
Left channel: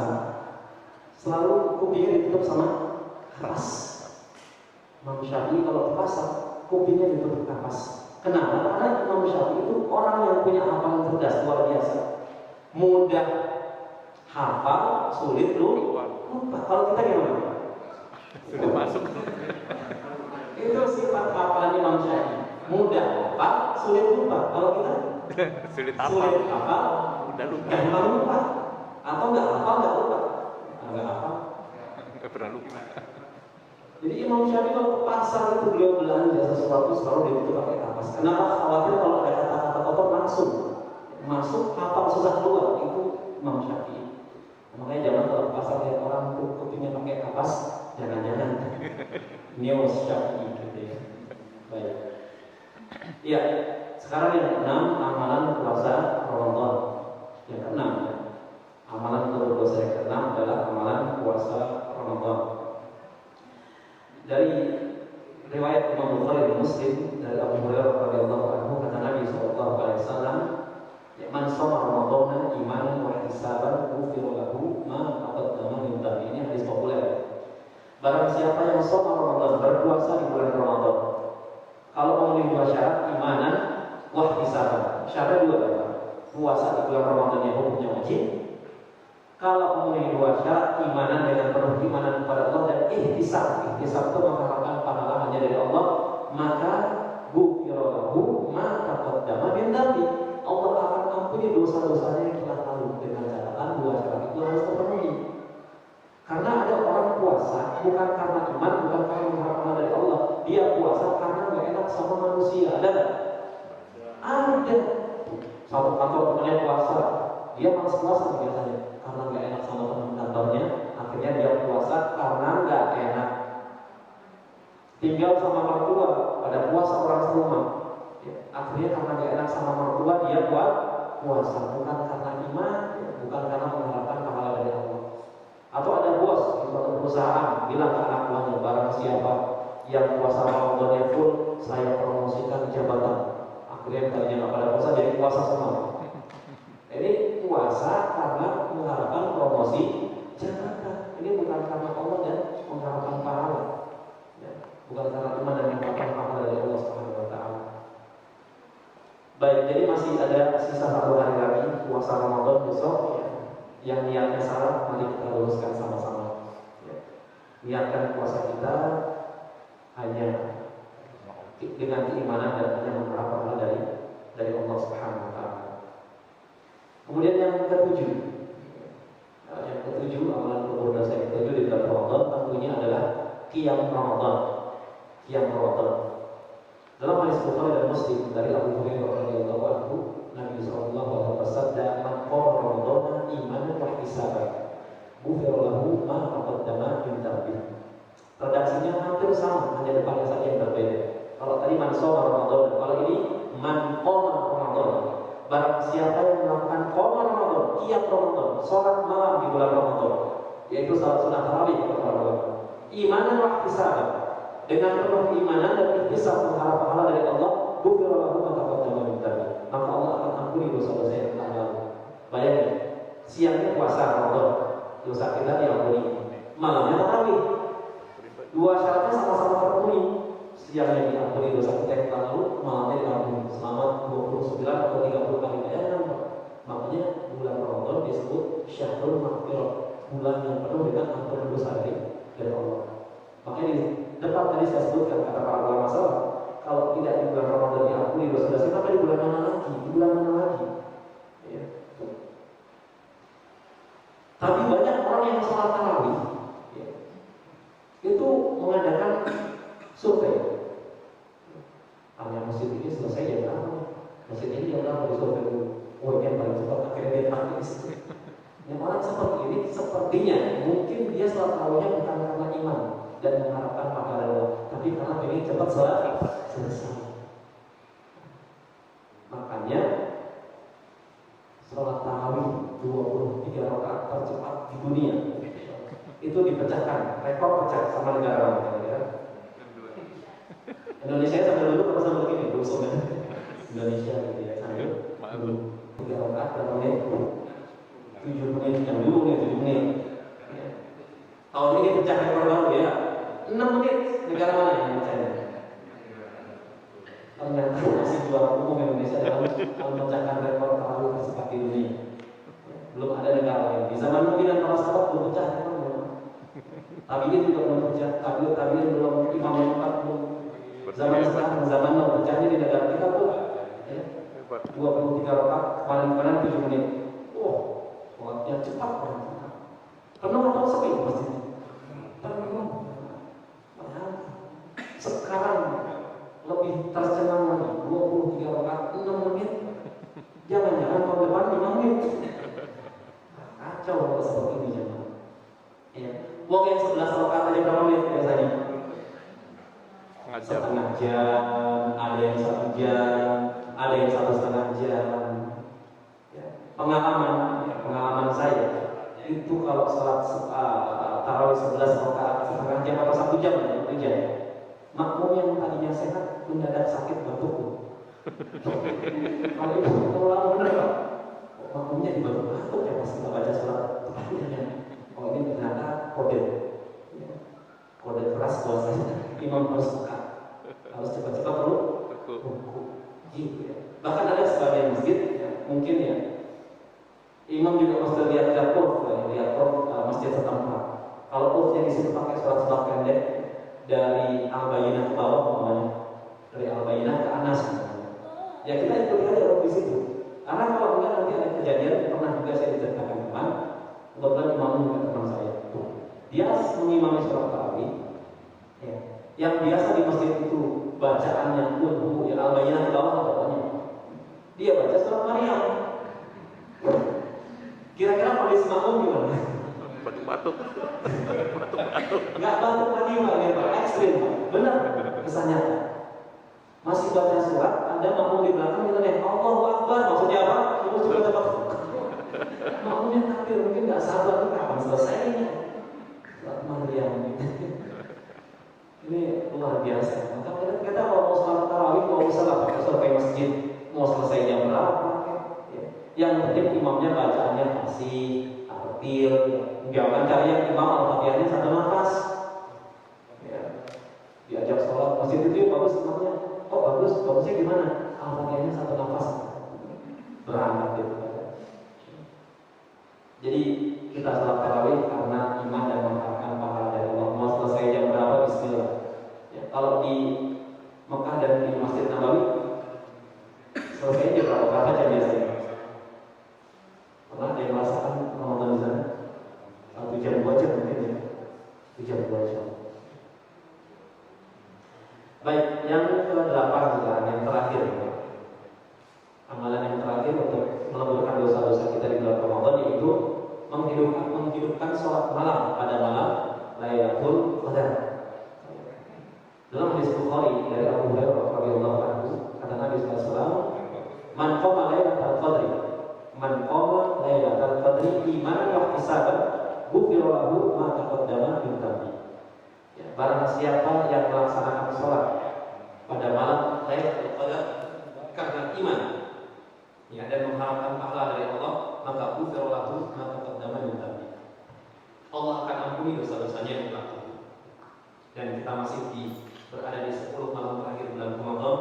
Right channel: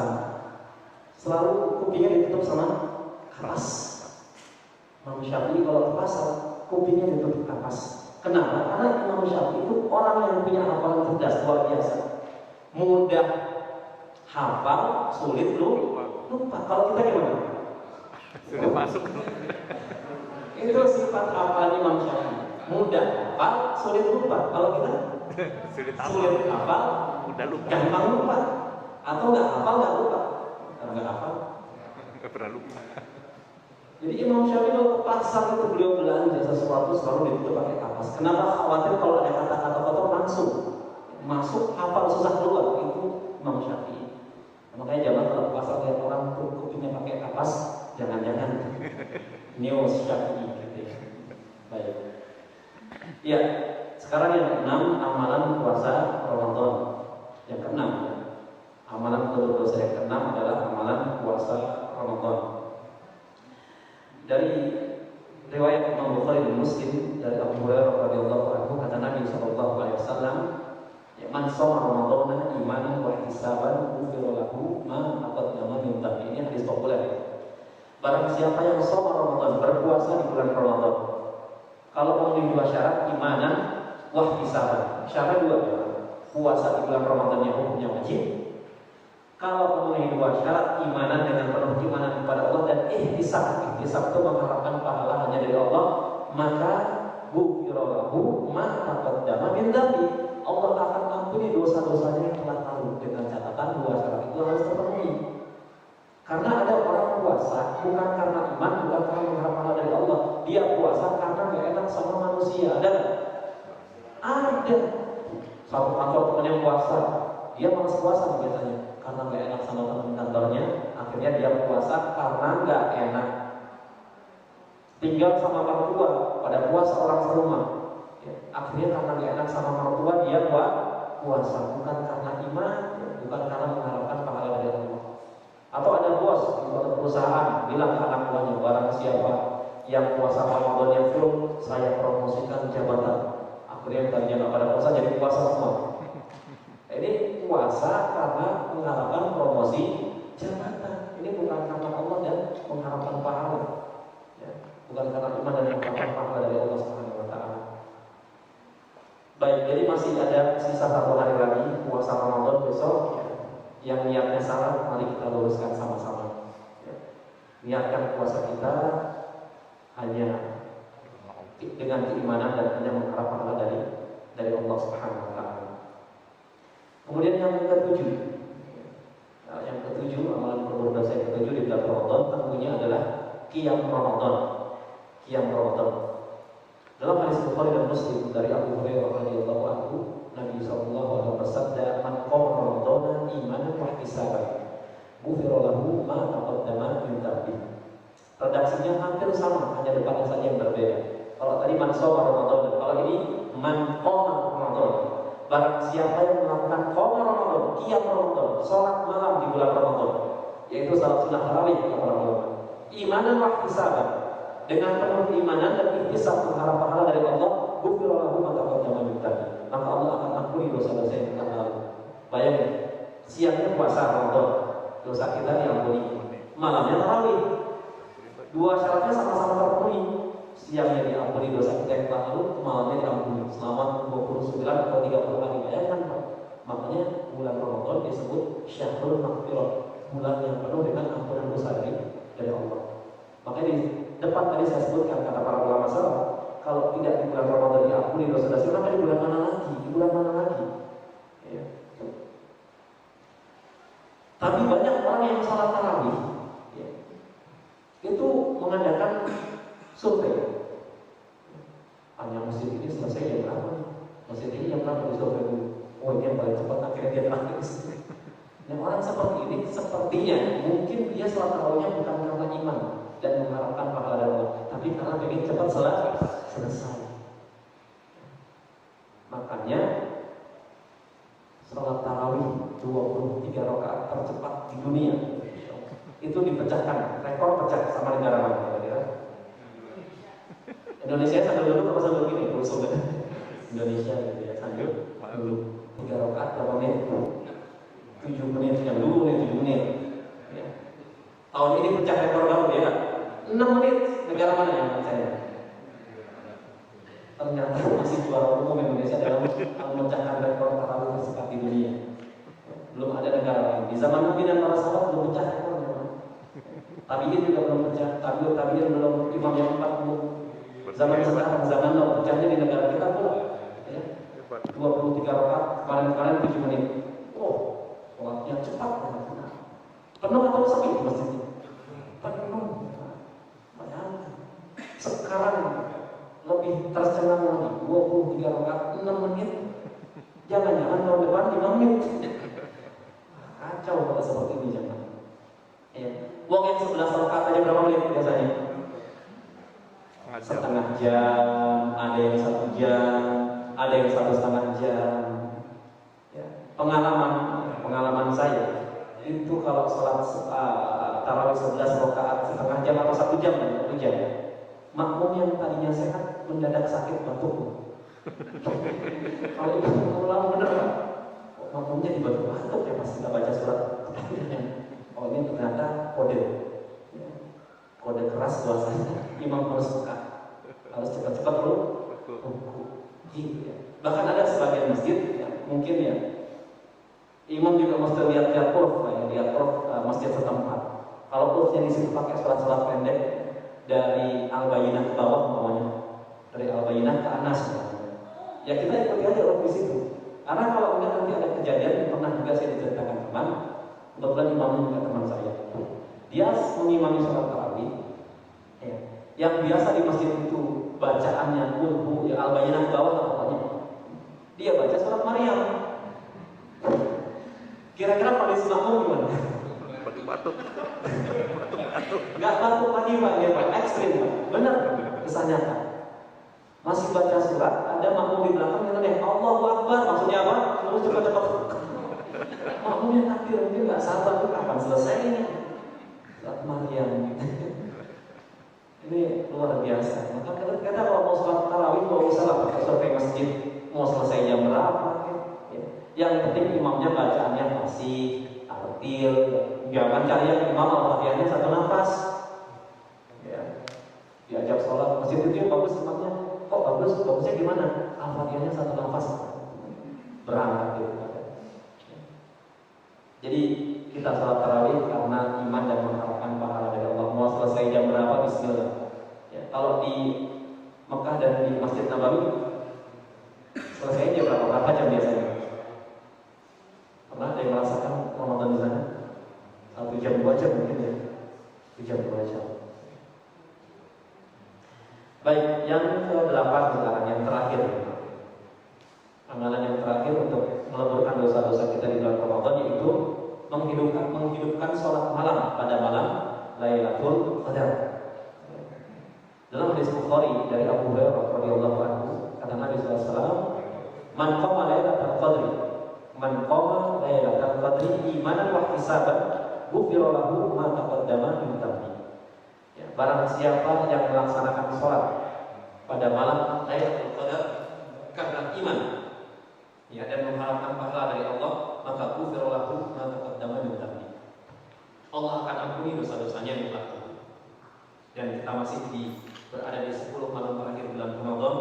selalu kupingnya ditutup sama kapas. Imam Syafi'i kalau ke pasar kupingnya ditutup kapas. Kenapa? Karena Imam Syafi'i itu orang yang punya hafalan cerdas luar biasa, mudah hafal, sulit lupa. Kalau kita gimana? Sulit masuk. Itu sifat hafalan Imam Syafi'i, mudah hafal, sulit lupa. Kalau kita sulit hafal, udah lupa, gampang lupa, atau nggak hafal nggak lupa. Kalau nggak hafal nggak pernah lupa. Jadi Imam Syafi'i kalau ke pasar itu beliau belanja sesuatu selalu ditutup pakai kapas. Kenapa? Khawatir kalau ada kata-kata kotor langsung masuk, hafal susah keluar. Itu Imam Syafi'i. Makanya jangan kalau ke pasar lihat orang tuh kupingnya pakai kapas, jangan-jangan neo Syafi'i gitu ya. Baik. Ya, sekarang yang ke-6, amalan puasa Ramadan. Yang ke-6 ya. Amalan berdosa yang ke-6 adalah amalan puasa Ramadan. Dari riwayat Imam Bukhari dan Muslim dari Abu Hurairah radhiyallahu anhu, kata Nabi sallallahu alaihi wasallam, "Ya man shoma Ramadan imanan wa ihtisaban, ghufira lahu ma taqaddama min dhanbi." Ini hadis populer. Barang siapa yang shoma Ramadan, berpuasa di bulan Ramadan, kalau memenuhi 2 syarat, imanan wa ihtisaban. Syarat 2 adalah puasa di bulan Ramadan yang hukumnya wajib. Kalau memenuhi 2 syarat, imanan dengan penuh imanan kepada Allah dan ihtisab. Ihtisab itu mengharapkan pahala hanya dari Allah, maka ghufira lahu ma taqaddama min dhanbi. Allah akan ampuni dosa-dosanya yang telah lalu dengan catatan 2 syarat itu harus terpenuhi. Karena ada orang puasa bukan karena iman, bukan karena mengharap pahala dari Allah. Dia puasa karena nggak enak sama manusia. Ada. Satu kantor temannya puasa, dia malas puasa biasanya karena nggak enak sama teman kantornya. Akhirnya dia puasa karena nggak enak. Tinggal sama orang tua, pada puasa orang serumah. Ya, akhirnya karena nggak enak sama orang tua dia puasa, bukan karena iman, ya, bukan karena mengharapkan pahala dari Allah. Atau ada bos di suatu perusahaan bilang ke anak buahnya, barang siapa yang puasa Ramadan full, saya promosikan jabatan. Akhirnya tadinya nggak pada puasa jadi puasa semua. Ini puasa karena mengharapkan promosi jabatan. Ini bukan karena Allah dan mengharapkan pahala. Ya, bukan karena iman dan mengharapkan pahala dari Allah Subhanahu Wa Taala. Baik, jadi masih ada sisa 1 hari lagi puasa Ramadan besok. Ya. Yang niatnya salah, mari kita luruskan sama-sama. Ya. Niatkan puasa kita hanya dengan keimanan dan hanya mengharap pahala dari Allah Subhanahu Wa Taala. Kemudian yang ketujuh, amalan berdosa yang ketujuh di bulan Ramadan tentunya adalah qiyam Ramadan. Qiyam Ramadan. Dalam hadis Bukhari dan Muslim dari Abu Hurairah radhiyallahu anhu, Nabi sallallahu alaihi wasallam bersabda, "Man qama Ramadana imanan wa ihtisaban, ghufira lahu ma taqaddama min dhanbihi." Redaksinya hampir sama, hanya depannya saja yang berbeda. Kalau tadi man shoma Ramadan, kalau ini man qama Ramadan. Barang siapa yang melakukan qiyam Ramadan, qiyam Ramadan, salat malam di bulan Ramadan, yaitu salat sunah tarawih kata para ulama. Imanan wa ihtisaban, dengan penuh keimanan dan ihtisab mengharap pahala dari Allah, ghufira lahu ma taqaddama min dhanbihi. Maka Allah akan ampuni dosa-dosa yang telah lalu. Bayangin, siangnya puasa Ramadan, dosa kita diampuni. Malamnya tarawih. Dua syaratnya sama-sama terpenuhi. Siangnya diampuni dosa kita yang telah lalu, malamnya diampuni selama 29 atau 30 hari. Bayangkan Pak. Makanya bulan Ramadan disebut Syahrul Maghfirah, bulan yang penuh dengan ampunan dosa dari Allah. Makanya di depan tadi saya sebutkan kata para ulama salaf, kalau tidak di bulan Ramadan diampuni dosa-dosa, maka di bulan mana lagi? Di bulan mana lagi? Ya. Tapi banyak orang yang salat tarawih, ya, itu mengadakan survei. Hanya masjid ini selesai jam berapa? Masjid ini jam berapa di survei dulu? Oh ini yang paling cepat, akhirnya dia terakhir di sini. Dan orang seperti ini sepertinya mungkin dia salat tarawihnya bukan karena iman dan mengharapkan pahala dari Allah, tapi karena pengen cepat selesai. Makanya salat tarawih 23 rakaat tercepat di dunia itu dipecahkan, rekor pecah sama negara lain. Indonesia sambil dulu apa sambil gini? Rusuh kan? Indonesia gitu ya sambil 3 rakaat berapa menit? 7 menit yang dulu 7 menit. Ya. Tahun ini pecah rekor baru ya. 6 menit. Negara mana yang percaya? Ternyata masih juara umum Indonesia dalam memecahkan rekor tarawih tercepat di dunia. Belum ada negara lain. Di zaman Nabi dan para sahabat belum pecah rekor. Tabi'in juga belum pecah. Tabi'in belum, imam yang 4 belum. Zaman sekarang, zaman now, pecahnya di negara kita belum. Ya. 23 rakaat, kemarin 7 menit. Oh, waktunya cepat banget. Penuh atau sepi masjidnya? Penuh. Sekarang lebih tercengang lagi, 23 rakaat 6 menit. Jangan-jangan tahun depan 5 menit. Kacau kalau seperti ini jangan. Ya. Uang yang 11 rakaat aja berapa menit biasanya? Setengah jam, ada yang 1 jam, ada yang 1,5 jam. Ya. Pengalaman saya itu kalau sholat tarawih 11 rakaat setengah jam atau 1 jam, 1 jam. Makmum yang tadinya sehat mendadak sakit batuk. Kalau itu lama bener Pak, makmumnya dibatuk-batuk ya pas kita baca surat. Oh ini ternyata kode, ya. Kode keras bahasanya. Imam harus buka, harus cepat-cepat ruku. Gitu ya. Bahkan ada sebagian masjid, ya, mungkin ya, imam juga mesti lihat urf, lihat urf masjid setempat. Kalau urfnya di situ pakai surat-surat pendek dari Al-Bayyinah ke bawah, namanya dari Al-Bayyinah ke Anas, ya kita ikuti aja urf di situ. Karena kalau enggak nanti ada kejadian, pernah juga saya diceritakan teman, kebetulan imamnya juga teman saya. Dia mengimami surat tarawih, ya. Yang biasa di masjid itu bacaannya ulhu, yang Al-Bayyinah di bawah pokoknya. Dia baca surat Maryam. Kira-kira kondisi makmum gimana? Batuk-batuk. Nggak batuk lagi Pak, ya Pak, ekstrim. Benar, kesannya. Masih baca surat, ada makmum di belakang yang tanya Allahu Akbar, maksudnya apa? Semua juga dapat. Makmumnya takbir, mungkin nggak sabar, kapan selesainya? Maryam gitu. Ini luar biasa. Maka kata kalau mau sholat tarawih, kalau usah lah pakai survei masjid. imamnya bacaannya fasih, tartil, jangan cari yang imam al-fatihahnya satu nafas. Ya. Diajak sholat masjid itu yang bagus imamnya. Oh bagusnya gimana? Al-fatihahnya satu nafas. Berangkat gitu. Jadi kita sholat tarawih karena iman dan mengharapkan pahala dari Allah. Mau selesai jam berapa? Bismillah. Ya, kalau di Mekah dan di Masjid Nabawi selesai jam berapa jam biasanya? Pernah ada yang merasakan Ramadan di sana? 1 jam 2 jam mungkin ya. 1 jam 2 jam. Baik, yang ke-8 sekarang, yang terakhir. Amalan yang terakhir untuk meleburkan dosa-dosa kita di bulan Ramadan yaitu menghidupkan sholat malam pada malam Lailatul Qadar. Dalam hadis Bukhari dari Abu Hurairah radhiyallahu anhu, kata Nabi sallallahu alaihi wasallam, "Man qama lailatal qadri, man qama lailatal qadri imanan wa ihtisaban, ghufira lahu ma taqaddama min dhanbi." Ya, barang siapa yang melaksanakan sholat pada malam Lailatul Qadar karena iman, ya, dan mengharapkan pahala dari Allah, maka ghufira lahu ma taqaddama min dhanbi. Allah akan ampuni dosa-dosanya yang telah lalu. Dan kita masih berada di 10 malam terakhir bulan Ramadan.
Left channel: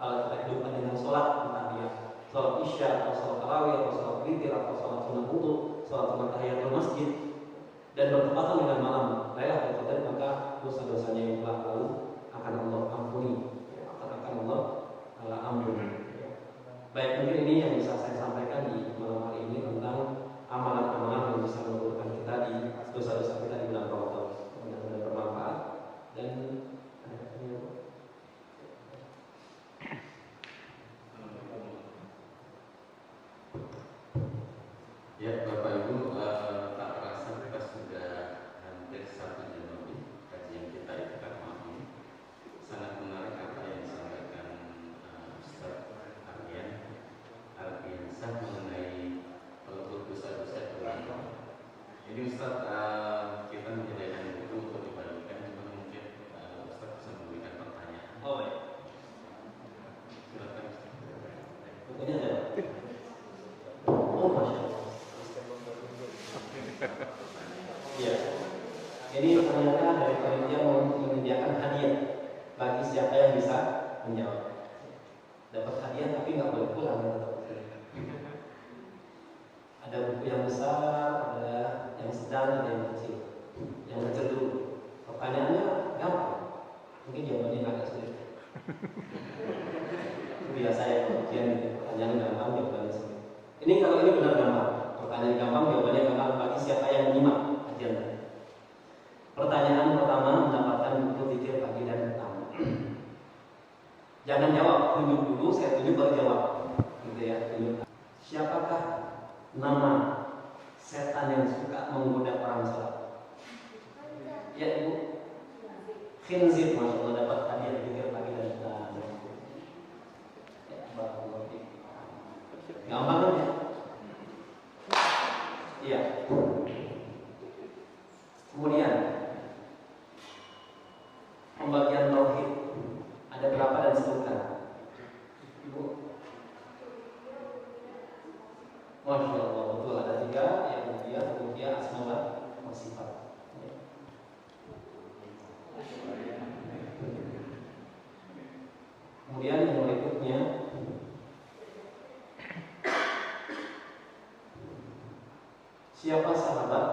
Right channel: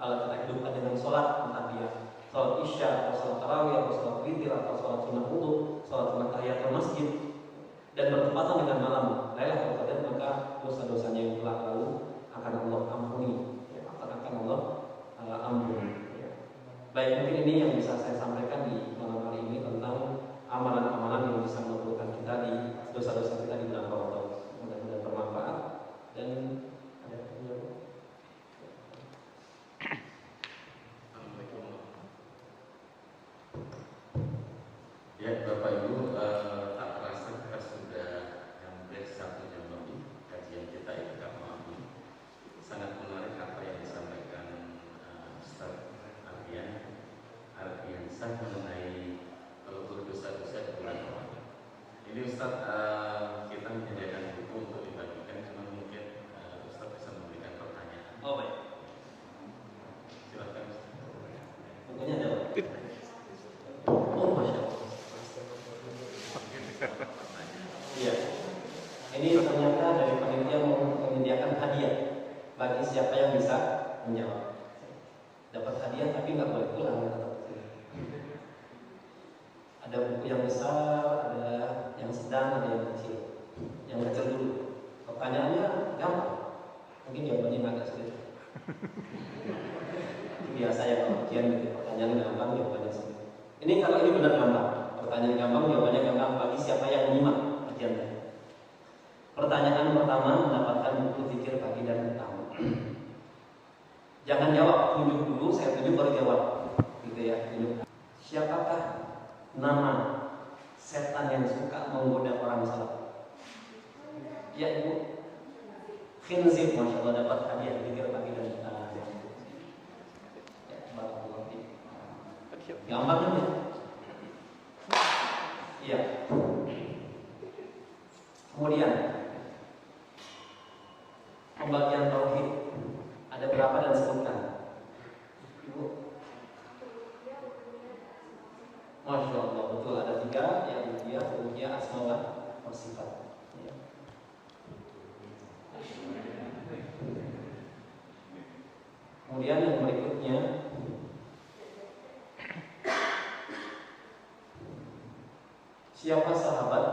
Kalau kita hidupkan dengan sholat, entah dia sholat isya atau sholat tarawih atau sholat witir atau sholat sunnah wudu, sholat sunnah tahiyatul masjid, dan bertepatan dengan malam Lailatul Qadar, maka dosa-dosanya yang telah lalu akan Allah ampuni, ya, akan Allah ampuni. Ya. Baik, mungkin ini yang bisa saya sampaikan di malam hari ini tentang amalan-amalan yang bisa meleburkan kita di dosa-dosa kita di bulan Ramadan. Mudah-mudahan bermanfaat dan ada pertanyaan. Ya, Bapak Ibu, tak terasa kita sudah hampir 1 jam lebih kajian kita pada malam ini. Sangat menarik apa yang disampaikan Ustaz Ardiansah mengenai pelebur dosa-dosa yang berlaku. Ini Ustaz, kita menyediakan buku untuk dibagikan, cuma mungkin Ustaz bisa memberikan pertanyaan. Oh baik. Silakan. Bukunya ada. Oh masya Allah. Iya. Ini ternyata dari panitia menyediakan hadiah bagi siapa yang bisa menjawab. Dapat hadiah tapi nggak boleh pulang, tetap. Ada buku yang besar, ada yang sedang, ada yang kecil. Yang kecil dulu. Pertanyaannya gampang. Mungkin jawabannya agak sulit. Biasa ya kalau ujian gitu, pertanyaan gampang, jawabannya sulit. Ini kalau ini benar gampang. Pertanyaan gampang, jawabannya gampang bagi siapa yang menyimak kajian tadi. Pertanyaan pertama, mendapatkan buku zikir pagi dan petang. Jangan jawab, tunjuk dulu, saya tunjuk baru jawab. Gitu ya, tunjuk. Siapakah nama setan yang suka menggoda orang salat? Ya Ibu. Khinzir, masya Allah, dapat hadiah zikir pagi dan petang. Ya, barakallahu fiik. Gampang kan ya? Iya. Kemudian pembagian tauhid ada berapa dan sebutkan? Ibu. Masya Allah, betul ada 3, yang ruqyah, asma wa sifat. Ya. Kemudian yang berikutnya, siapa sahabat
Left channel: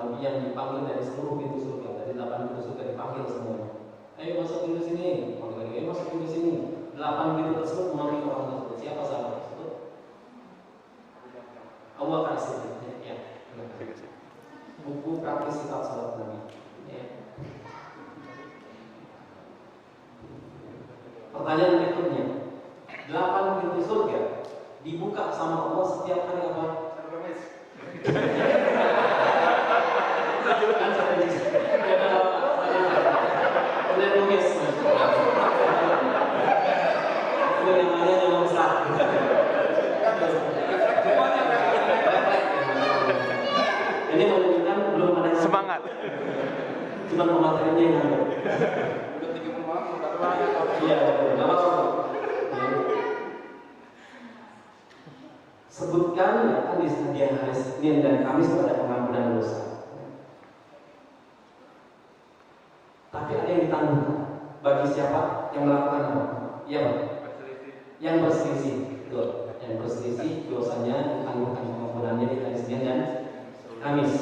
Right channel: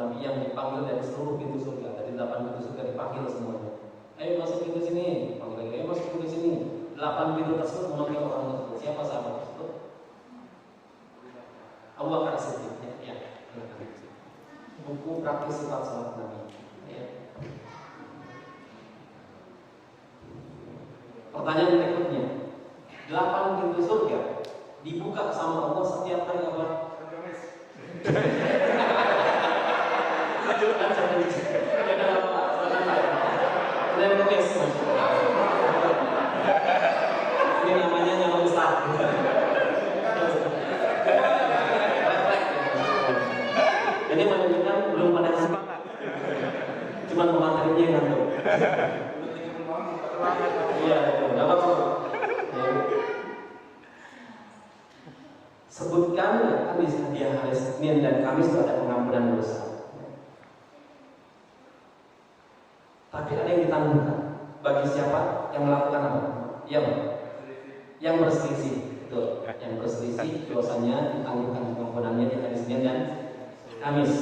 Nabi yang dipanggil dari seluruh pintu surga, dari 8 pintu surga dipanggil semuanya. Ayo masuk pintu sini, panggil lagi, ayo masuk pintu sini. 8 pintu tersebut memanggil orang tersebut. Siapa sahabat tersebut? Abu Bakar Siddiq. Ya. Buku praktis sifat salat Nabi. Ya. Pertanyaan berikutnya, 8 pintu surga dibuka sama Allah setiap hari apa? Saya melukis. Ini namanya nama besar. Ini menunjukkan belum ada Semangat. Cuman pematerinya yang ngantuk. Semangat. Iya, betul. Enggak apa-apa. Ya. Sebut disebutkan ya kan di hadiah hari Senin dan Kamis itu ada pengampunan dosa. Tapi ada yang ditanggung bagi siapa yang melakukan apa? Iya Pak. Yang berselisih, betul. Yang berselisih dosanya ditangguhkan pengampunannya di hari Senin dan Kamis.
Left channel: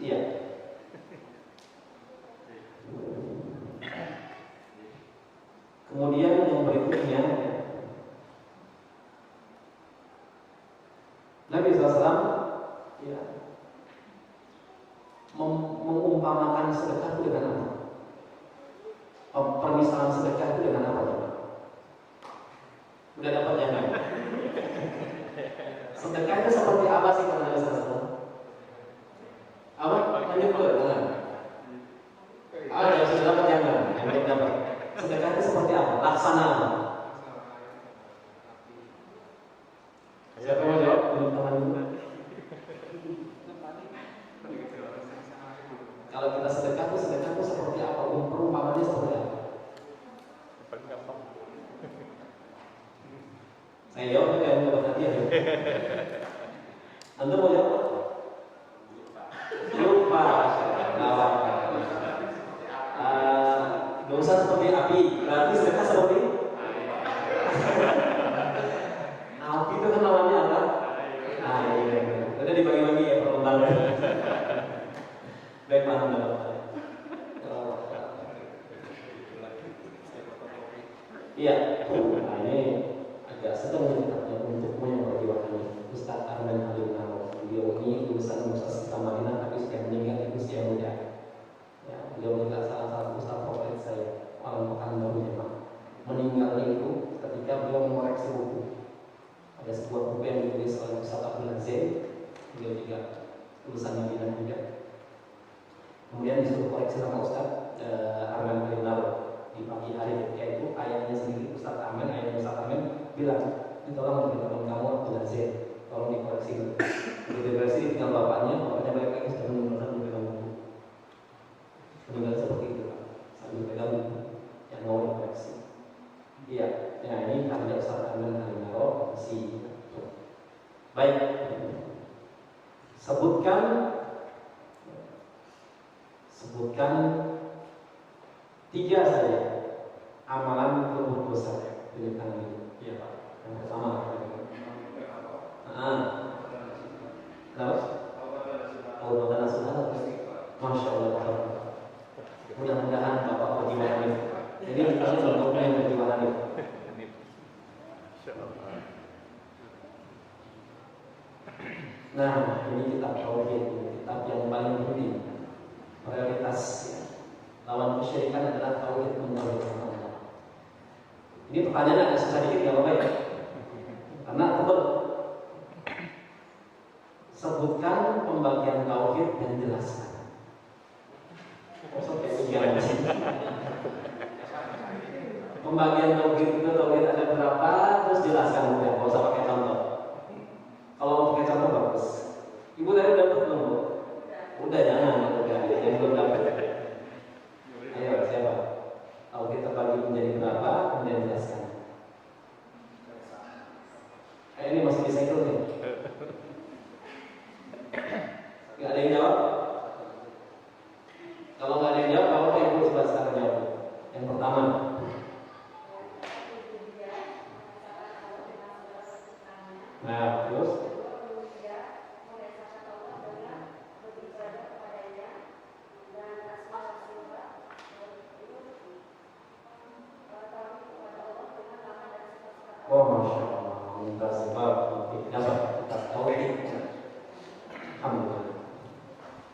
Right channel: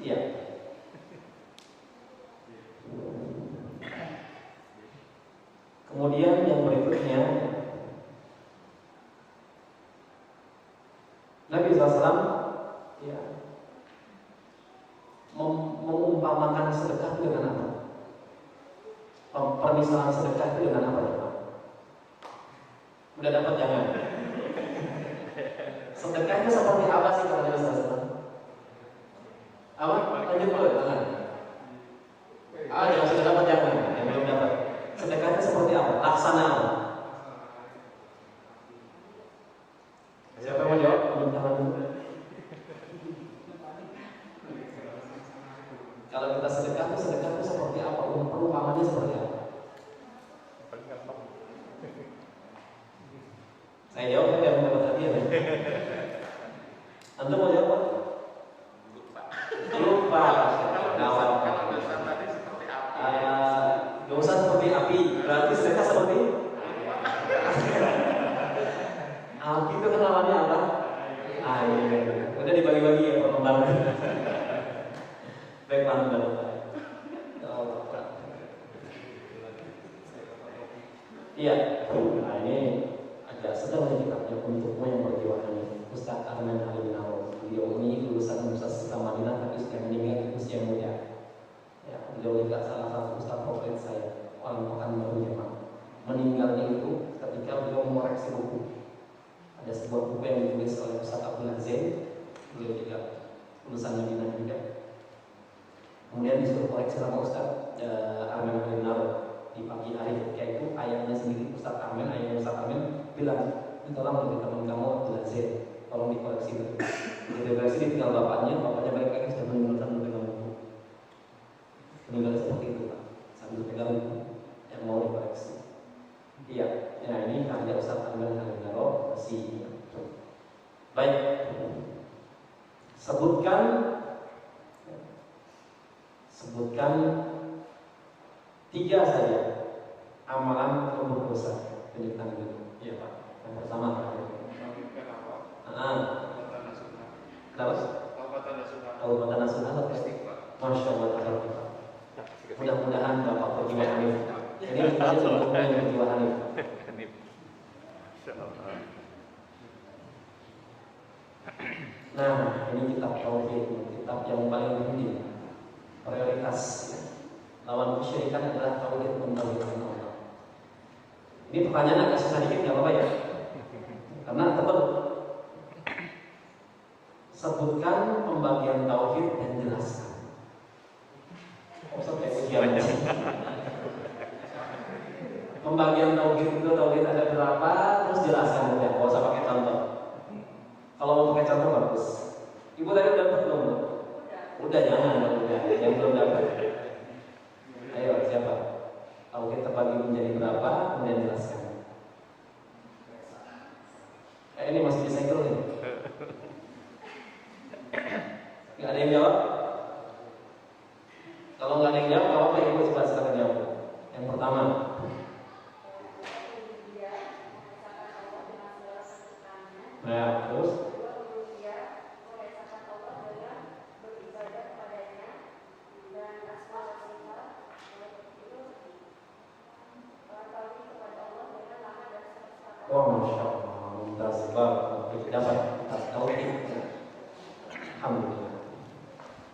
Iya. Kemudian yang berikutnya, Nabi SAW ya, mengumpamakan sedekah itu dengan apa? Permisalan sedekah itu dengan apa? Udah dapat jangan? Sedekah itu seperti apa sih kalau Nabi SAW? Apa? Lanjut dulu, jangan. Yang sudah dapat jangan, yang belum dapat. Sedekah itu seperti apa? Laksana. Siapa yang jawab? Belum tangan dulu. Kalau kita sedekah itu seperti apa? Perumpamannya seperti apa? Paling gampang. Saya jawab yang dapat hadiah. Anda mau jawab? Lupa. Gawat. Dosa seperti api, berarti sedekah seperti api itu kan lawannya apa? Air. Udah dibagi-bagi ya pertama. Baik Pak. Iya. Nah ini agak sedang kitabnya untukmu yang berjiwanya Ustaz Arman Ali Nawawi. Beliau ini lulusan Universitas Madinah tapi sudah meninggal di usia muda. Ya, beliau juga salah satu ustaz favorit saya, paling pekan baru Jemaah. Meninggalnya itu ketika beliau mengoreksi buku. Ada sebuah buku yang ditulis oleh Ustaz Abdul Aziz, beliau juga lulusan Madinah juga. Kemudian disuruh koreksi sama Ustaz Arman Al di pagi hari, yaitu ayahnya sendiri Ustaz Amin, ayahnya Ustaz Amin bilang, ini tolong lebih teman kamu Abdul Aziz, tolong dikoreksi gitu. Dikoreksi ditinggal bapaknya balik lagi sudah meninggal sambil pegang buku. Meninggal seperti itu Pak, sambil pegang buku yang mau dikoreksi. Iya, ya ini karya Ustaz Amin Al si. Baik, sebutkan 3 saja amalan pelebur dosa. Tunjuk tangan dulu. Iya Pak. Yang pertama Pak. Terus? Taubat nasional. Masya Allah. Mudah-mudahan Bapak berjiwa hanif. Jadi kita untuk berjiwa hanif. Masya Allah. Nah, ini kitab tauhid, kitab yang paling penting. Prioritas lawan kesyirikan adalah tauhid mentauhidkan Allah. Ini pertanyaan agak susah dikit, nggak apa-apa ya? Karena tebal. Sebutkan pembagian tauhid dan jelaskan. Kayak ujian. Pembagian tauhid itu tauhid ada berapa? Terus jelaskan udah, nggak usah pakai contoh. Kalau mau pakai contoh bagus. Ibu tadi udah dapat belum? Udah jangan, udah yang belum dapat. Ayo siapa? Tauhid terbagi menjadi berapa? Kemudian jelaskan. Ini masih bisa ikut nih. Gak ada yang jawab? Kalau nggak ada yang jawab, apa yang ibu coba sekarang jawab? Yang pertama. Nah, terus? Oh, Masya Allah, minta sebab dapat kita tahu ini. Alhamdulillah.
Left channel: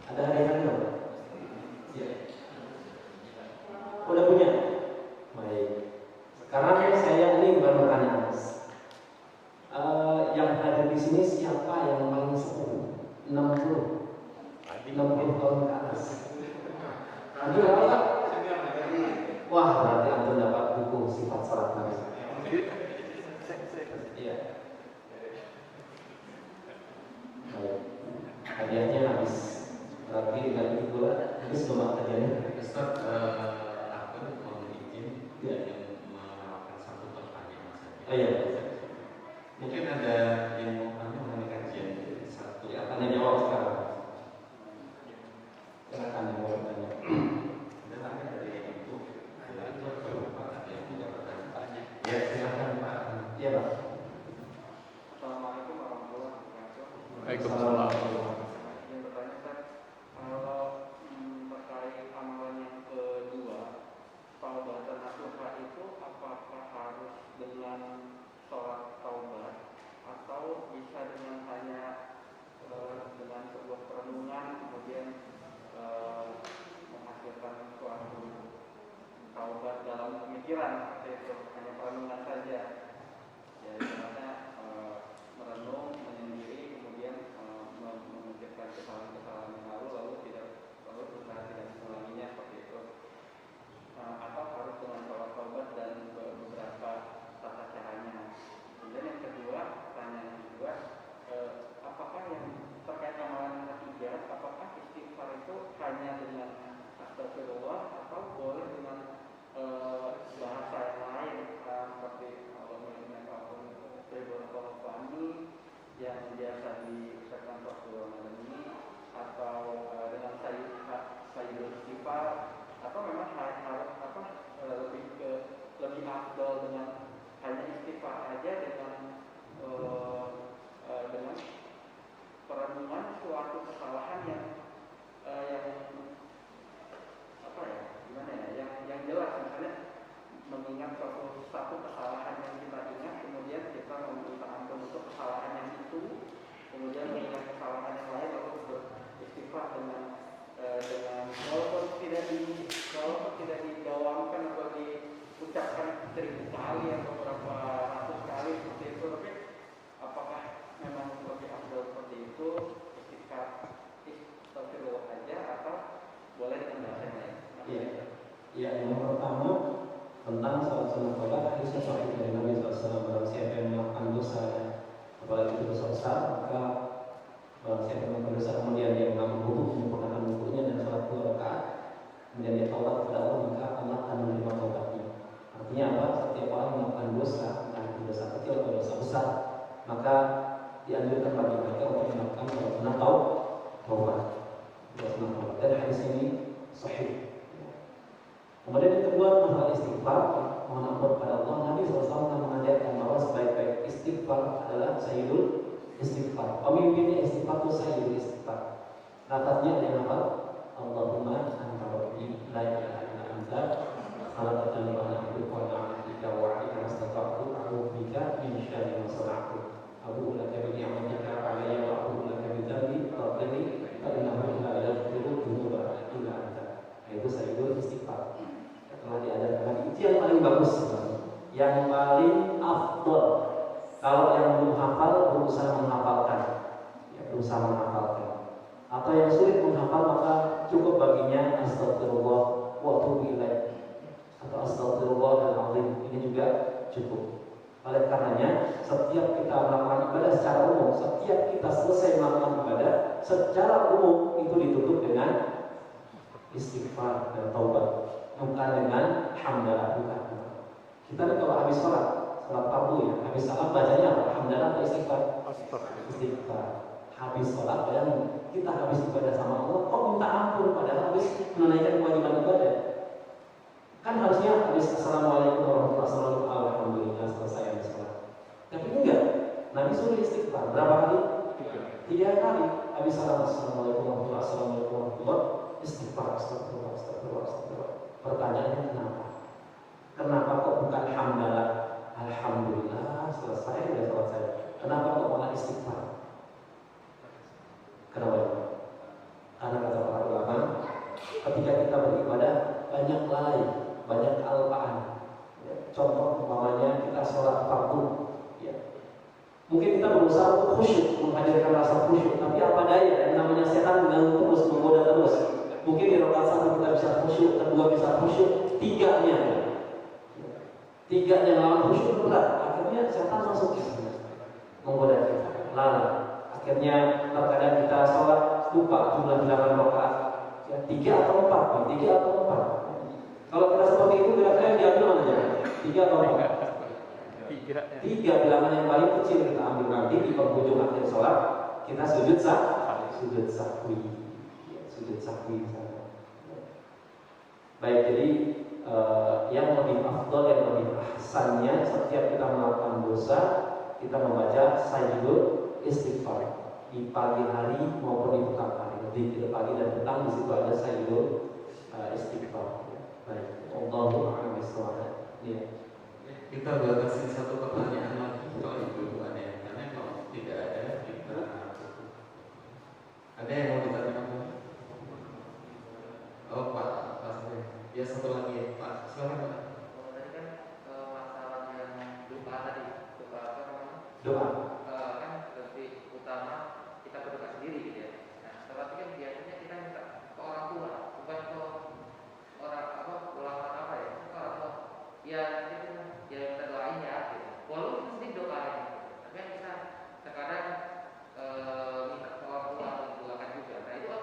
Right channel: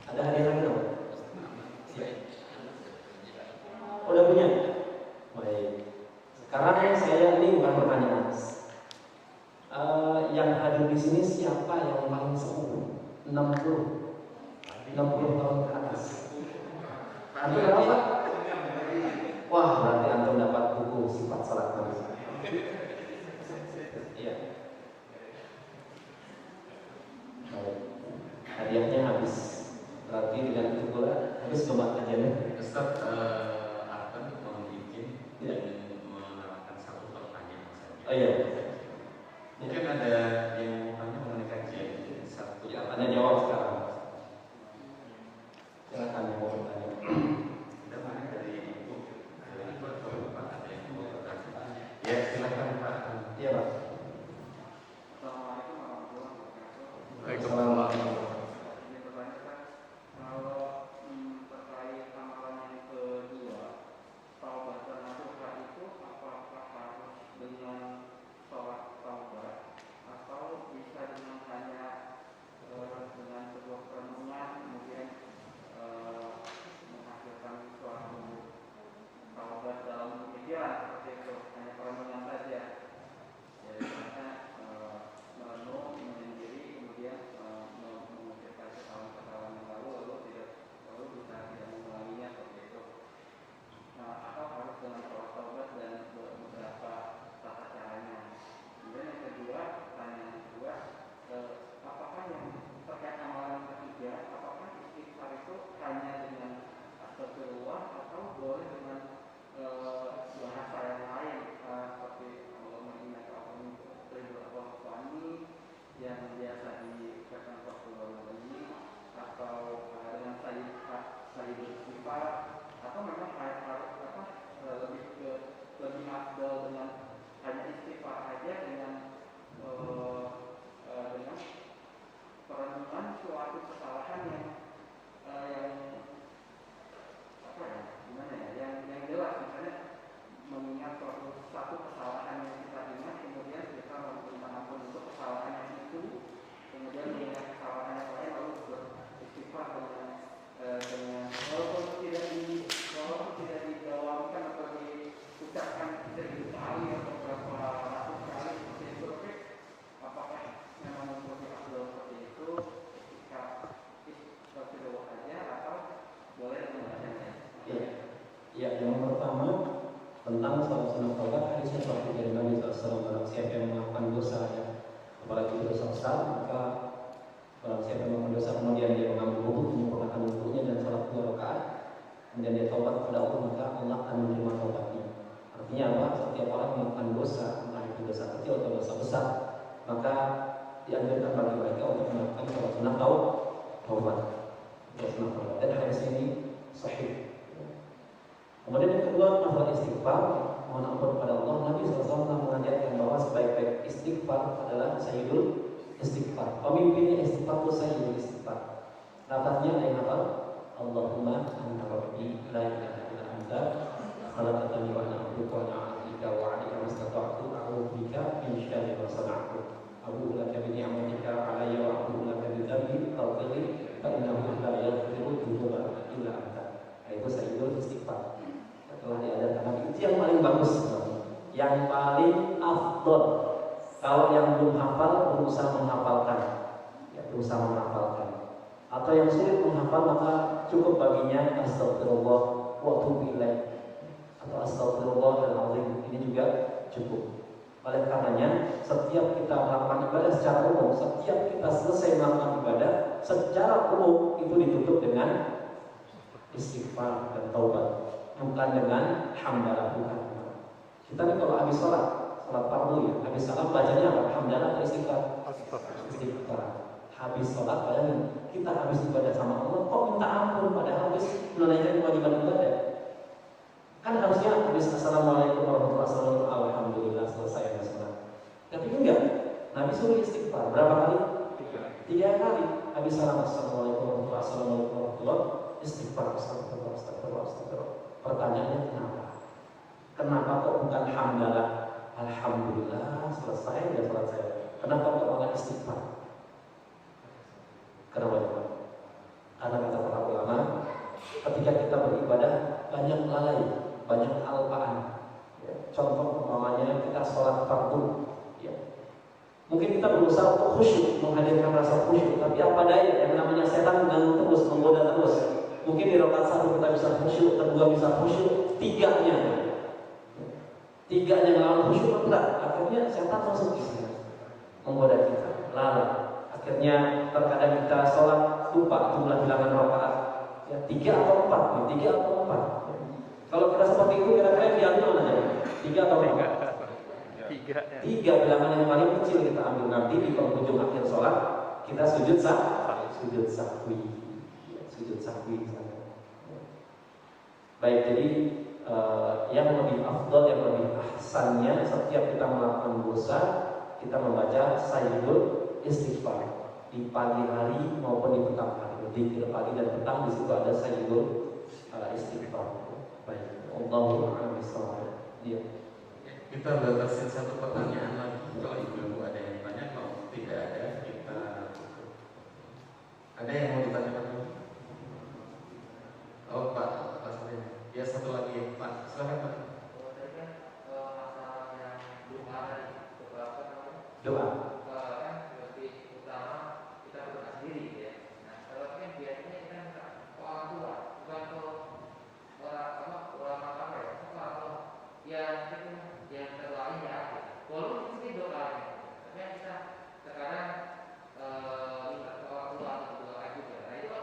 Ada hari lagi dong? Udah punya? Baik. Sekarang saya ini bukan pertanyaan. Yang hadir di sini siapa yang paling sepuh? 60 tahun ke atas. Nanti apa ya? Wah, nanti antum dapat buku sifat salat Nabi. Iya. Hadiahnya habis. Berarti dengan itu pula habis belum kajiannya. Ustaz, akan membuat menawarkan satu pertanyaan saja. Iya. Mungkin ada yang Ya, silakan Pak. Iya Pak. Assalamualaikum warahmatullahi wabarakatuh. Waalaikumsalam. Ini pertanyaan Ustaz, kalau terkait amalan yang kedua, taubatan nasuha itu apakah harus dengan sholat taubat atau bisa dengan hanya dengan sebuah perenungan kemudian menghasilkan suatu taubat dalam pemikiran seperti itu, hanya perenungan saja. Ya, misalnya merenung, menyendiri, kemudian memikirkan kesalahan-kesalahan yang lalu lalu berusaha tidak mengulanginya seperti itu. Atau harus dengan sholat taubat dan beberapa tata caranya. Kemudian yang kedua, pertanyaan yang kedua, apakah yang terkait amalan ketiga, apakah istighfar itu hanya dengan astagfirullah atau boleh dengan bahasa yang lain seperti yang biasa dikatakan waktu ini atau dengan sayyidul istighfar atau memang lebih afdal dengan hanya istighfar aja dengan perenungan suatu kesalahan yang apa ya, gimana ya, yang jelas, misalnya mengingat satu kesalahan yang kita ingat, kemudian kita meminta ampun untuk kesalahan yang itu, kemudian mengingat kesalahan yang lain lalu beristighfar dengan walaupun tidak didalamkan atau diucapkan 1000 kali atau beberapa ratus kali seperti itu, tapi apakah memang lebih afdal seperti itu ketika istighfar aja atau boleh dengan yang lain? Iya, yang pertama tentang salat sunat taubat, hadisnya sahih dari Nabi SAW. Barang siapa yang melakukan dosa, apalagi dosa besar, maka barang siapa yang melakukan dosa kemudian dia mengambil wudu, menyempurnakan wudunya dan salat 2 rakaat, kemudian dia taubat kepada Allah, maka Allah akan menerima taubatnya. Artinya apa? Setiap orang melakukan dosa, entah itu dosa kecil atau dosa besar, maka dianjurkan bagi mereka untuk melakukan salat sunat taubat. Dan hadis ini sahih. Kemudian yang kedua, masalah istighfar, mohon ampun kepada Allah. Nabi SAW mengajarkan bahwa sebaik-baik istighfar adalah sayyidul istighfar. Pemimpinnya istighfar itu sayyidul istighfar. Lafaznya yang apa? Allahumma anta rabbi la ilaha illa anta khalaqtani wa ana abduka wa ana 'abduka wa 'alaika mastata'tu a'udzu bika min syarri ma sana'tu. A'udzu laka bi ni'matika 'alayya wa a'udzu laka bi dhanbi faghfirli fa innahu la yaghfiru dzunuba illa anta. Itu sayyidul istighfar. Telah diajarkan Nabi, itu yang paling bagus, yang paling afdol. Kalau yang belum hafal berusaha menghafalkan, berusaha menghafalkan. Atau yang sulit menghafal maka cukup baginya astagfirullah wa atubu ilaih atau astagfirullahaladzim, ini juga cukup. Oleh karenanya setiap kita melakukan ibadah secara umum, setiap kita selesai melakukan ibadah secara umum itu ditutup dengan istighfar dan taubat. Bukan dengan hamdalah, bukan. Kita nih kalau habis sholat fardu ya, habis salam bacanya apa? Hamdalah atau istighfar? Istighfar. Habis sholat, bayangin, kita habis ibadah sama Allah, kok minta ampun padahal habis menunaikan kewajiban ibadah. Kan harusnya habis assalamualaikum warahmatullahi wabarakatuh, alhamdulillah selesai habis sholat. Tapi enggak, Nabi suruh istighfar berapa kali? 3 kali. Habis salam assalamualaikum warahmatullahi wabarakatuh, istighfar, astagfirullah. Pertanyaannya kenapa kok bukan hamdalah? Alhamdulillah selesai dan selesai. Kenapa kok malah istighfar? Kenapa? Karena kata para ulama, ketika kita beribadah banyak lalai, banyak kelupaan. Contoh umpamanya kita sholat fardu, mungkin kita berusaha untuk khusyuk, menghadirkan rasa khusyuk, tapi apa daya, yang namanya setan mengganggu terus, menggoda terus. Mungkin di rakaat 1 kita bisa khusyuk, kedua bisa khusyuk, tiganya melawan khusyuk berat. Akhirnya setan masuk di sini, menggoda kita, lalai. Akhirnya terkadang kita sholat lupa jumlah bilangan rakaat, 3 atau 4, 3 atau 4. Kalau kita seperti itu, kira-kira yang diambil mana aja? 3 atau 4? 3 bilangan yang paling kecil kita ambil. Nanti di penghujung akhir sholat kita sujud sahwi. Baik, jadi yang lebih afdal, yang lebih ahsannya setiap kita melakukan dosa kita membaca sayyidul istighfar di pagi hari maupun di petang hari. Di pagi dan petang di situ ada sayyidul istighfar. Baik, Allahu a'lam bishawab. Iya. Kita batasi satu pertanyaan lagi. Kalau ibu ada yang tanya, kalau tidak ada kita tutup. Ada yang mau ditanyakan? Oh Pak, ya satu lagi Pak, silakan Pak. Masalah yang doa tadi, Doa. kan lebih utama kita berdoa sendiri gitu ya. Nah, kalau kan biasanya kita minta ke orang tua, bukan ke orang ulama ya, ke orang ya itu ya kita doain ya. Gitu. Walaupun mesti doa ya, tapi kita sekarang minta ke orang tua untuk doakan juga. Nah itu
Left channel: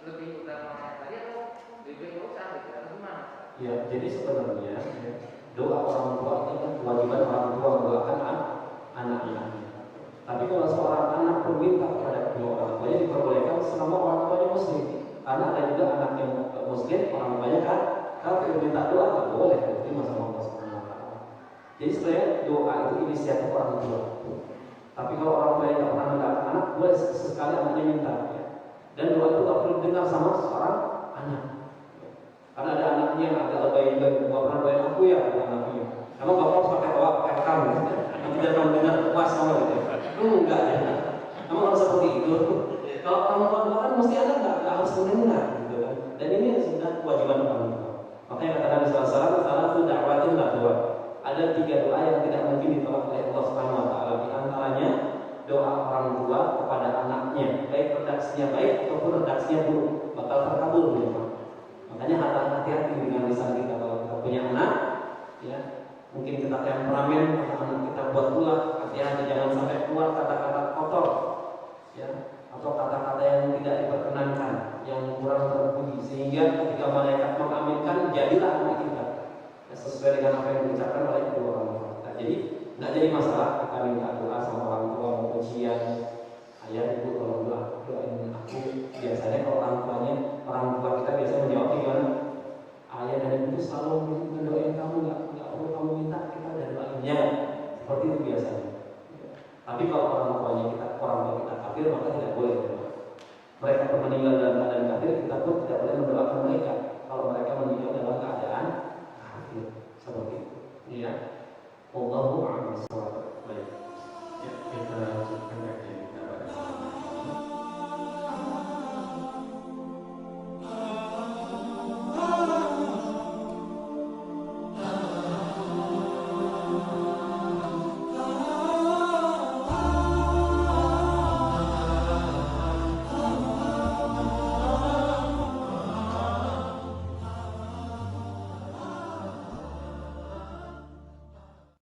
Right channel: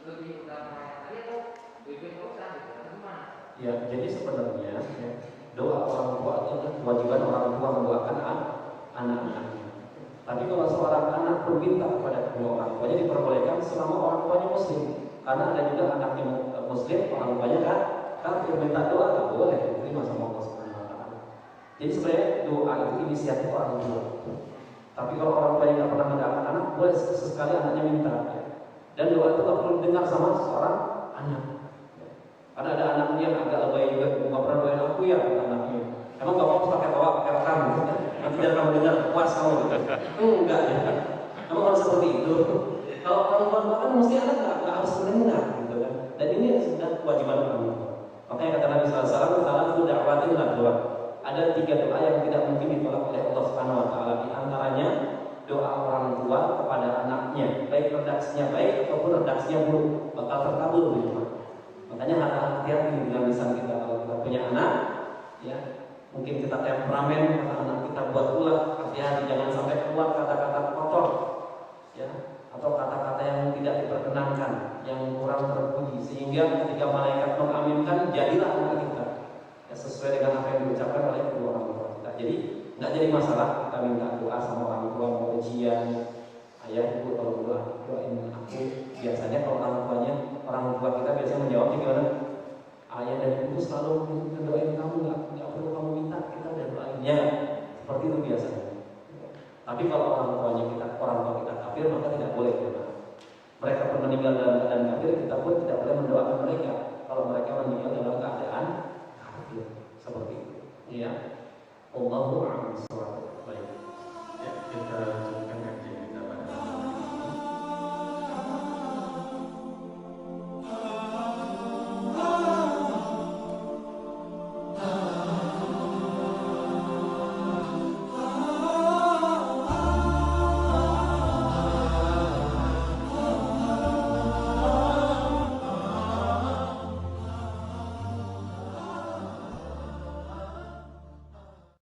lebih utama tadi atau lebih dosa gitu, atau gimana? Ya, jadi sebenarnya doa orang tua adalah kewajiban orang tua mendoakan anak-anaknya. Tapi kalau seorang anak meminta kepada kedua orang tuanya diperbolehkan selama orang tuanya muslim. Karena ada juga anak yang muslim, orang tuanya kan kafir minta doa tak boleh diterima sama Allah Subhanahu wa taala. Jadi sebenarnya doa itu inisiatif orang tua. Tapi kalau orang tua yang nggak pernah mendoakan anak, boleh sesekali anaknya minta. Ya. Dan doa itu tak perlu dengar sama seorang anak. Karena ada anaknya yang agak lebay juga, nggak pernah doain aku ya anaknya. Emang bapak harus pakai tawa, pakai rekam gitu. Nanti biar kamu dengar puas kamu gitu. Enggak ya. Emang harus seperti itu. Kalau orang tua doakan mesti anak nggak harus mendengar gitu kan. Dan ini sudah kewajiban orang tua. Makanya kata Nabi SAW, salah satu da'watin lah doa. Ada 3 doa yang tidak mungkin ditolak oleh Allah Subhanahu Wa Taala. Di antaranya doa orang tua kepada anaknya, baik redaksinya baik ataupun redaksinya buruk, bakal terkabul gitu. Makanya hati-hati dengan lisan kita. Kalau kita punya anak, ya mungkin kita temperamen, anak kita buat ulah, hati-hati jangan sampai keluar kata-kata kotor, ya, atau kata-kata yang tidak diperkenankan, yang kurang terpuji, sehingga ketika malaikat mengaminkan, jadilah anak kita ya, sesuai dengan apa yang diucapkan oleh kedua orang tua kita. Jadi nggak jadi masalah kita minta doa sama orang tua, mau ujian, ayah ibu kalau doain aku. Biasanya kalau orang tua kita biasanya menjawabnya gimana? Ayah dan ibu itu selalu mendoain kamu, nggak perlu kamu minta, kita udah doain ya. Seperti itu biasanya. Tapi kalau orang tua kita kafir, maka tidak boleh. Mereka pun meninggal dalam keadaan kafir, kita pun tidak boleh mendoakan